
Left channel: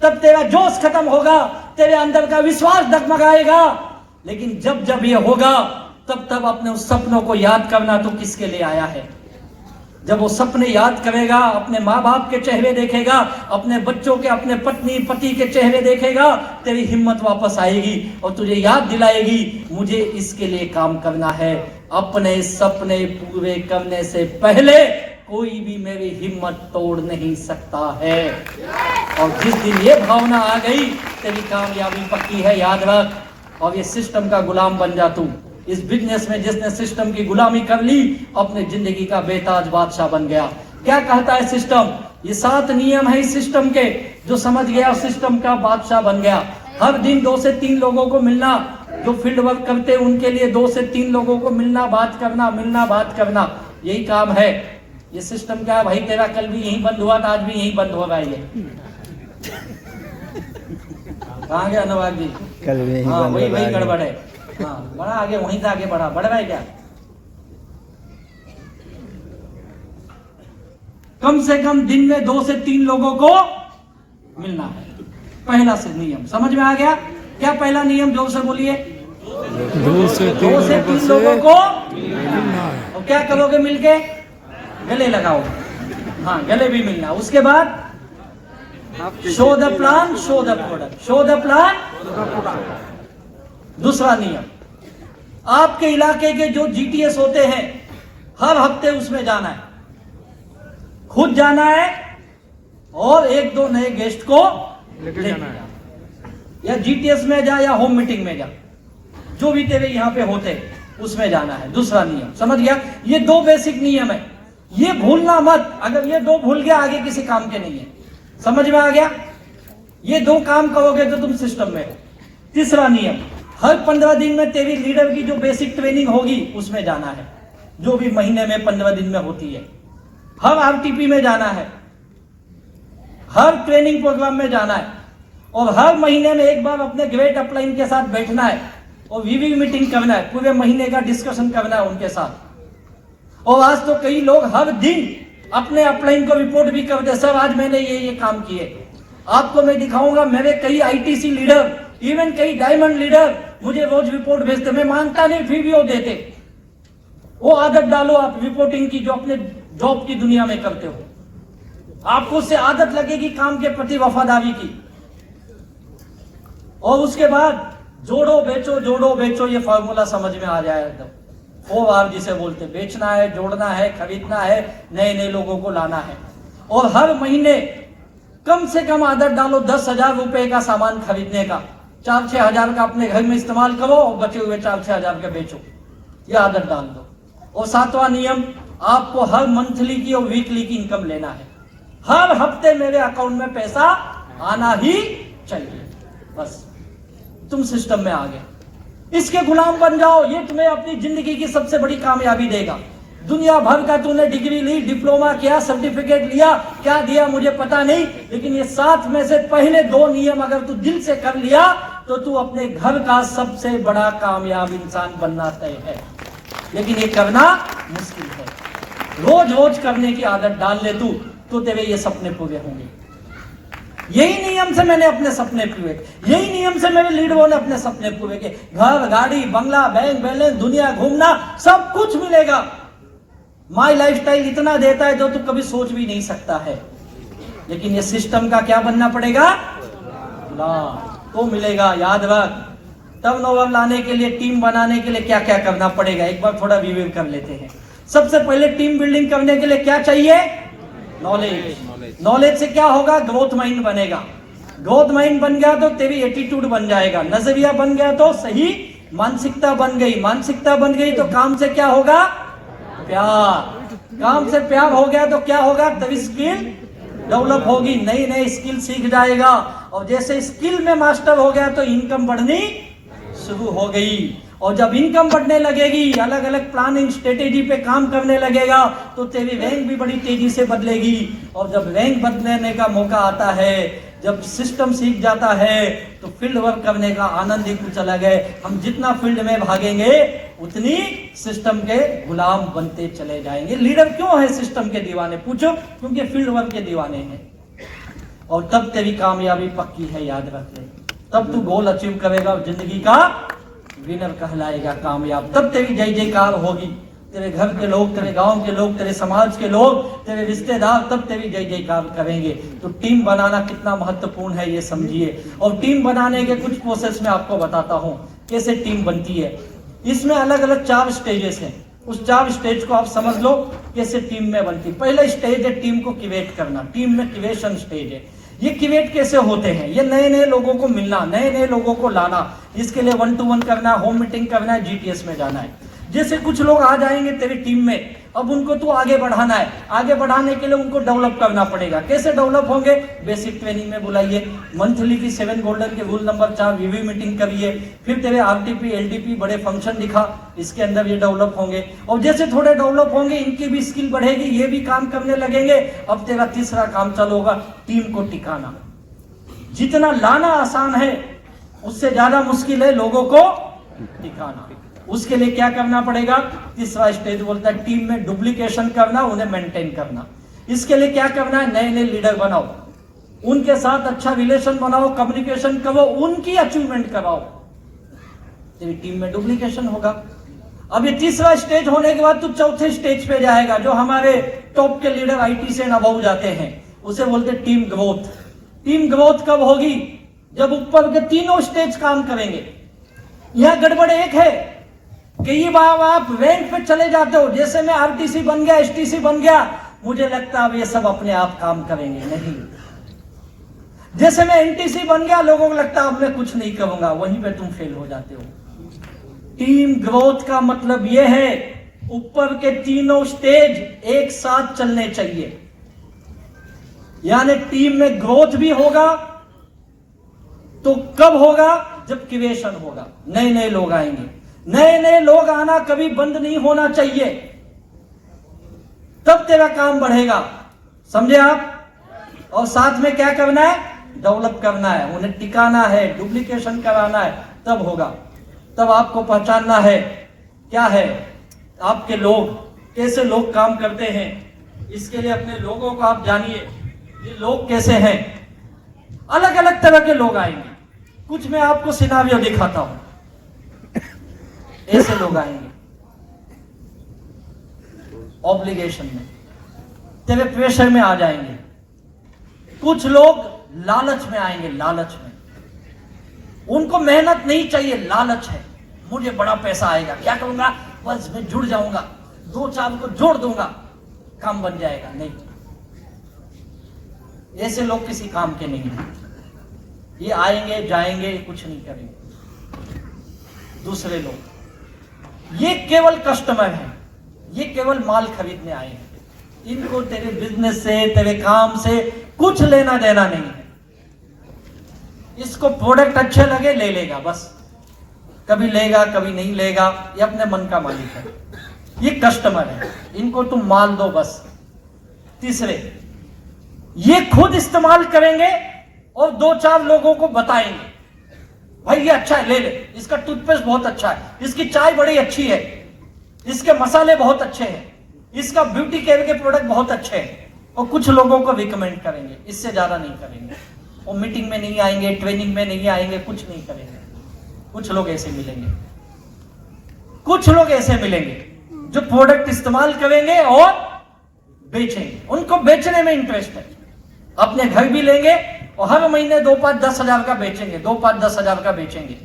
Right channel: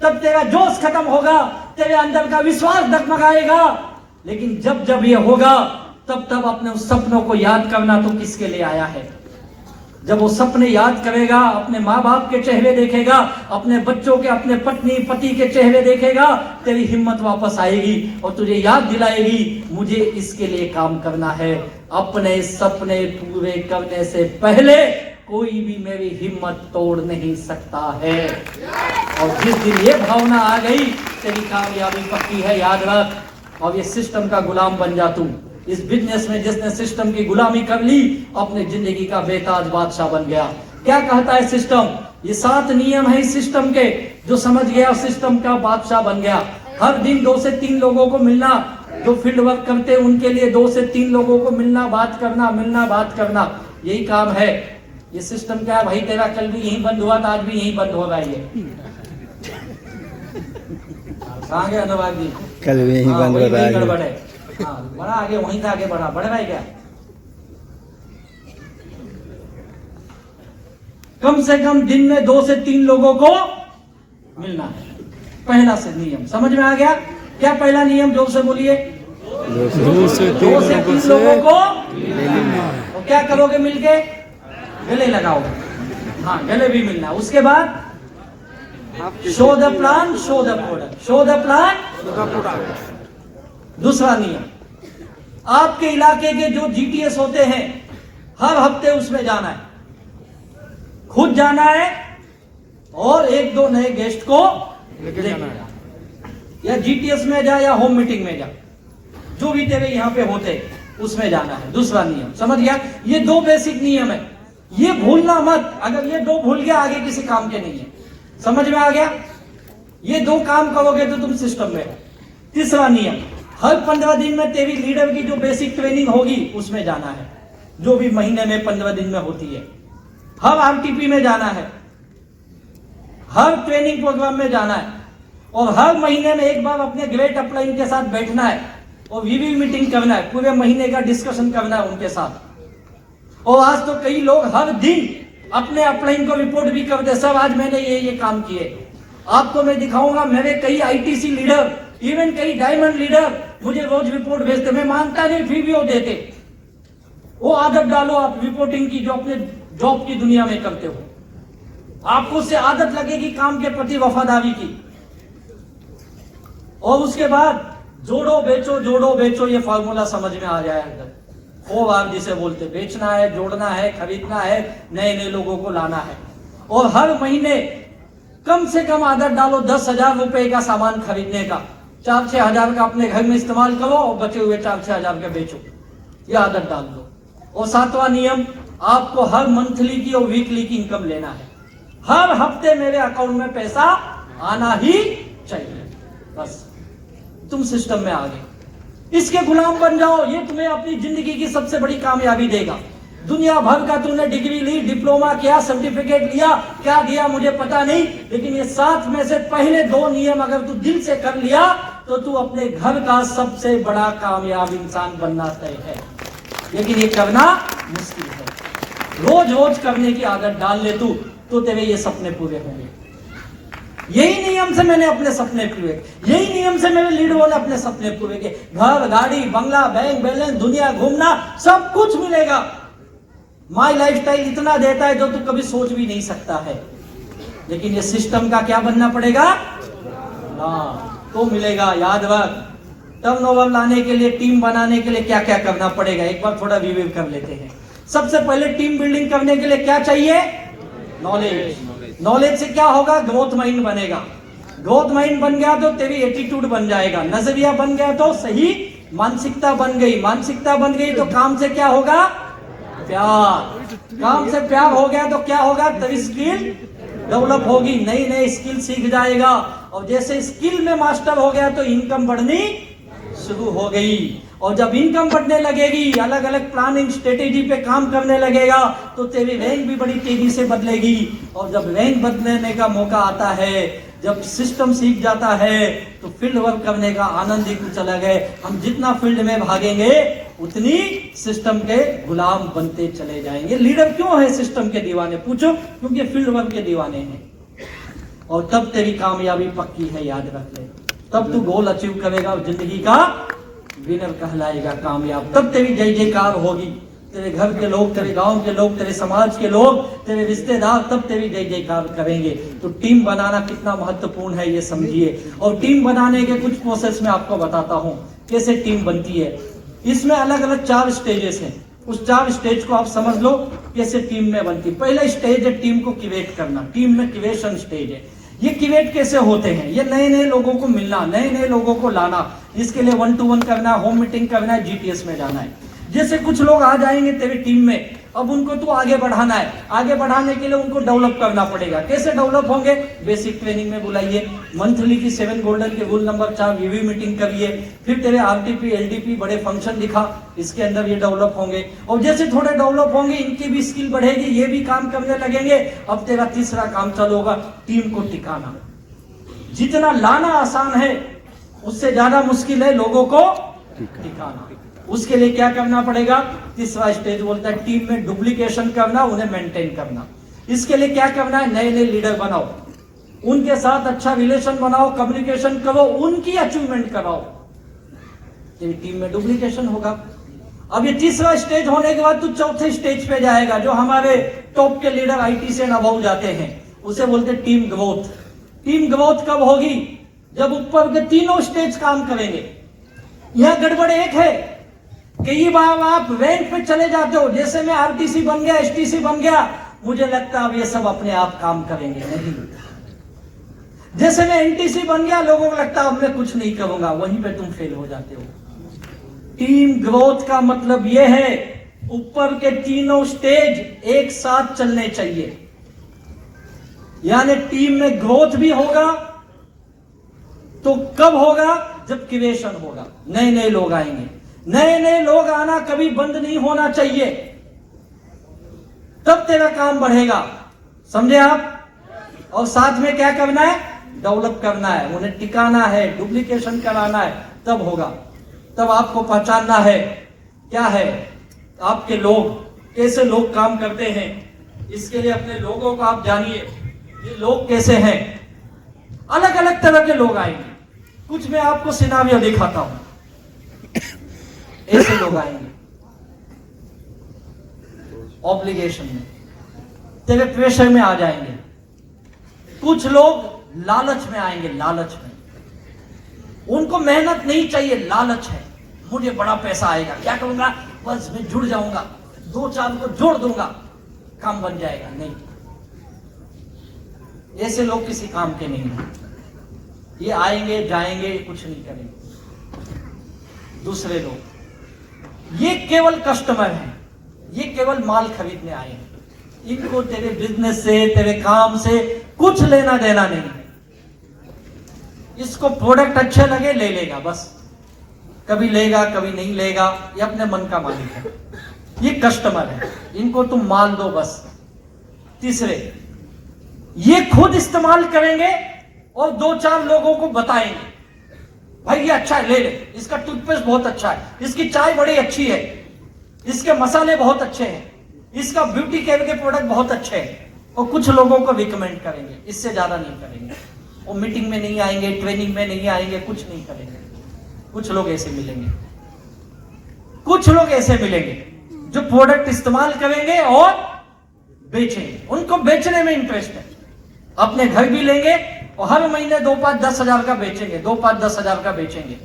तब तेरा जोश खत्म होगा, तेरे अंदर का विश्वास डगमगाएगा। लेकिन जब ये होगा, तब अपने उस सपनों को याद करना, तो किसके लिए आया है। जब वो सपने याद करेगा, अपने माँ बाप के चेहरे देखेगा, अपने बच्चों के, अपने पत्नी पति के चेहरे देखेगा, तेरी हिम्मत वापस आएगी और तुझे याद दिलाएगी, मुझे इसके लिए काम करना है। अपने सपने पूरे करने से पहले कोई भी मेरी हिम्मत तोड़ नहीं सकता है। और जिस दिन ये भावना आ गई, तेरी कामयाबी पक्की है, याद रख। और ये सिस्टम का गुलाम बन जा तू। इस बिजनेस में जिसने सिस्टम की गुलामी कर ली, अपने जिंदगी का बेताज बादशाह बन गया। क्या कहता है सिस्टम? ये 7 नियम है इस सिस्टम के, जो समझ गया सिस्टम का बादशाह बन गया। हर दिन 2 से 3 लोगों को मिलना, जो फील्ड वर्क करते हैं उनके लिए 2 से 3 लोगों को मिलना, बात करना, यही काम है। ये सिस्टम क्या है भाई? तेरा कल भी यही बंद हुआ था, आज भी यही बंद होगा। ये कहाँ गया अनुराग जी? कल भी यही बंद होगा, गड़बड़ है। हाँ, बड़ा आगे, वहीं से आगे बढ़ा, बढ़ रहा है क्या? कम से कम दिन में 2 से 3 लोगों को मिलना है, पहला से नियम। समझ में आ गया? क्या पहला नियम? जोर से बोलिए। 2 से 3 लोगों से मिलना है। और क्या करोगे मिलके? गले लगाओगे। हाँ, गले भी मिलना। उसके बाद show the plan, show the product, show the plan. दूसरा नियम, आपके इलाके के जो जीटीएस होते हैं, हर हफ्ते उसमें जाना है, खुद जाना है और 1-2 नए गेस्ट को लेके जाना है। या जीटीएस में जा या होम मीटिंग में जा, जो भी तेरे यहाँ पे होते उसमें जाना है। दूसरा नियम, समझ गया? ये 2 बेसिक नियम है, ये भूलना मत। अगर ये 2 भूल गया, आगे किसी काम के नहीं है। समझ में आ गया? ये 2 काम करोगे तो तुम सिस्टम में हो। तीसरा नियम, हर 15 दिन में तेरी लीडर की जो बेसिक ट्रेनिंग होगी उसमें जाना है, जो भी महीने में 15 दिन में होती है। हर आरटीपी में जाना है, हर ट्रेनिंग प्रोग्राम में जाना है, और हर महीने में एक बार अपने ग्रेट अपलाइन के साथ बैठना है और वीवी मीटिंग करना है, पूरे महीने का डिस्कशन करना है उनके साथ। और आज तो कई लोग हर दिन अपने अपलाइन को रिपोर्ट भी कर दे, सर आज मैंने ये काम किए। आपको मैं दिखाऊंगा, मेरे कई आईटीसी लीडर, इवन कई डायमंड लीडर मुझे रोज रिपोर्ट भेजते। मैं मानता नहीं, फिर भी वो देते। वो आदत डालो आप रिपोर्टिंग की, जो अपने जॉब की दुनिया में करते हो। आपको उससे आदत लगेगी काम के प्रति वफादारी की। और उसके बाद जोड़ो बेचो ये फॉर्मूला समझ में आ जाएगा। 4R जिसे बोलते, बेचना है, जोड़ना है, खरीदना है, नए नए लोगों को लाना है। और हर महीने कम से कम आदत डालो 10,000 रुपए का सामान खरीदने का। 4-6 हजार का अपने घर में इस्तेमाल करो और बचे हुए 4-6 हजार का बेचो, यह आदत डाल दो। और 7वां नियम, आपको हर मंथली की और वीकली की इनकम लेना है। हर हफ्ते मेरे अकाउंट में पैसा आना ही चाहिए, बस तुम सिस्टम में आ गए। इसके गुलाम बन जाओ, ये तुम्हें अपनी जिंदगी की सबसे बड़ी कामयाबी देगा। दुनिया भर का तूने डिग्री ली, डिप्लोमा किया, सर्टिफिकेट लिया, क्या दिया मुझे पता नहीं, लेकिन ये 7 में से पहले 2 नियम अगर तू दिल से कर लिया तो तू अपने घर का सबसे बड़ा कामयाब इंसान बनना तय है। लेकिन ये करना मुश्किल है। रोज रोज करने की आदत डाल ले तू, तो तेरे ये सपने पूरे होंगे। यही नियम से मैंने अपने सपने पूरे, यही नियम से मेरे लीडरों ने अपने सपने पूरे किए। घर, गाड़ी, बंगला, बैंक बैलेंस, दुनिया घूमना, सब कुछ मिलेगा। माई लाइफस्टाइल इतना देता है जो तू कभी सोच भी नहीं सकता है। लेकिन ये सिस्टम का क्या बनना पड़ेगा ना, तो मिलेगा। याद रख, टर्नओवर लाने के लिए, टीम बनाने के लिए क्या क्या करना पड़ेगा, एक बार थोड़ा रिव्यू कर लेते हैं। सबसे पहले टीम बिल्डिंग करने के लिए क्या चाहिए? नॉलेज। नॉलेज से क्या होगा? ग्रोथ माइंड बनेगा। ग्रोथ माइंड बन गया तो तेरी एटीट्यूड बन जाएगा, नजरिया बन गया तो सही मानसिकता बन गई, मानसिकता बन गई तो काम से क्या होगा? प्यार। काम से प्यार हो गया तो क्या होगा? तेरी स्किल डेवलप होगी, नई नई स्किल सीख जाएगा। और जैसे स्किल में मास्टर हो गया तो इनकम बढ़नी शुरू हो गई। और जब इनकम बढ़ने लगेगी, अलग अलग प्लानिंग स्ट्रेटेजी पे काम करने लगेगा तो तेरी रैंक भी बड़ी तेजी से बदलेगी। और जब रैंक बदलने का मौका आता है, जब सिस्टम सीख जाता है, तो फील्ड वर्क करने का आनंद ही कुछ अलग है। हम जितना फील्ड में भागेंगे उतनी सिस्टम के गुलाम बनते चले जाएंगे। लीडर क्यों है सिस्टम के दीवाने? पूछो, क्योंकि फील्ड वर्क के दीवाने हैं। और तब तेरी कामयाबी पक्की है, याद रख ले। तब तू गोल अचीव करेगा और जिंदगी का विनर कहलाएगा, कामयाब। तब तेरी जय जयकार होगी, तेरे घर के लोग, तेरे गांव के लोग, तेरे समाज के लोग, तेरे रिश्तेदार, तब तेरी जय जयकार करेंगे। तो टीम बनाना कितना महत्वपूर्ण है ये समझिए। और टीम बनाने के कुछ प्रोसेस में आपको बताता हूं कैसे टीम बनती है। इसमें अलग अलग 4 स्टेजेस हैं। उस 4 स्टेज को आप समझ लो कैसे टीम में बनती। पहला स्टेज है टीम को क्रिएट करना, टीम में क्रिएशन स्टेज है। ये क्रिएट कैसे होते हैं? ये नए नए लोगों को मिलना, नए नए लोगों को लाना, जिसके लिए 1-to-1 करना, होम मीटिंग करना है, जीटीएस में जाना है। जैसे कुछ लोग आ जाएंगे तेरी टीम में, अब उनको तू आगे बढ़ाना है। आगे बढ़ाने के लिए उनको डेवलप करना पड़ेगा। कैसे डेवलप होंगे? बेसिक ट्रेनिंग में बुलाइए, मंथली की 7 गोल्डन के रूल नंबर 4 रिव्यू मीटिंग करिए, फिर तेरे आरटीपी एलडीपी बड़े फंक्शन दिखा, इसके अंदर ये डेवलप होंगे। और जैसे थोड़े डेवलप होंगे, इनकी भी स्किल बढ़ेगी, ये भी काम करने लगेंगे। अब तेरा तीसरा काम चालू होगा, टीम को टिकाना। जितना लाना आसान है उससे ज्यादा मुश्किल है लोगों को टिकाना। उसके लिए क्या करना पड़ेगा? तीसरा स्टेज बोलता है टीम में डुप्लीकेशन करना, उन्हें मेंटेन करना। इसके लिए क्या करना है? नए नए लीडर बनाओ, उनके साथ अच्छा रिलेशन बनाओ, कम्युनिकेशन करो, उनकी अचीवमेंट कराओ। तो टीम में डुप्लीकेशन होगा। अब ये तीसरा स्टेज होने के बाद तू चौथे स्टेज पे जाएगा, जो हमारे टॉप के लीडर आईटी से अबव जाते हैं, उसे बोलते हैं टीम ग्रोथ। टीम ग्रोथ कब होगी? जब ऊपर के तीनों स्टेज काम करेंगे। यह गड़बड़ एक है, कई बार आप रैंक पे चले जाते हो, जैसे मैं आरटीसी बन गया, एसटीसी बन गया, मुझे लगता है अब ये सब अपने आप काम करेंगे। नहीं, जैसे मैं एनटीसी बन गया, लोगों को लगता है अब मैं कुछ नहीं करूंगा, वहीं पे तुम फेल हो जाते हो। टीम ग्रोथ का मतलब यह है ऊपर के तीनों स्टेज एक साथ चलने चाहिए। यानी टीम में ग्रोथ भी होगा तो कब होगा? जब क्रिएशन होगा, नए नए लोग आएंगे। नए नए लोग आना कभी बंद नहीं होना चाहिए, तब तेरा काम बढ़ेगा। समझे आप? और साथ में क्या करना है? डेवलप करना है, उन्हें टिकाना है, डुप्लीकेशन कराना है, तब होगा। तब आपको पहचानना है क्या है आपके लोग, कैसे लोग काम करते हैं। इसके लिए अपने लोगों को आप जानिए, ये लोग कैसे हैं। अलग अलग तरह के लोग आएंगे, कुछ मैं आपको सिनारियो दिखाता हूं। ऐसे लोग आएंगे ऑब्लिगेशन में, तेरे प्रेशर में आ जाएंगे, कुछ लोग लालच में आएंगे, लालच में। उनको मेहनत नहीं चाहिए, लालच है। मुझे बड़ा पैसा आएगा, क्या करूंगा, बस मैं जुड़ जाऊंगा, 2-4 को जोड़ दूंगा, काम बन जाएगा। नहीं, ऐसे लोग किसी काम के नहीं हैं। ये आएंगे जाएंगे, कुछ नहीं करेंगे। दूसरे लोग ये केवल कस्टमर हैं, ये केवल माल खरीदने आए हैं। इनको तेरे बिजनेस से, तेरे काम से कुछ लेना देना नहीं है। इसको प्रोडक्ट अच्छे लगे ले लेगा, बस कभी लेगा कभी नहीं लेगा, ये अपने मन का मालिक है। ये कस्टमर है, इनको तुम माल दो बस। तीसरे, ये खुद इस्तेमाल करेंगे और 2-4 लोगों को बताएंगे, भाई ये अच्छा है, ले ले, इसका टूथपेस्ट बहुत अच्छा है, इसकी चाय बड़ी अच्छी है, इसके मसाले बहुत अच्छे हैं, इसका ब्यूटी केयर के प्रोडक्ट बहुत अच्छे हैं। और कुछ लोगों को रिकमेंड करेंगे, इससे ज्यादा नहीं करेंगे। वो मीटिंग में नहीं आएंगे, ट्रेनिंग में नहीं आएंगे, कुछ नहीं करेंगे। कुछ लोग ऐसे मिलेंगे, कुछ लोग ऐसे मिलेंगे जो प्रोडक्ट इस्तेमाल करेंगे और बेचेंगे। उनको बेचने में इंटरेस्ट है, अपने घर भी लेंगे और हर महीने 2-5-10 हजार का बेचेंगे, 2-5-10 हजार का बेचेंगे।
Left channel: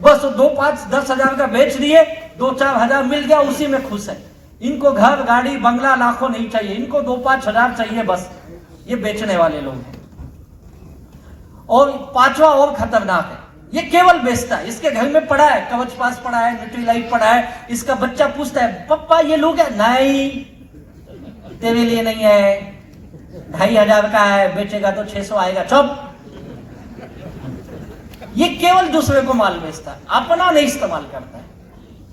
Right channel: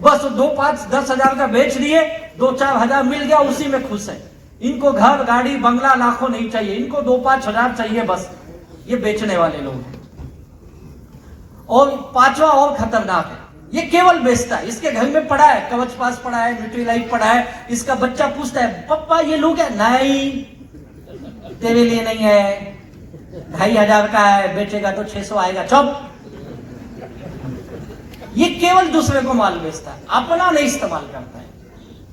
बस 2-5-10 हजार का बेच दिए, 2-4 हजार मिल गया, उसी में खुश है। इनको घर गाड़ी बंगला लाखों नहीं चाहिए, इनको 2-5 हजार चाहिए बस। ये बेचने वाले लोग हैं। और पांचवा और खतरनाक है, ये केवल बेचता है। इसके घर में पड़ा है, कवच पास पड़ा है, न्यूट्रीलाइट पड़ा है। इसका बच्चा पूछता है, पप्पा ये लोग है? नहीं, तेरे लिए नहीं है, 2,500 का है, बेचेगा तो 600 आएगा, चुप। ये केवल दूसरे को माल बेचता है, अपना नहीं इस्तेमाल करता है।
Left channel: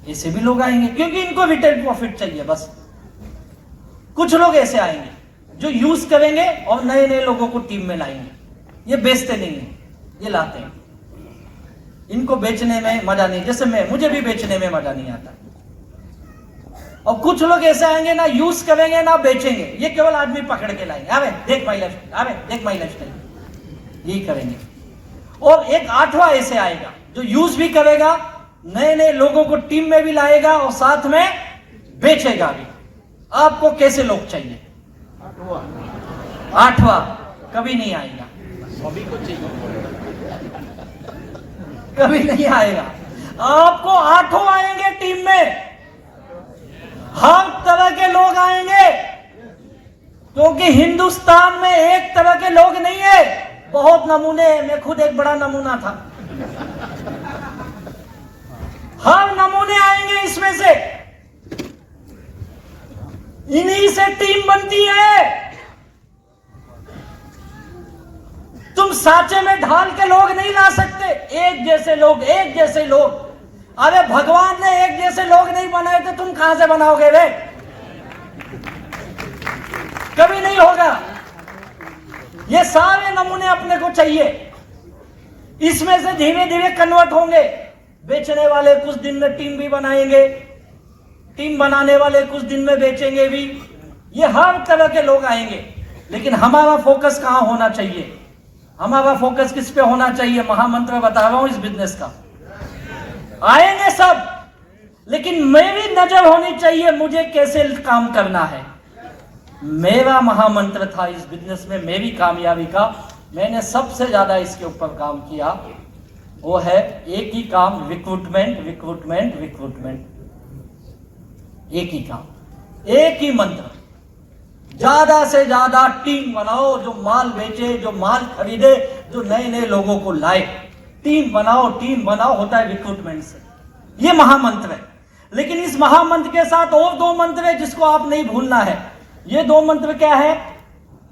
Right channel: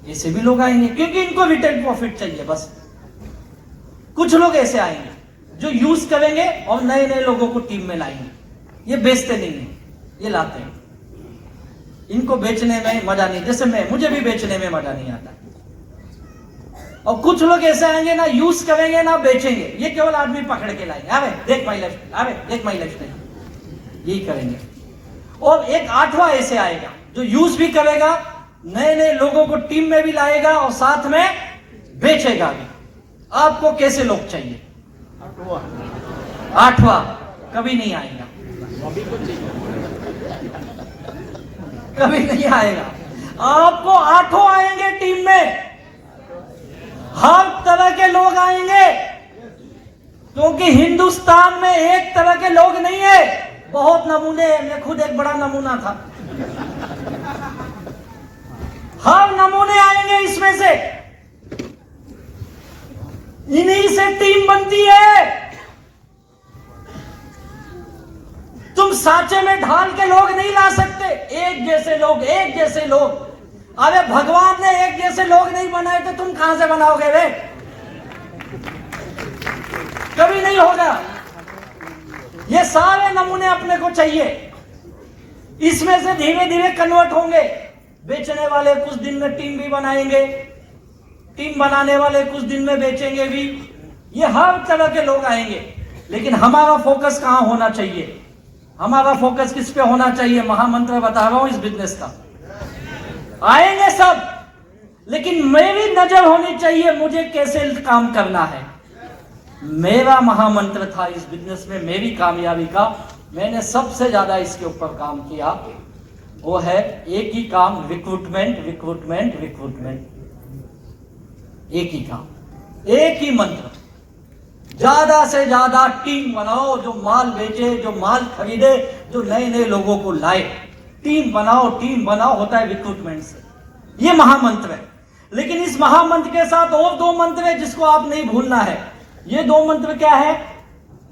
ऐसे भी लोग आएंगे क्योंकि इनको रिटेल प्रॉफिट चाहिए बस। कुछ लोग ऐसे आएंगे जो यूज करेंगे और नए नए लोगों को टीम में लाएंगे। ये बेचते नहीं है, ये लाते हैं। इनको बेचने में मजा नहीं, जैसे मुझे भी बेचने में मजा नहीं आता। और कुछ लोग ऐसे आएंगे, ना यूज करेंगे ना बेचेंगे, ये केवल आदमी पकड़ के लाएंगे, अरे देख माई लाइफस्टाइल, अरे देख माई लाइफस्टाइल, यही करेंगे। और एक 8वां ऐसे आएगा जो यूज भी करेगा, नए नए लोगों को टीम में भी लाएगा और साथ में बेचेगा भी। आपको कैसे लोग चाहिए? 8वां कभी नहीं आएगा, कभी नहीं आएगा। आपको 8 आएंगे टीम में, हर तरह के लोग आएंगे, क्योंकि हिंदुस्तान में एक तरह के लोग नहीं है, बहुत नमूने। मैं खुद एक बड़ा नमूना था। हर नमूने आएंगे इसमें से, इन्हीं से टीम बनती है। तुम सांचे में ढाल के लोग नहीं ला सकते, एक जैसे लोग, एक जैसे लोग। अरे भगवान ने एक जैसे लोग नहीं बनाए तो तुम कहां से बनाओगे रे? कभी नहीं होगा। ये सारे नमूने अपने को चाहिए, इसमें से धीरे धीरे कन्वर्ट होंगे। बेचने वाले कुछ दिन में टीम भी बनाएंगे, टीम बनाने वाले कुछ दिन में बेचेंगे भी। ये हर तरह के लोग आएंगे, लेकिन हमारा फोकस कहां होना चाहिए? हमारा फोकस किस पे होना चाहिए? महामंत्र बता रहा हूं इस बिजनेस का। आएंगे सब, लेकिन मेरी नजर होनी चाहिए मुझे कैसे काम करना है। मेरा महामंत्र था इस बिजनेस में, मेरी कामयाबी का, मैंने सबसे ज्यादा इसके ऊपर काम किया, वो है एक ही काम, रिक्रूटमेंट, रिक्रूटमेंट, रिक्रूटमेंट। एक ही काम, एक ही मंत्र। ज्यादा से ज्यादा टीम बनाओ, जो माल बेचे, जो माल खरीदे, जो नए नए लोगों को लाए। टीम बनाओ, टीम बनाओ, होता है रिक्रूटमेंट से। ये महामंत्र है। लेकिन इस महामंत्र के साथ और 2 मंत्र है जिसको आप नहीं भूलना है। ये 2 मंत्र क्या है?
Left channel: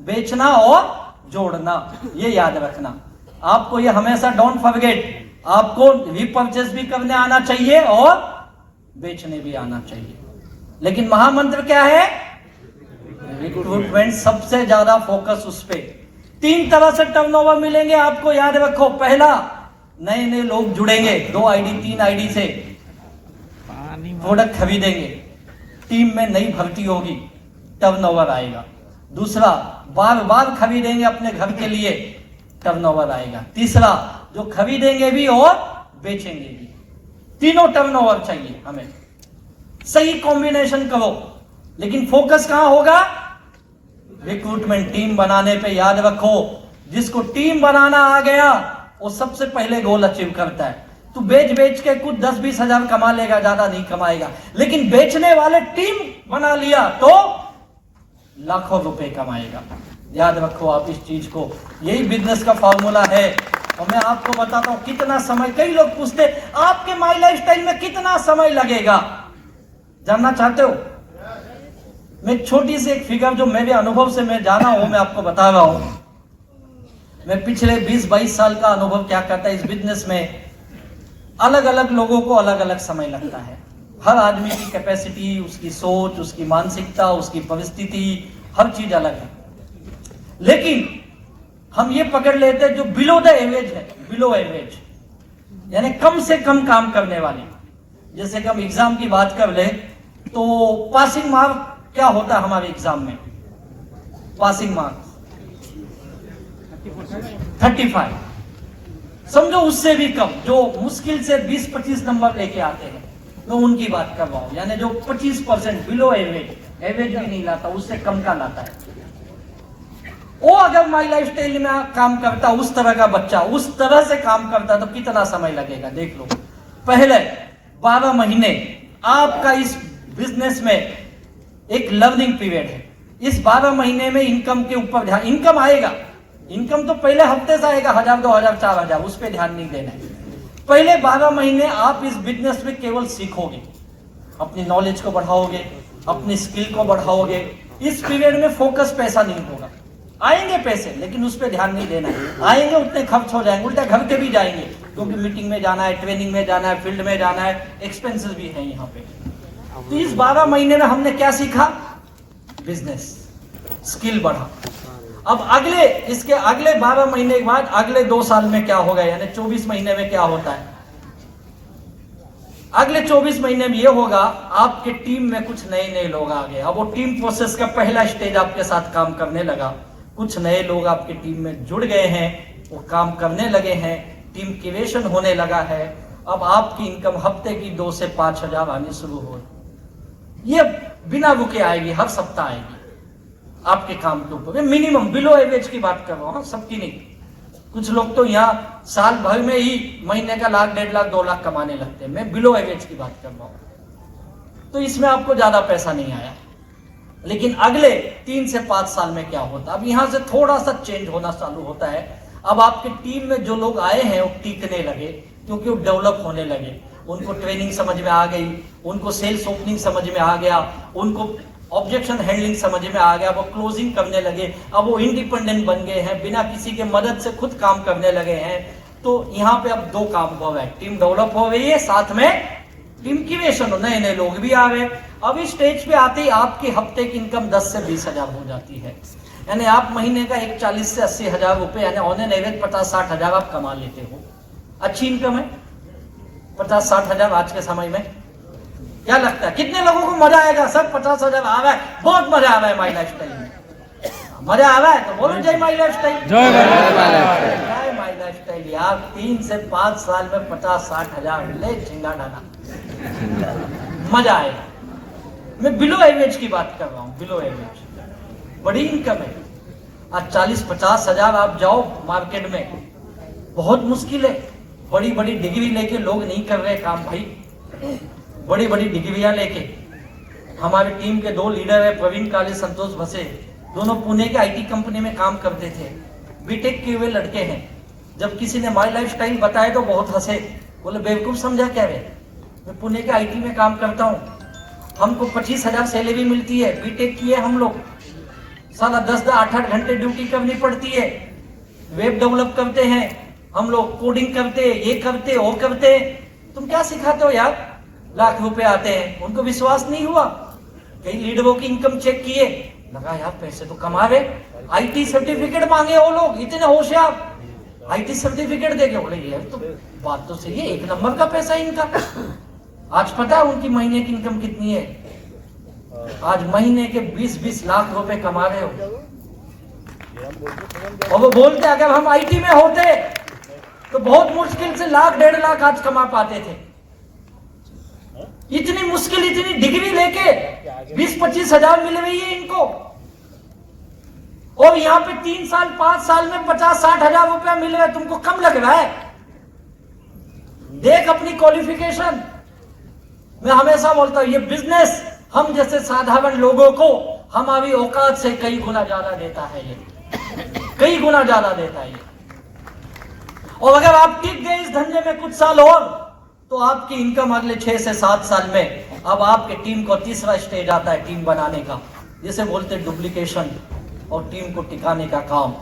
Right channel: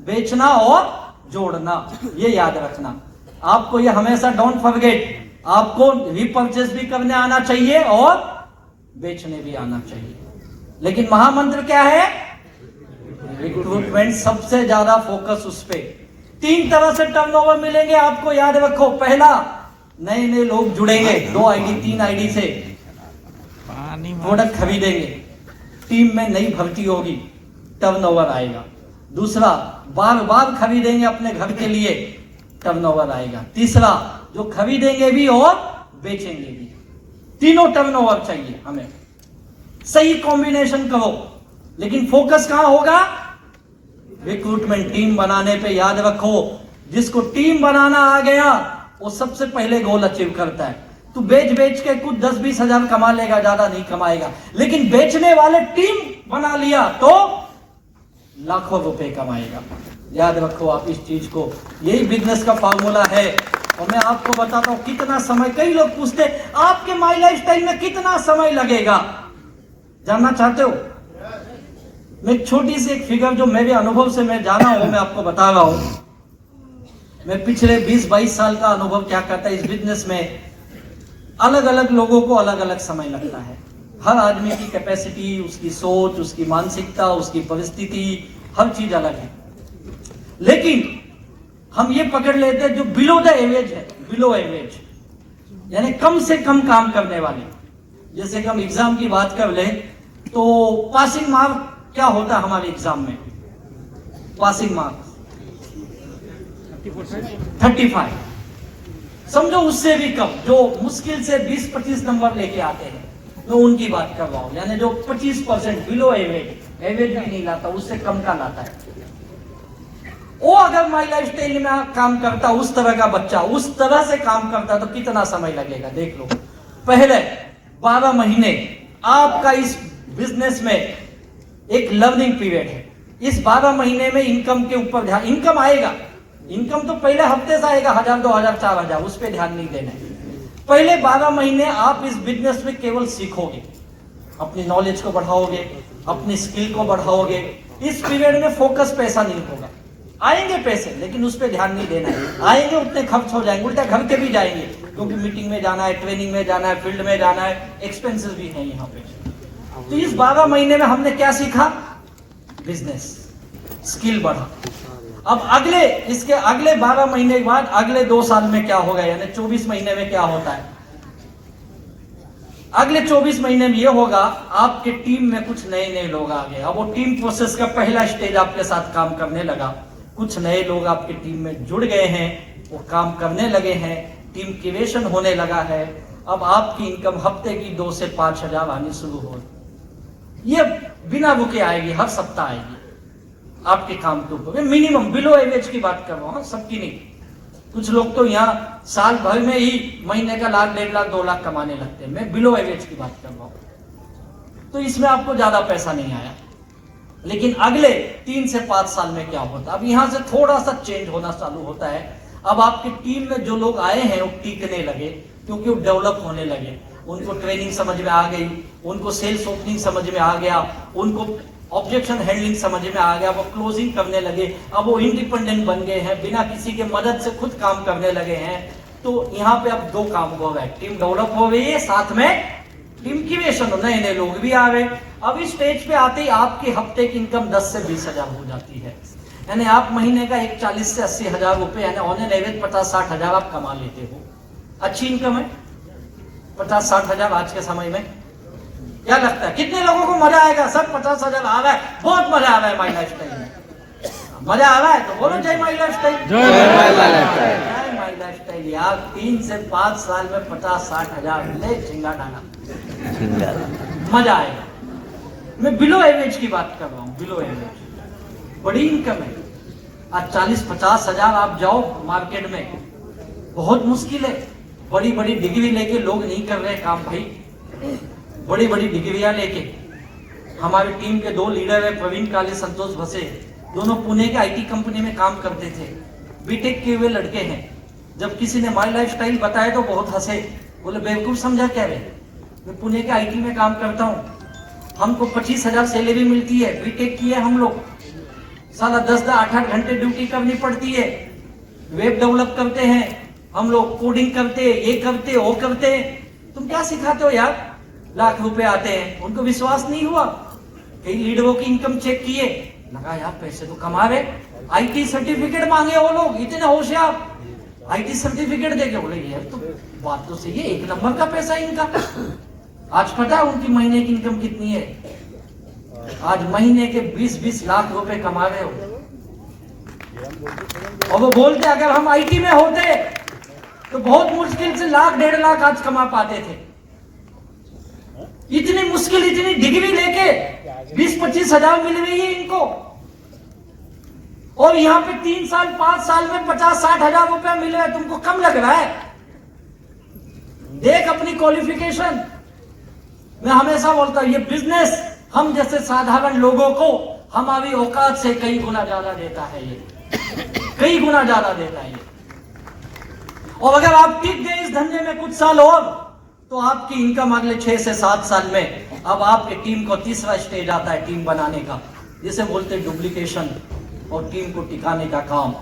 बेचना और जोड़ना, ये याद रखना। आपको ये हमेशा डोंट फॉरगेट। आपको रिपर्चेस भी करने आना चाहिए और बेचने भी आना चाहिए। लेकिन महामंत्र क्या है? रिक्रूटमेंट। सबसे ज्यादा फोकस उस पे। 3 तरह से टर्नओवर मिलेंगे आपको, याद रखो। पहला, नए नए लोग जुड़ेंगे, 2 आईडी 3 आईडी से प्रोडक्ट खरीदेंगे, टीम में नई भर्ती होगी, टर्नओवर आएगा। दूसरा, बार बार खरीदेंगे अपने घर के लिए, टर्नओवर आएगा। तीसरा, जो खरीदेंगे भी और बेचेंगे भी। तीनों टर्नओवर चाहिए हमें। सही कॉम्बिनेशन करो, लेकिन फोकस कहां होगा? रिक्रूटमेंट टीम बनाने पे याद रखो, जिसको टीम बनाना आ गया वो सबसे पहले गोल अचीव करता है। तू बेच बेच के कुछ 10-20 हजार कमा लेगा, ज्यादा नहीं कमाएगा, लेकिन बेचने वाले टीम बना लिया तो लाखों रुपए कमाएगा। याद रखो आप इस चीज को, यही बिजनेस का फॉर्मूला है। और मैं आपको बताता हूं कितना समय, कई लोग पूछते आपके माई लाइफ स्टाइल में कितना समय लगेगा, जानना चाहते हो? मैं छोटी सी एक फिगर जो मेरे अनुभव से मैं जाना हूं, मैं आपको बता रहा हूं। मैं पिछले 20-22 साल का अनुभव क्या करता है इस बिजनेस में, अलग अलग लोगों को अलग अलग समय लगता है। हर आदमी की कैपेसिटी, उसकी सोच, उसकी मानसिकता, उसकी परिस्थिति, हर चीज अलग है। लेकिन हम ये पकड़ लेते हैं जो बिलो द एवरेज है, बिलो एवरेज यानी कम से कम काम करने वाले। जैसे कि हम एग्जाम की बात कर ले तो पासिंग मार्क क्या होता है हमारे एग्जाम में? पासिंग मार्क 35, समझो उससे भी कम, जो मुश्किल से 20-25 नंबर लेके आते हैं, मैं उनकी बात कर रहा हूं। यानी जो 25% बिलो एवरेज, एवरेज भी नहीं लाता, उससे कम का लाता है, वो अगर माई लाइफ स्टाइल में काम करता, उस तरह का बच्चा उस तरह से काम करता तो कितना समय लगेगा देख लो। पहले 12 महीने आपका इस बिजनेस में एक लर्निंग पीरियड है। इस 12 महीने में इनकम के ऊपर ध्यान, इनकम आएगा, इनकम तो पहले हफ्ते से आएगा, 1000, 2000, 4000, उस पर ध्यान नहीं देना है। पहले 12 महीने आप इस बिजनेस में केवल सीखोगे, अपनी नॉलेज को बढ़ाओगे, अपनी स्किल को बढ़ाओगे। इस पीरियड में फोकस पैसा नहीं होगा, आएंगे पैसे लेकिन उस पर ध्यान नहीं देना है। आएंगे उतने खर्च हो जाएंगे, उल्टा घर के भी जाएंगे, क्योंकि मीटिंग में जाना है, ट्रेनिंग में जाना है, फील्ड में जाना है, एक्सपेंसेस भी है यहाँ पे। तो इस 12 महीने में हमने क्या सीखा? बिजनेस स्किल बढ़ा। अब इसके अगले 12 महीने के बाद अगले 2 साल में क्या होगा, यानी 24 महीने में क्या होता है? अगले 24 महीने में ये होगा आपके टीम में कुछ नए नए लोग आ गए। अब वो टीम प्रोसेस का पहला स्टेज आपके साथ काम करने लगा, कुछ नए लोग आपकी टीम में जुड़ गए हैं, वो काम करने लगे हैं, टीम क्रिएशन होने लगा है। अब आपकी इनकम हफ्ते की 2 से 5 हजार आनी शुरू हो, ये बिना रुके आएगी, हर सप्ताह आएगी आपके काम के ऊपर। मिनिमम बिलो एवरेज की बात कर रहा हूं, सबकी नहीं। कुछ लोग तो यहाँ साल भर में ही महीने का 1 लाख, 1.5 लाख, 2 लाख कमाने लगते हैं। मैं बिलो एवरेज की बात कर रहा हूं, तो इसमें आपको ज्यादा पैसा नहीं आया। लेकिन अगले 3 से 5 साल में क्या होता है? अब यहां से थोड़ा सा चेंज होना चालू होता है। अब आपकी टीम में जो लोग आए हैं वो टिकने लगे, क्योंकि वो डेवलप होने लगे, उनको ट्रेनिंग समझ में आ गई, उनको सेल्स ओपनिंग समझ में आ गया, उनको ऑब्जेक्शन हैंडलिंग समझ में आ गया, वो क्लोजिंग करने लगे। अब वो इंडिपेंडेंट बन गए हैं, बिना किसी के मदद से खुद काम करने लगे हैं। तो यहाँ पे अब 2 काम हो गए, टीम डेवलप हो गई है, साथ में टीम क्रिएशन, नए नए लोग भी आ गए। अब इस स्टेज पे आते ही आपके हफ्ते की इनकम 10 से 20 हजार हो जाती है। यानी आप महीने का 40 से 80 हजार रुपए, यानी ऑन एन एवरेज 50-60 हजार आप कमा लेते हो। अच्छी इनकम है 50-60 हजार आज के समय में। क्या लगता है कितने लोगों को मजा आएगा? सर 50 हजार आ रहा है, बहुत मजा आ रहा है माई लाइफ स्टाइल में। मजा आ रहा है तो बोलो जय माई लाइफ स्टाइल। जय माई लाइफ स्टाइल यार, 3 से 5 साल में 50-60 हजार मिले, चिंगा डाला, मजा आएगा। मैं बिलो एवरेज की बात कर रहा हूँ, बिलो एवरेज बड़ी इनकम है। आज 40-50 हजार आप जाओ मार्केट में, बहुत मुश्किल है। बड़ी बड़ी डिग्री लेके लोग नहीं कर रहे काम भाई, बड़ी बड़ी डिग्रियां लेके। हमारी टीम के 2 लीडर है, प्रवीण काले, संतोष भसे, दोनों पुणे के आईटी कंपनी में काम करते थे, बीटेक किए हुए लड़के हैं। जब किसी ने माई लाइफ स्टाइल बताया तो बहुत हंसे, बोले बेवकूफ समझा क्या रे, मैं पुणे के आईटी में काम करता हूँ, हमको 25 हजार सैलरी मिलती है, बीटेक किए हम लोग, साला 10-8 घंटे ड्यूटी करनी पड़ती है, वेब डेवलप करते हैं हम लोग, कोडिंग करते, ये करते, वो करते, तुम क्या सिखाते हो यार? लाख रुपए आते हैं। उनको विश्वास नहीं हुआ, कई लीडरों की इनकम चेक किए, लगा यार पैसे तो कमा रहे। आईटी सर्टिफिकेट मांगे वो लोग, इतने होशियार, आईटी सर्टिफिकेट देके बोले ये तो बात तो सही है, 1 नंबर का पैसा इनका। आज पता है उनकी महीने की इनकम कितनी है? आज महीने के 20-20 लाख रुपए कमा रहे हो। और वो बोलते अगर हम आईटी में होते तो बहुत मुश्किल से 1 लाख 1.5 लाख आज कमा पाते थे। इतनी मुश्किल, इतनी डिग्री लेके 20-25 हजार मिल रही है इनको। और यहाँ पे 3 साल 5 साल में 50-60 हजार रुपया मिल रहा है, तुमको कम लग रहा है? देख अपनी क्वालिफिकेशन। मैं हमेशा बोलता हूं ये बिजनेस हम जैसे साधारण लोगों को हमारी औकात से कई गुना ज्यादा देता है, ये कई गुना ज्यादा देता है। और अगर आप टिक गए इस धंधे में कुछ साल और, तो आपकी इनकम अगले 6 से 7 साल में अब आपके टीम को तीसरा स्टेज आता है टीम बनाने का, जिसे बोलते हैं डुप्लीकेशन, और टीम को टिकाने का काम।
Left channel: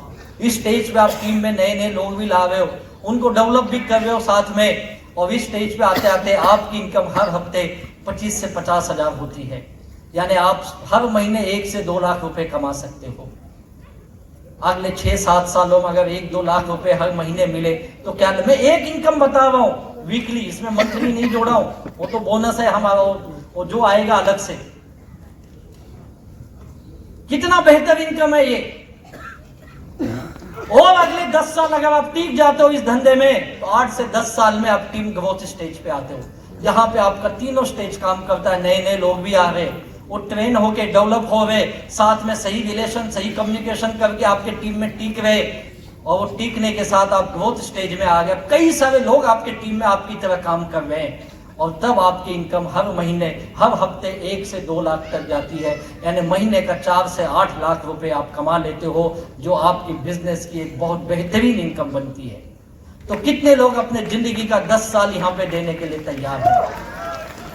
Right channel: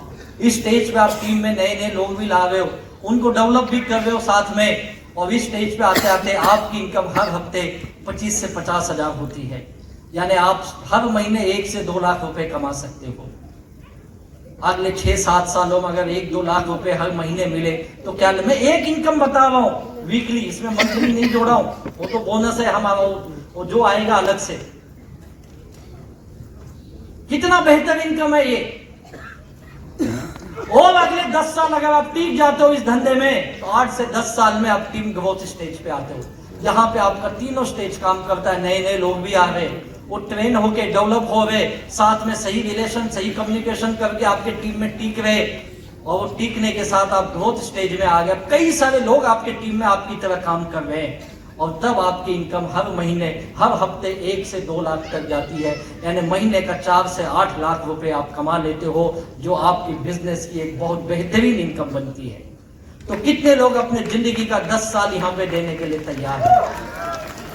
इस स्टेज पे आप टीम में नए नए लोग भी ला रहे हो, उनको डेवलप भी कर रहे हो साथ में, और इस स्टेज पे आते आते आपकी इनकम हर हफ्ते 25 से 50 हजार होती है। यानी आप हर महीने 1 से 2 लाख रुपए कमा सकते हो। अगले 6-7 सालों में अगर 1-2 लाख रुपए हर महीने मिले तो क्या, मैं एक इनकम बता रहा हूं वीकली, इसमें मंथली नहीं जोड़ा हूं, वो तो बोनस है हमारा, वो जो आएगा अलग से। कितना बेहतर इनकम है ये। और अगले 10 साल अगर आप टिक जाते हो इस धंधे में, तो 8 से 10 साल में आप टीम ग्रोथ स्टेज पे आते हो, जहां पे आपका तीनों स्टेज काम करता है। नए नए लोग भी आ रहे, वो ट्रेन होके डेवलप हो गए, साथ में सही रिलेशन सही कम्युनिकेशन करके आपके टीम में टिक रहे, और वो टिकने के साथ आप ग्रोथ स्टेज में आ गए। कई सारे लोग आपके टीम में आपकी तरह काम कर रहे हैं, और तब आपकी इनकम हर महीने हर हफ्ते 1 से 2 लाख तक जाती है। यानी महीने का 4 से 8 लाख रुपए आप कमा लेते हो, जो आपकी बिजनेस की एक बहुत बेहतरीन इनकम बनती है। तो कितने लोग अपने जिंदगी का 10 साल यहाँ पे देने के लिए तैयार हो?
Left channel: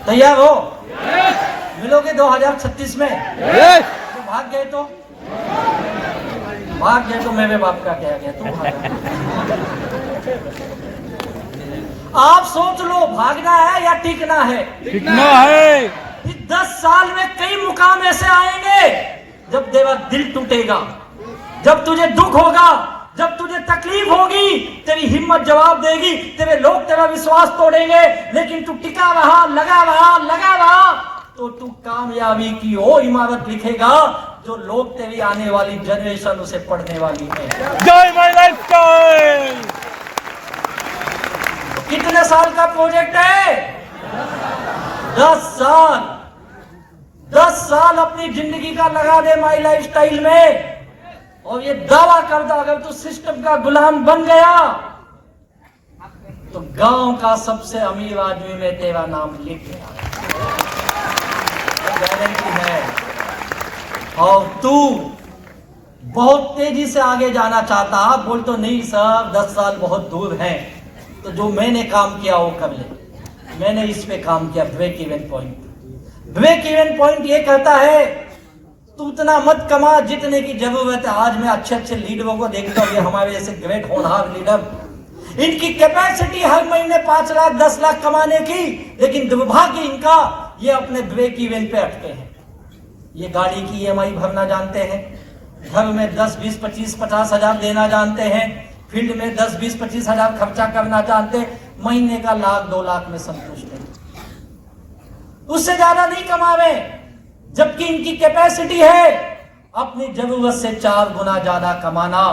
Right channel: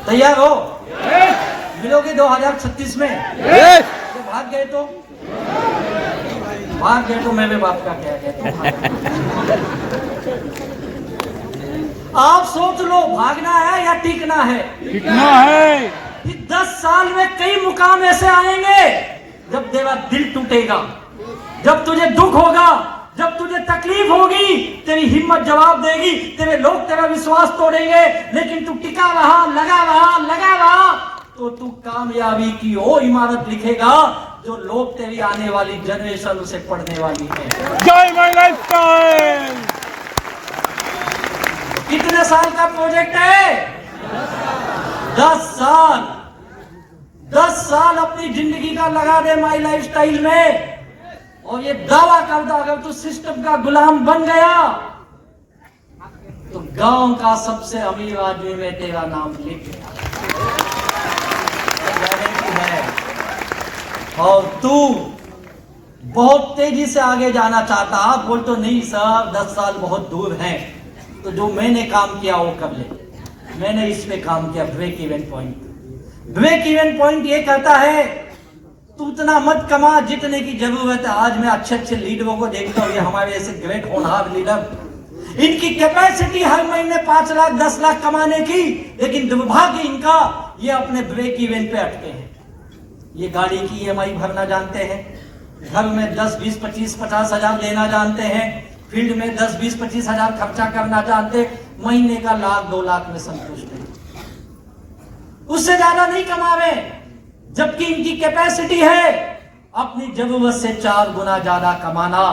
तैयार हो? मिलोगे 2036 में? भाग गए तो भाग गए तो मैं भी बात का कह गया। आप सोच लो, भागना है या टिकना है? टिकना है। 10 साल में कई मुकाम ऐसे आएंगे जब तेरा दिल टूटेगा, जब तुझे दुख होगा, जब तुझे तकलीफ होगी, तेरी हिम्मत जवाब देगी, तेरे लोग तेरा विश्वास तोड़ेंगे, लेकिन तू टिका रहा, लगा रहा, तो तू कामयाबी की वो इमारत लिखेगा जो लोग तेरी आने वाली जनरेशन उसे पढ़ने वाली है। जय माय लाइफस्टाइल। कितने साल का प्रोजेक्ट है? 10 साल। 10 साल अपनी जिंदगी का लगा दे माई लाइफस्टाइल में, और ये दावा करता अगर तू सिस्टम का गुलाम बन गया तो गांव का सबसे अमीर आदमी में तेरा नाम लिख गया, गारंटी है। और तू बहुत तेजी से आगे जाना चाहता, आप बोल तो नहीं सर 10 साल बहुत दूर है, तो जो मैंने काम किया वो कर ले। मैंने इस पे काम किया, break even point. Break even point ये कहता है तू उतना मत कमा जितने की जरूरत है। आज मैं अच्छे अच्छे लीडरों को देखता हूँ, ये हमारे ऐसे ग्रेट होनहार लीडर, इनकी कैपेसिटी हर महीने 5 लाख 10 लाख कमाने की, लेकिन दुर्भाग्य इनका ये अपने ब्रेक इवन पे अटके हैं। ये गाड़ी की EMI भरना जानते हैं, घर में 10 20 25 50 हजार देना जानते हैं, फील्ड में 10 20 25 हजार खर्चा करना जानते, महीने का 1 लाख 2 लाख में संतुष्ट है, उससे ज्यादा नहीं कमा रहे। जबकि इनकी कैपेसिटी है अपनी जरूरत से 4 गुना ज्यादा कमाना।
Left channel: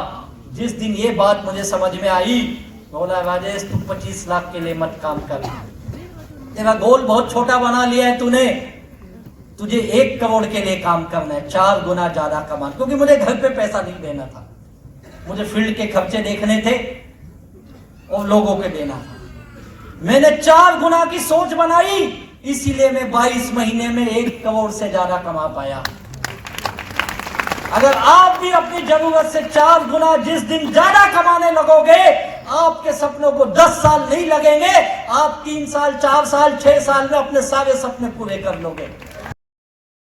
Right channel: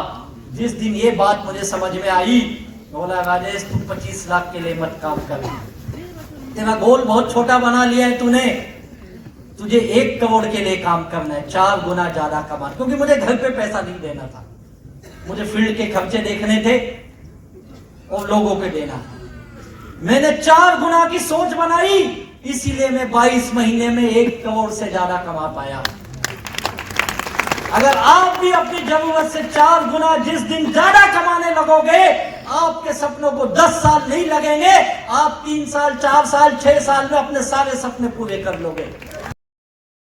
जिस दिन ये बात मुझे समझ में आई, बोला राजेश तू 25 लाख के लिए मत काम कर, तेरा गोल बहुत छोटा बना लिया है तूने, तुझे 1 करोड़ के लिए काम करना है, 4 गुना ज्यादा कमा। क्योंकि मुझे घर पे पैसा नहीं देना था, मुझे फील्ड के खर्चे देखने थे और लोगों के देना। मैंने 4 गुना की सोच बनाई, इसीलिए मैं 22 महीने में 1 करोड़ से ज्यादा कमा पाया। अगर आप भी अपनी जरूरत से 4 गुना जिस दिन ज्यादा कमाने लगोगे, आपके सपनों को 10 साल नहीं लगेंगे, आप 3 साल 4 साल 6 साल में अपने सारे सपने पूरे कर लोगे।